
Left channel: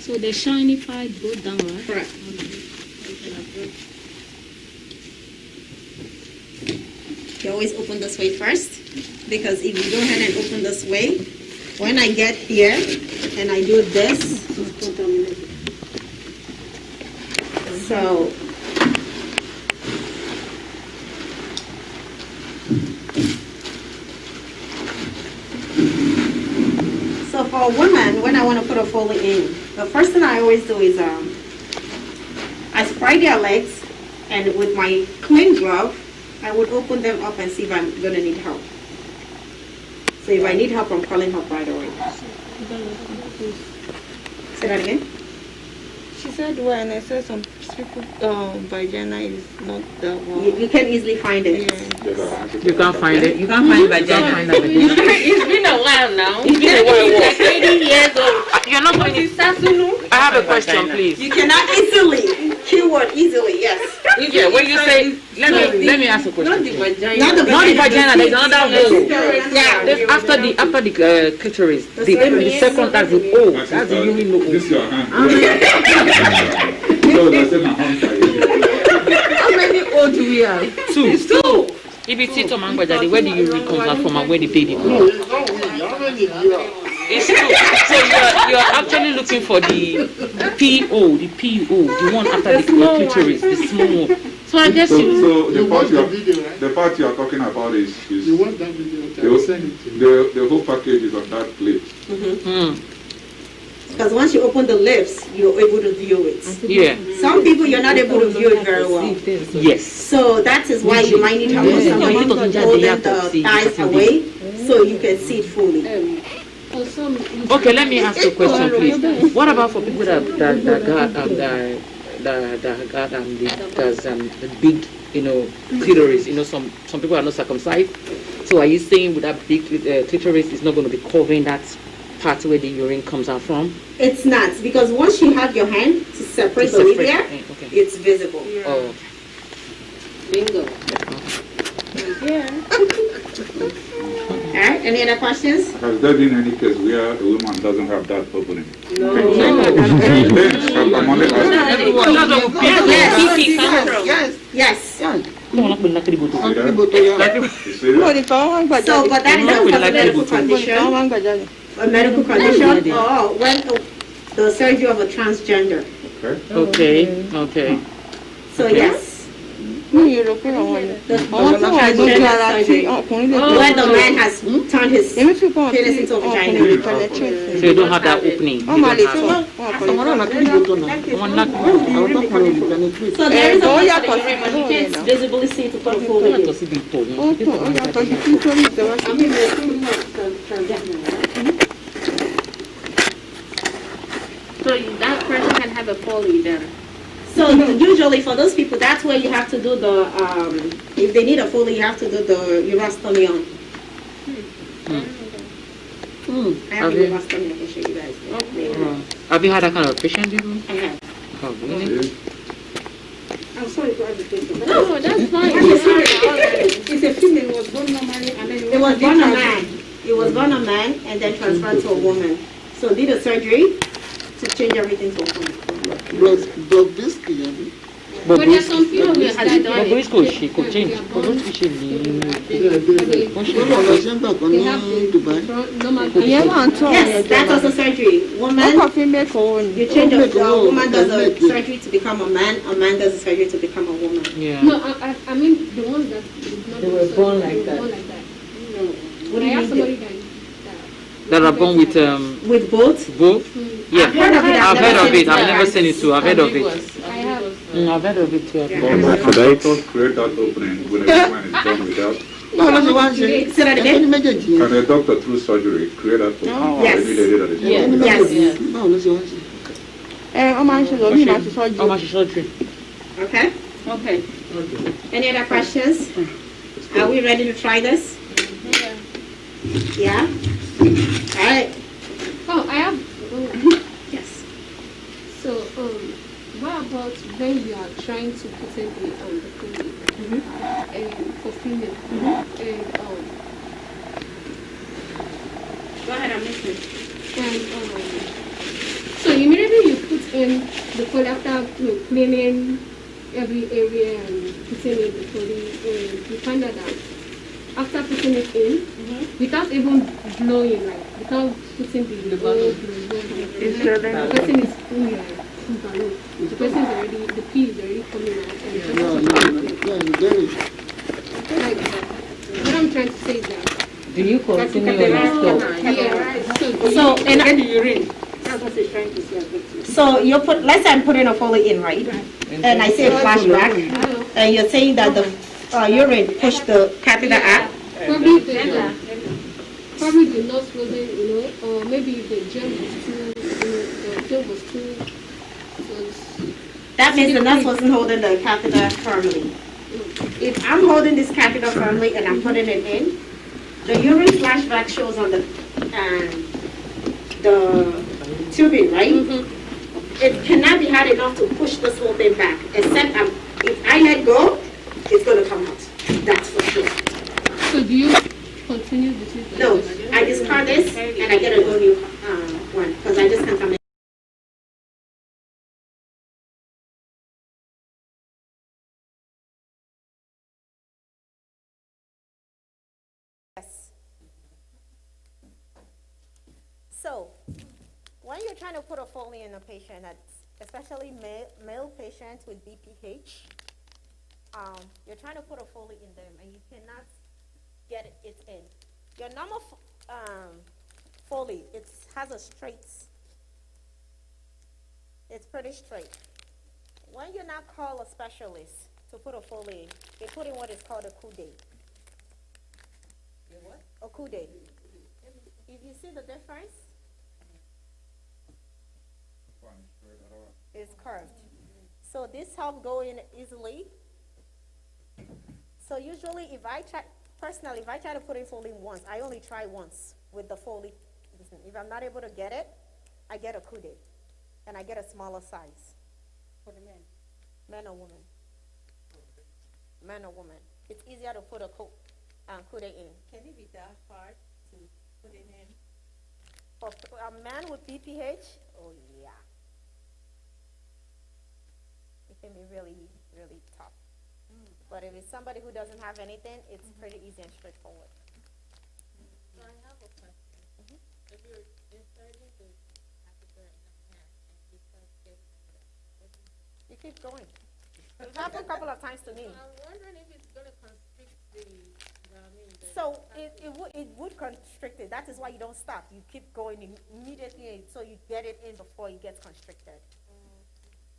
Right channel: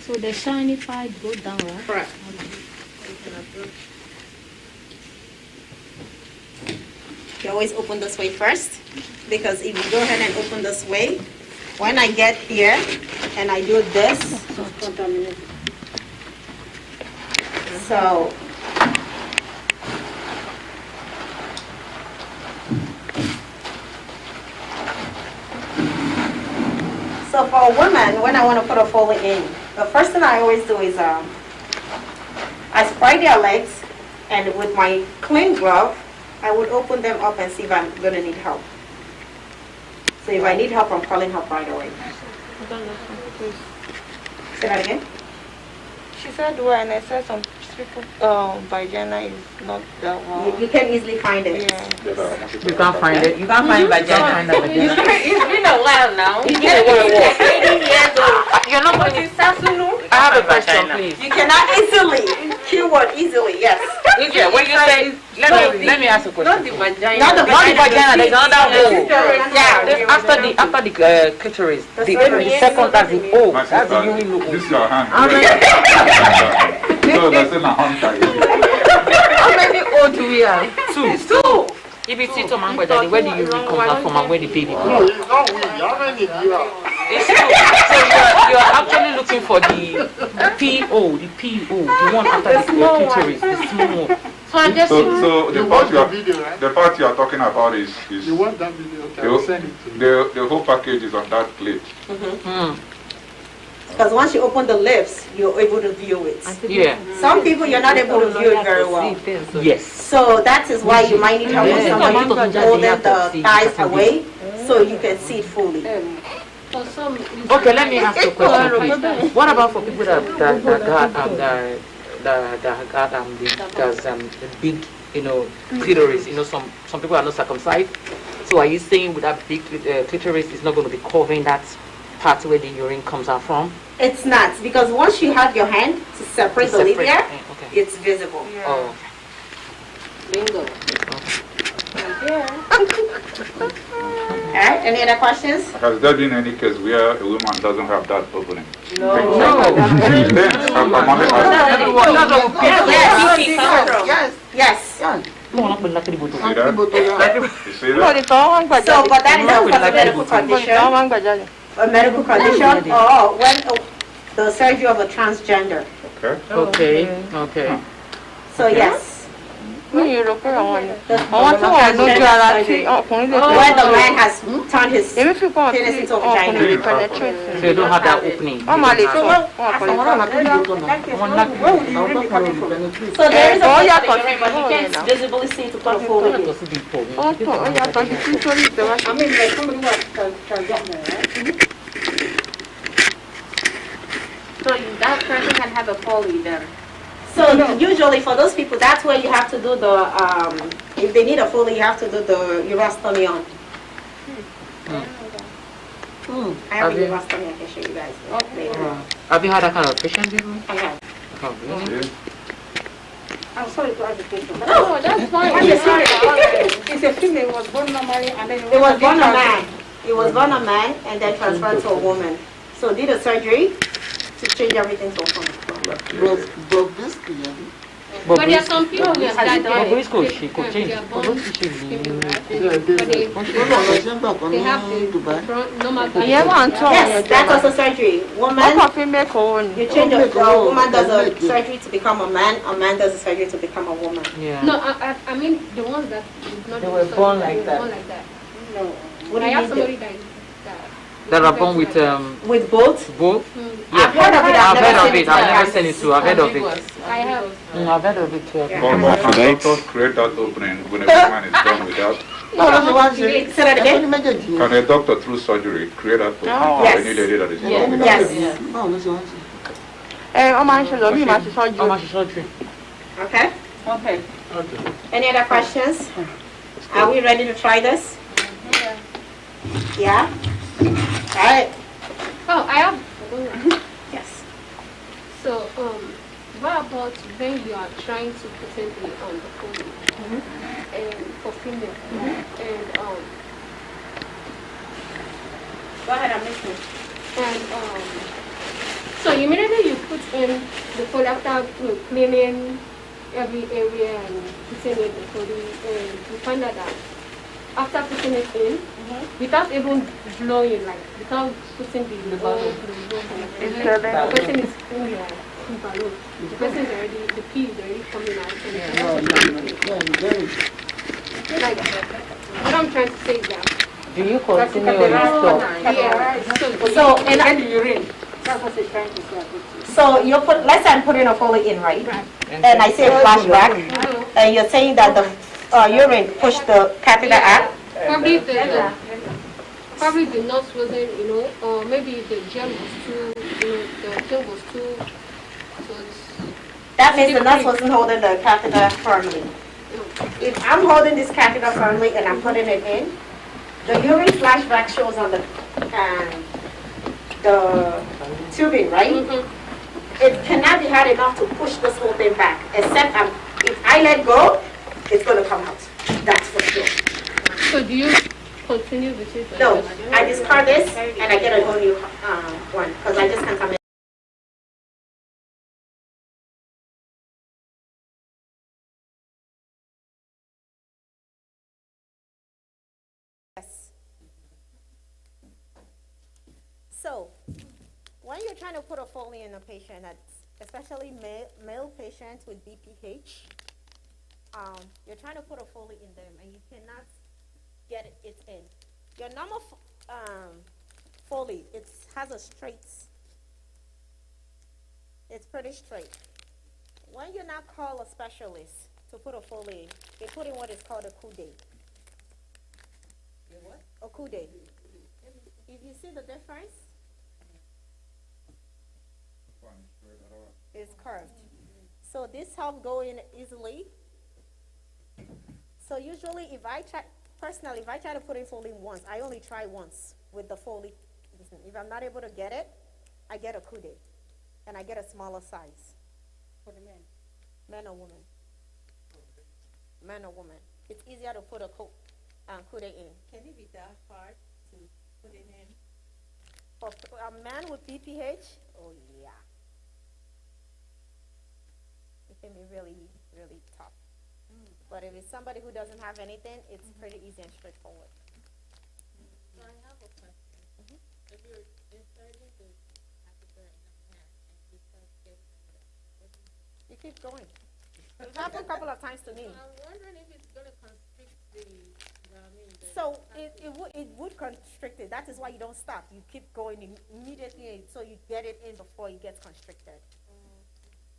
So the shiny part go down, right? Correct. You always open this way first, because if you go ahead and open this way, when I get here and I do this, so for a woman, when I want to put a Foley in, the first thing I always do is I spray their legs, and with my clean glove, I would open them up and see if I'm going to need help. So if I need help, I'm calling help right away. Say that again? She said when I said some people vagina is not that well. You can easily find it. Yeah. You can't find it. You can't find vagina. It's been a while now. It's been a while. Like 80 years old. You're not going to. I have a question, please. You cannot easily. Keyword easily, yes. Yeah, when you say, let me ask a question. Not the vagina. Not the vagina. There's another hole. Yeah. After the clitoris, the second, that's the O. That's the urine hole. This is your hand. So that's in a hand. How many O do we have? Two. It's two. If it's it, where do you come out from and where the baby comes? No, it's not we. How many you have? It's two. So you're actually looking for the PO, the one after the clitoris, the small one. So I guess so You watch the video, right? the part you are talking about is You watch that video? Okay, I'll send it to you. the whole package is on that plate. Because once you open the lips, you're able to view it. Yeah. Some people, you're not able to view it very well. Yes. So that is why you might need help with somebody holding the thighs away so you can see it fully. Okay, let me ask you a question, please. What about for people that got the big, clitoris? Some people are not circumcised. So are you saying with that big clitoris is not going to be covering that part where the urine comes out from? It's not, because once you have your hand to separate the labia, it's visible. Yeah. Oh. Bingo. Alright, any other questions? Has there been any case where a woman doesn't have that opening? No. I'm only asking. Yes. So, but that is also a medical condition. A medical condition, or when the surgery of a transgender. Okay. So yes. When the man has turned his penis into a vagina. So you don't have that opening. So there is a place but you can't visibly see to put a full in. So that person can have a Foley then? So usually for those people, that's where you have to do the, if they need a Foley, you have to do the urostomy on. I have a urostomy, I can show you guys later. Have you had that kind of patient before? I have. Oh, really? I'm sorry to ask the question. No, that's fine. It's a female, was born normally and then it was born a man. It was born a man and then transferred to a woman. So did a surgery to change everything to open. But there are some people that she could change. they have the normal. Yes, that's also surgery. Woman, you change a woman does a surgery to become a man does a surgery to become a woman. Yeah. No, I mean the ones that They were born like that. No. What do you have somebody that are born with both? Both? Yeah. I've heard of it. I've heard of it. I've never seen it too. I've heard of it. I have. I've heard of it too. Doctors create that opening when a woman is born without. Say that again. Can a doctor through surgery create that opening? Yes. They need a lady that is born without. Surgery. Okay. Any other questions? Are we ready to try this? Yeah. All right. Oh, I have. Yes. So, what about when you are trying to put in the foley and for female and Go ahead, I'm listening. And so immediately you put in the foley after cleaning every area and putting in the foley, and you find out that after putting it in, without even blowing, like without putting the oil, the person is in your balloon. The person is already, the pee is already coming out, and the person is like, what I'm trying to say is that. Do you continue or you stop? Yeah. So and the urine. That's what they're trying to say. So you put, let's say I'm putting a foley in, right? And I say flashback, and you're saying that the urine pushed the catheter out? Probably the nurse wasn't, or maybe the gel was too, the gel was too. That means the nurse wasn't holding the catheter firmly. If I'm holding this catheter firmly and I'm putting it in, the urine flashback shows on the tubing, right? It cannot be hard enough to push this whole thing back, except if I let go, it's going to come out. That's for sure. So do you continue with it? No, I discard this and I get a whole new one because I just can't come in. Yes. So, when you're trying to put a foley in a patient, that's especially male patients with BPH, you're trying to put a foley in them and you cannot get it in. Your normal foley, it has a straight, it's pretty straight. When you now call a specialist to put a foley in, they put in what is called a coude. What? A coude. If you see the difference, it's curved. So this helps go in easily. So usually if I try to put in foley once, I only try once with the foley. If I'm not able to get it, I get a coude. And I get a smaller size. For the men? Men or women? Man or woman. It's easier to put a coude in. Can it be that hard to put it in? For a man with BPH, oh yeah. It can be really, really tough. But if it's somebody who doesn't have anything, it's pretty easy and straightforward. So I have a question. If you're inserting the catheter in a man and he starts getting it, you keep going. It's happened a couple of times to me. So I'm wondering if it's going to constrict the so it would constrict it. That is why you don't stop. You keep going immediately so you get it in before it gets constricted.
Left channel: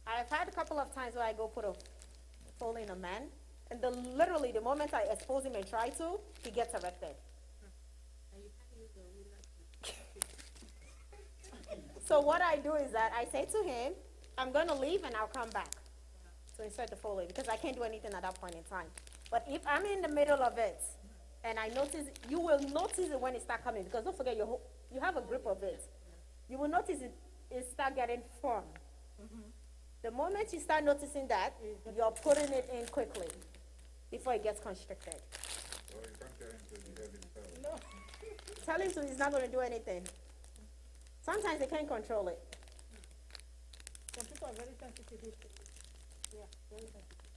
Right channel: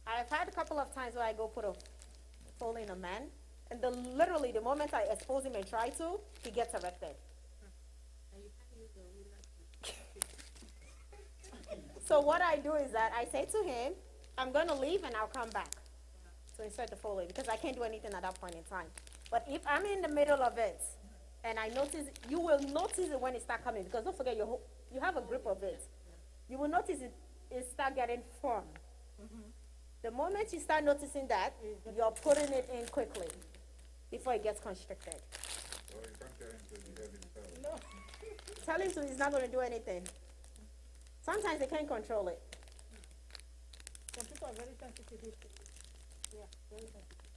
I've had a couple of times where I go put a foley in a man, and literally the moment I expose him and try to, he gets erected. So what I do is that I say to him, I'm going to leave and I'll come back to insert the foley because I can't do anything at that point in time. But if I'm in the middle of it and I notice, you will notice it when it starts coming because don't forget you have a grip of it. You will notice it start getting firm. The moment you start noticing that, you're putting it in quickly before it gets constricted. So you can't tell him to behave himself. No. Tell him to, he's not going to do anything. Sometimes they can't control it. Some people are very sensitive. Yeah, very sensitive.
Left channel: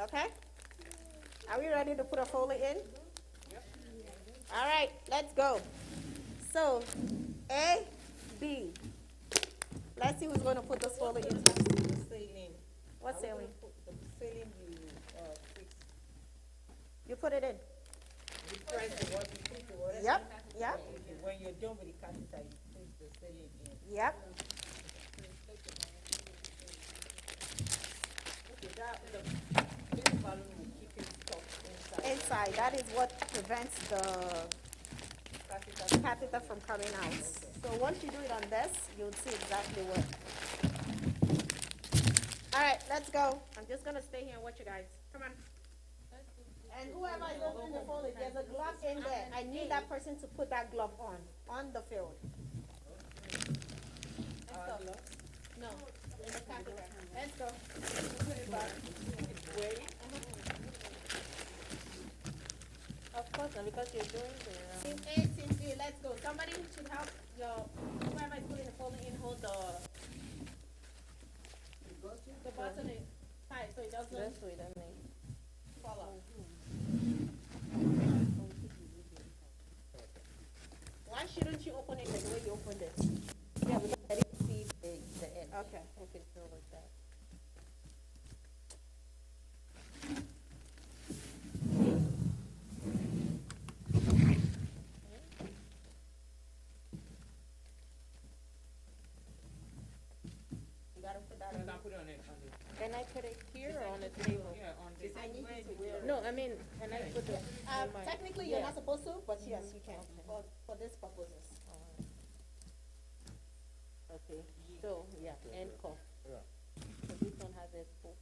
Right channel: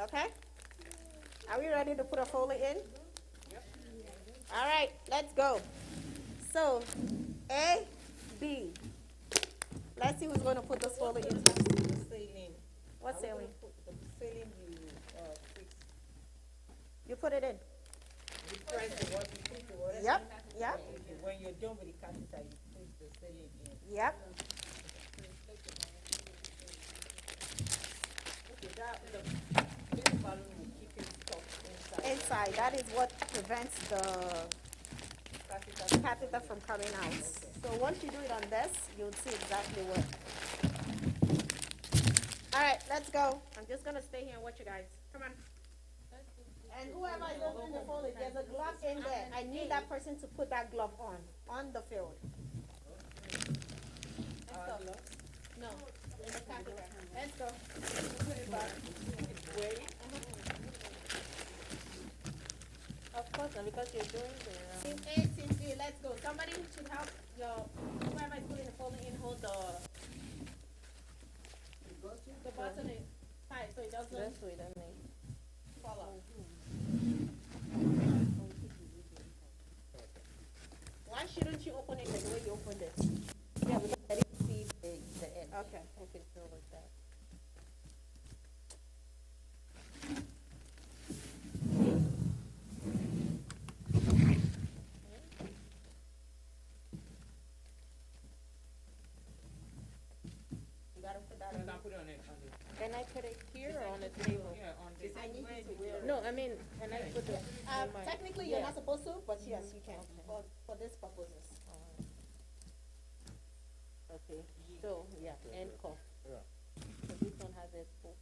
Okay? Are we ready to put a foley in? Yep. All right, let's go. So, A, B. Let's see who's going to put this foley in. What sailing? The sailing you fix. You put it in. You press the water, you put the water. Yep, yep. When you're done with the catheter, you put the sailing in. Yep. Okay, this balloon will keep it stuck inside. Inside. That is what prevents the catheter from coming out. So once you do it on this, you'll see exactly what. All right, let's go. I'm just gonna stay here and watch you guys. Come on. And whoever is opening the folder, there's a glove in there. I need that person to put that glove on the field. Let's go. No, in the catheter. Let's go. Put it back. It's wearing. Of course, and because you're doing the... Team A, Team B, let's go. Somebody should help whoever is putting the folder in, hold the button is tight so it doesn't This way, that makes... fall off. Why shouldn't you open it like the way you opened it? Yeah, because I didn't see the end. Okay. Okay, so like that. You gotta put that in. Can I put it here or on the table? Yeah, on the I need you to wear it. No, I mean, can I put it? Technically, you're not supposed to, but yes, you can for this purposes. Okay, so, yeah, and cough. Yeah. So this one has a spoon.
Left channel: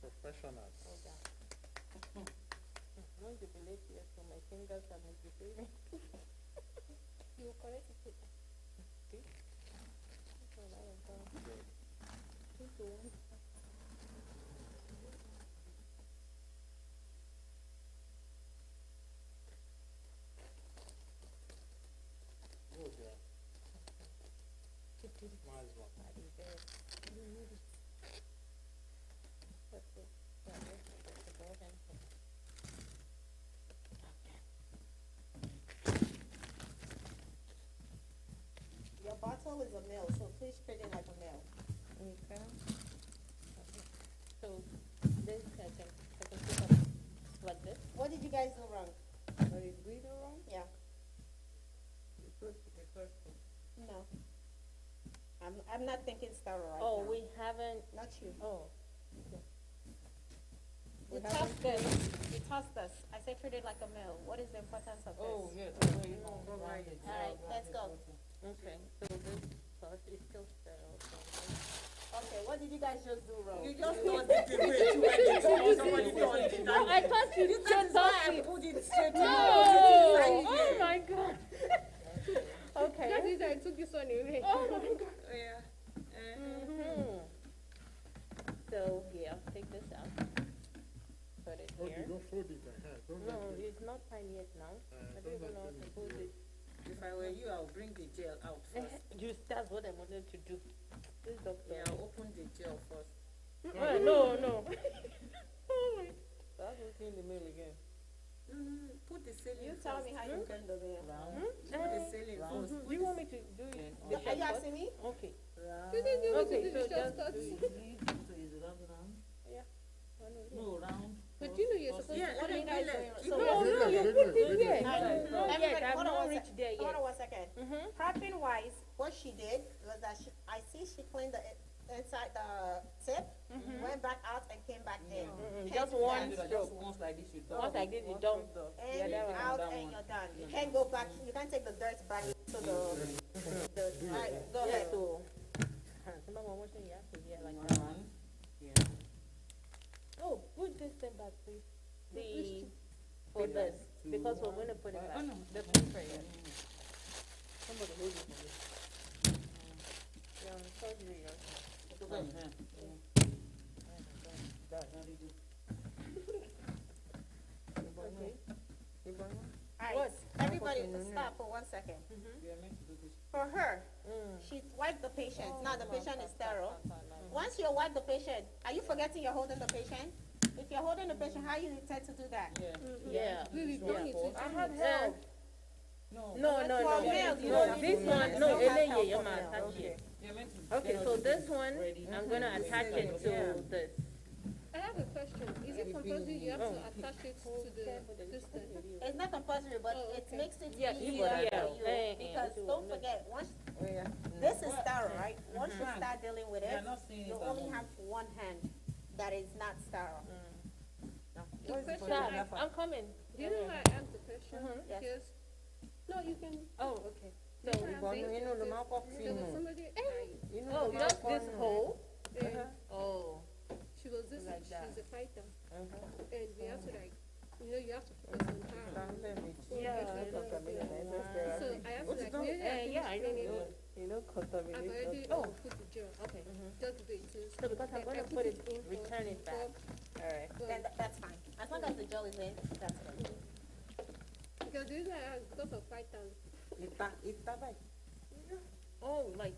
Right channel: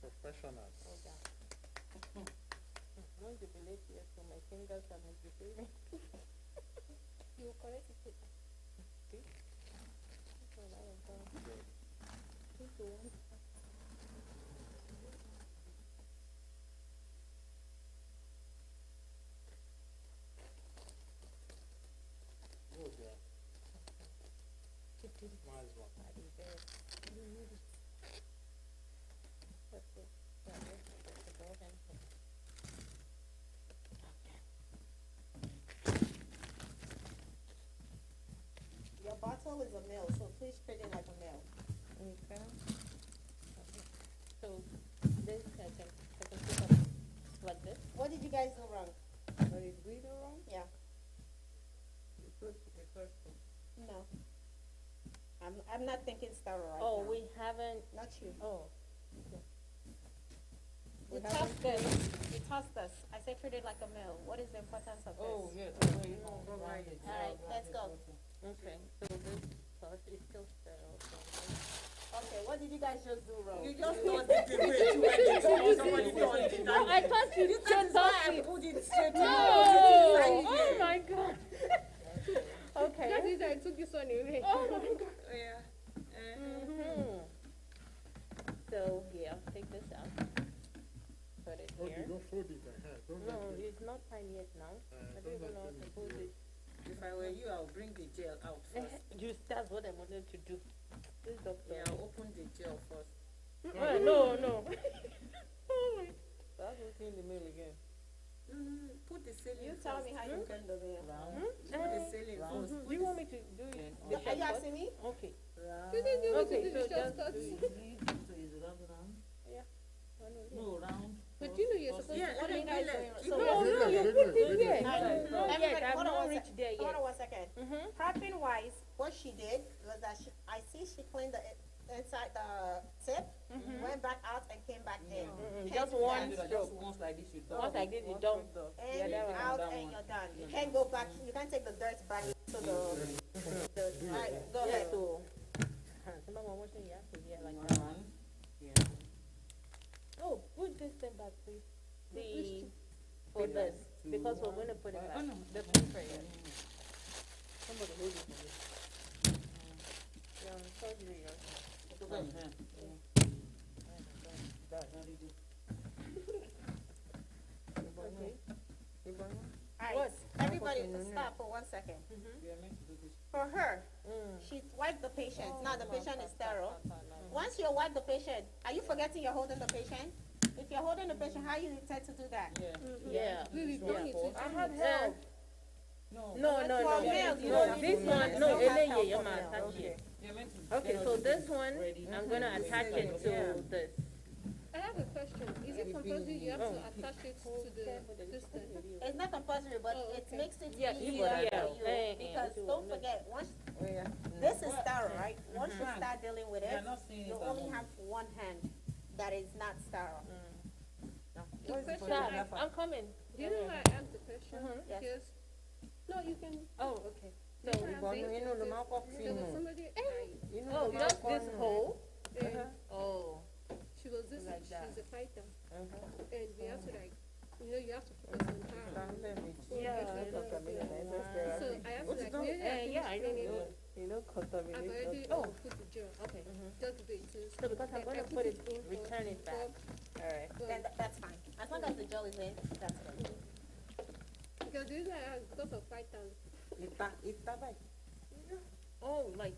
Professionals. I'm going to be late here, so my fingers are misbehaving. You correct it. See? So now I'm going to 2 to 1. Oh, yeah. Nice one. Okay. Yeah, that's the ball hand. Your bottle is a male, so please treat it like a male. Okay. So this I can put up like this. What did you guys do wrong? What did we do wrong? Yeah. No. I'm not thinking star right Oh, now. we haven't. Not you. Oh. You tossed us. You tossed us. I said treat it like a male. What is the importance of this? Oh, yes. All right, let's go. Okay. So this sauce is still sterile. Okay, what did you guys just do wrong? You just tossed it away too when somebody tossed it. No, I thought you This just is why I it. put it straight to No! you. Oh my god. Okay. That is I took this one away. Oh my god. Yeah. So yeah, take this out. Put it Oh, here. you don't fold it. Don't No, let it. it's not time yet now. I don't even know how to put it. If I were you, I would bring the gel out first. That's what I wanted to do. This doctor. Yeah, I'll open the gel first. No. That's what's in the mail again. No. Put the ceiling You first. tell me how you can do it. Put the ceiling first. Do you want me to do it? The Are you asking me? Okay. Okay, so just No, round. But you know you're supposed Yeah, to what put are it you right doing? there. You So know- no, you put it there. Everybody, I've hold on not one reached there Hold yet. on 1 second. Prepping wise, what she did was that I see she cleaned the inside the tip, went back out and came back in. Just one Just stroke. once like this, you don't. Once I did it, done. In, Yeah, that one. out, and you're done. You can't go back. You can't take the dirt back to the. All right, go ahead. So, someone washing your hands here like that. Oh, put this thing back, please. For this, because we're going to put it back. Alright, everybody stop for 1 second. For her, she wiped the patient. Now the patient is sterile. Once you wipe the patient, are you forgetting you're holding the patient? If you're holding the patient, how you intend to do that? Yeah. I had help. No. This one, no, Eleye, you're my attachment. Okay, so this one, I'm gonna attach it to this. I have a question. Is it compulsory you have to attach it to the distance? It's not compulsory, but it makes it Yeah, easier yeah. for you. Because don't forget, once this is sterile, right? Once you start dealing with it, you only have one hand that is not sterile. The question, I'm coming. do you know why I asked the question? Yes. Because, no, you can. Oh, okay. So, there was somebody, Oh, just this hole? Oh. she was this, Like that. she's a fighter. And we have to you have to focus on her. Yeah. So I have to I know. I've already put the gel. Okay. Just the it. So because I'm going to put it, return it back. All right. Then that's fine. As long as the gel is in, that's good. Because this is because of fighters. Oh, like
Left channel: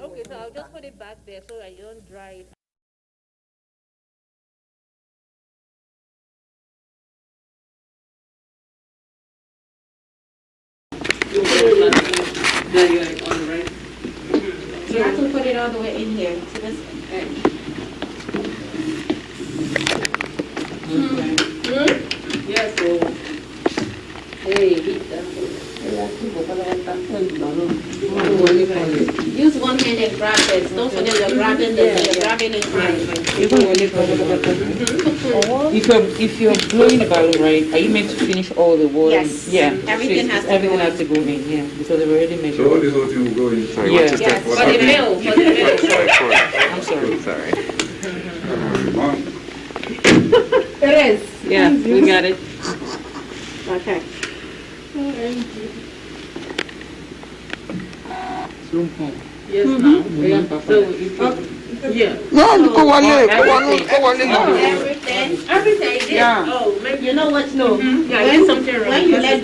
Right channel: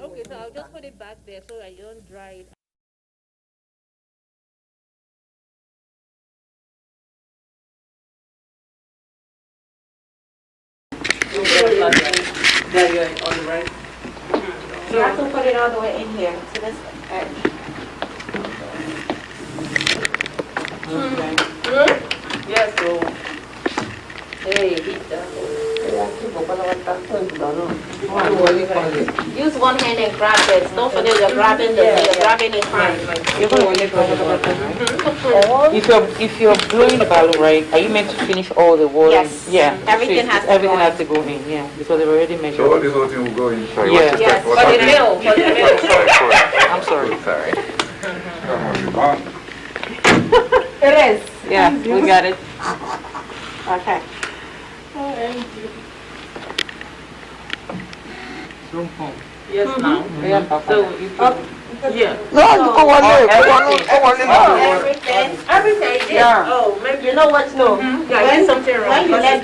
Okay, so I'll just put it back there so I don't dry it. There you are on the right. You have to put it all the way in here to this edge. Yes, so. Hey, hit that. Use one hand and grab this. Don't forget you're grabbing you're grabbing it fine. If you're blowing the balloon, right, are you meant to finish all the water? Yes. Yeah. Everything has to everything go in. has to go in. Yeah, because they've already measured. So all this whole thing will go in. Sorry, Yeah. what's Yes, that? for the mill, for the mill. I'm sorry. Sorry. It is. Yeah, we got it. Okay. Yes, now. So if yeah. Everything. Yeah. Oh, maybe you know what? No. Yeah, something wrong. When you let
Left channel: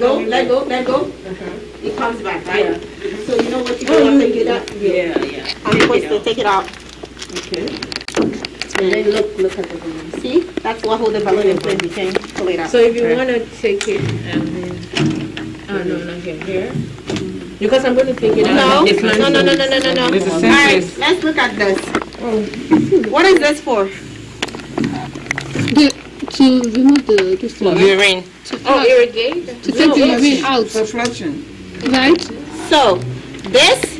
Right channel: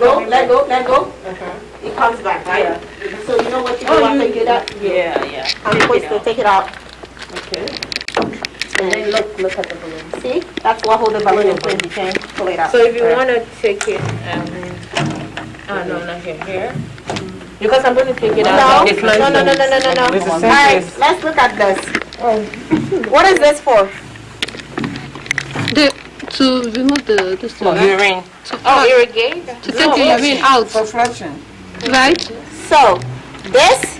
go, it comes back, right? Yeah. So you know what you do after you do that? Yeah. I'm supposed to take it out. Okay. And then look at the balloon. See? That's what hold the balloon in place. You can pull it out. So if you want to take it, oh no, not here. Because I'm going to take it out. No. All right, let's look at this. What is this for? To remove this one. Urine. Oh, irrigate? To take the urine out. For flushing. Right? So, this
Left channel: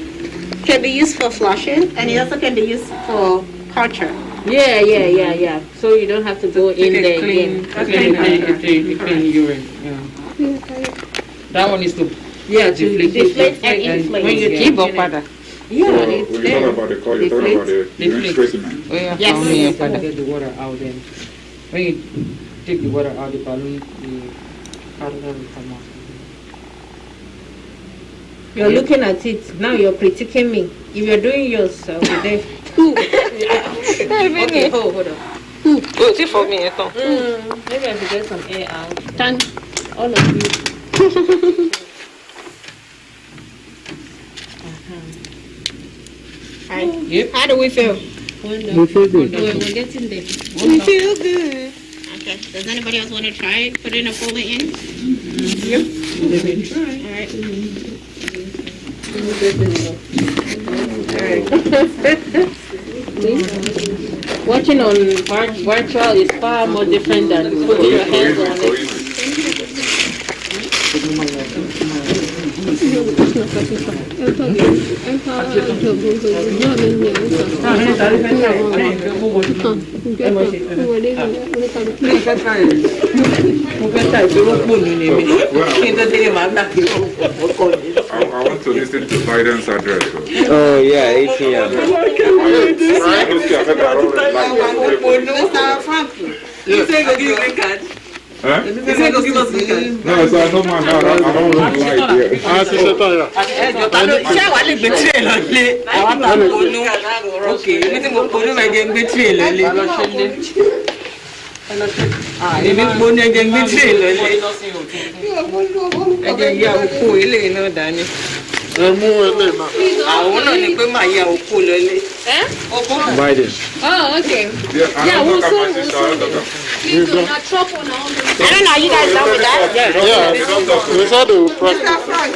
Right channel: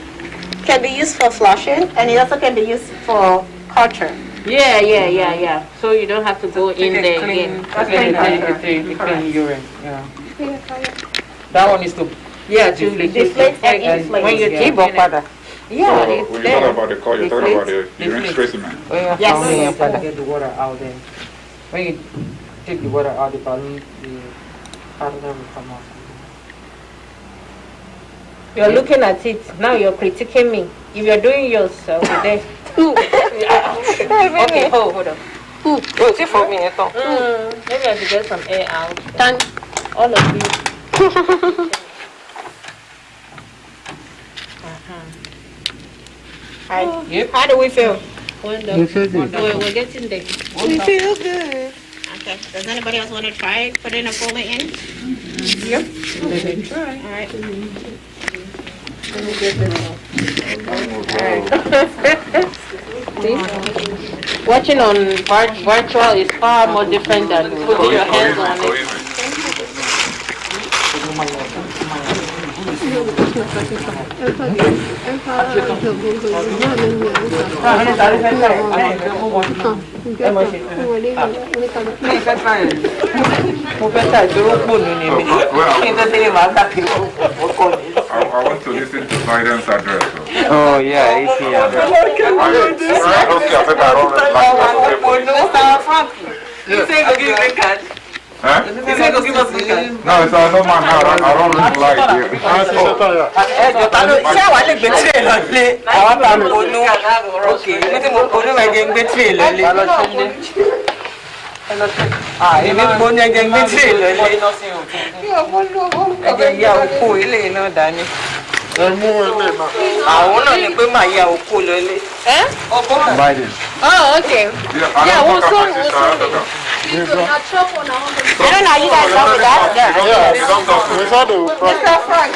can be used for flushing, and it also can be used for culture. Yeah. So you don't have to go in there again. Clean urine. Yeah. That one is to deflate and inflate. when you keep up father. Yeah, So it's when you there. talk about the call, you're talking about the urine specimen. Yes. Get the water out then. When you take the water out, the balloon, the catheter will come out. You're looking at it. Now you're critiquing me. If you're doing yourself, then. Okay, hold on. Oh, see for me, Maybe I should get some air out. All of you. Yep. How do we feel? Wonderful. We're getting there. We feel good. Okay. Does anybody else want to try putting a folder in? Yep. Let me try. All right. Let me get this one. Watching on virtual is far more different than putting your hands on it. I want to listen to Biden's address. Oh, yeah, 18. You say the green card. Huh? Is he going to give us the card? No, it's a no man. I don't really like it. Ṣé àwa lè gbé tírè lọ lé? Àwa bá ponú. Ok, mi tí mo ponú máa jẹ gbé tírè lọ lé. Èmi ponú ẹjẹ gbé tírè lọ lé. Ẹjẹ ìyá òkú ilé náà dání. Àwọn náà ni pé màá ya òkú lọ lé. Oh, okay. Yeah, we'll soon. I don't know, you guys done with that? Yeah. We saw the Mr. Frank.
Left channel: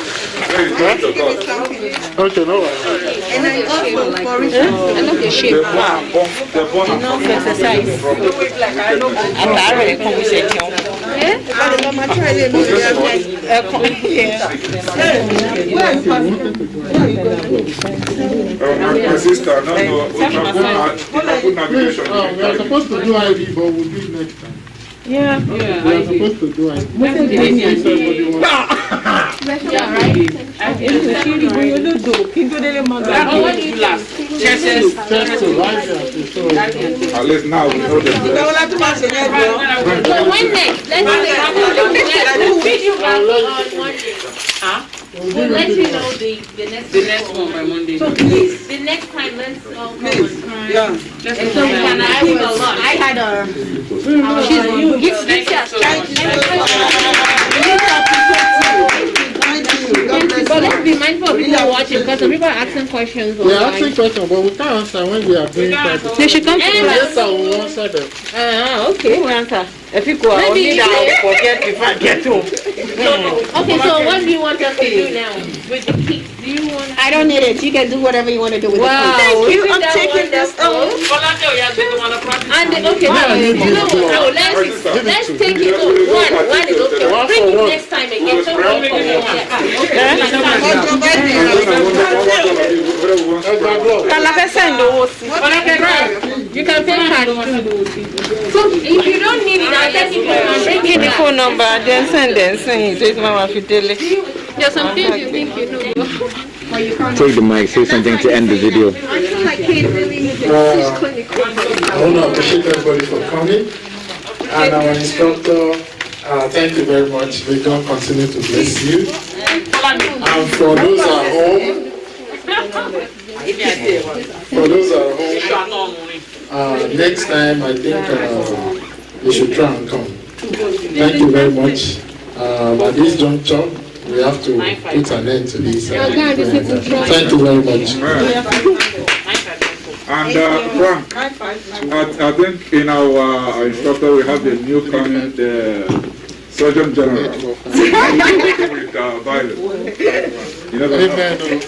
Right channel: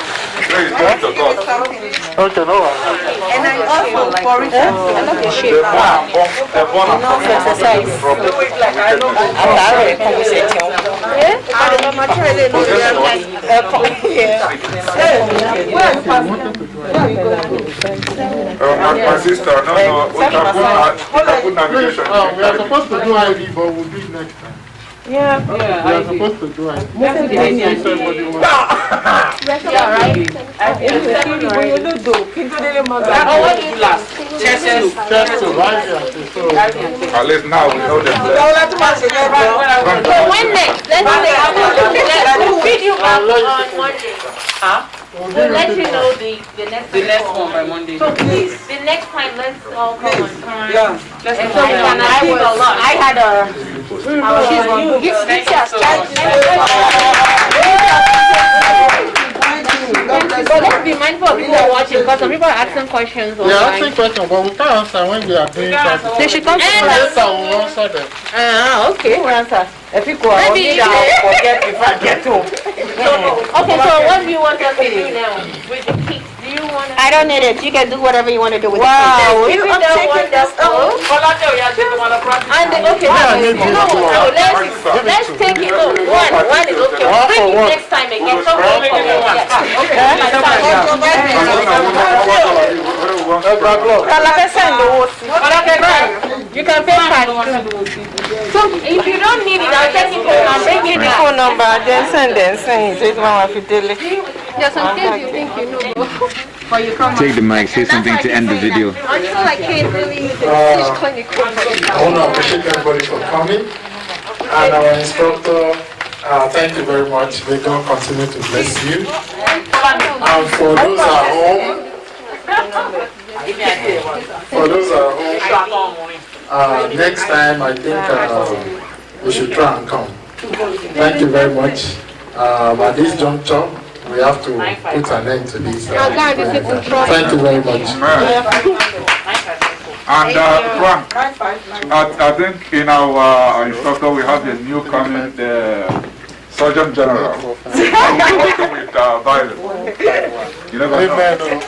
Okay, no worries. And I also for Richard. I love the shape. No exercise. Àtàrà ẹ̀kọ́ mi ṣe jẹun. But the mama try to know My sister, no, we can put navigation. We are supposed to do ID, but we'll do it next time. Yeah. We are supposed to do ID. Yeah, right? Oh, what do you think? Chest to right here. At least now we know them. So when next? We'll feed you back on Monday. Huh? We'll let you know the next one by Monday. So please, the next time, let's all come on time. Yeah. Let's And go. so I had a. But let's be mindful of people watching because some people are asking questions. We are asking questions, but we can't answer when we are doing something. They should come to answer. We'll answer them. Okay. Who answer? If you go, Maybe I'll forget if I get home. Okay, so what do you want us to do now with the kids? Do you want to? I don't need it. You can do whatever you want to do with Wow, the isn't that wonderful? And okay, let's take it. No, one is okay. We'll bring it next time again. So you can pay cash too. So if you don't need it, I'll take it home and bring it the back. phone number, then send it. Just Mama Fidele. There's some things you think you know. Take the mic, say something to end the video. I feel like can't really teach clinical. I want to appreciate everybody for coming. And our instructor, thank you very much. May God continue to bless you. And for those at home, next time I think we should try and come. Thank you very much. At this juncture, we have to put an end to this. Thank you very much. And Frank, I think in our instructor we have the new coming Surgeon General. With violence. You never know.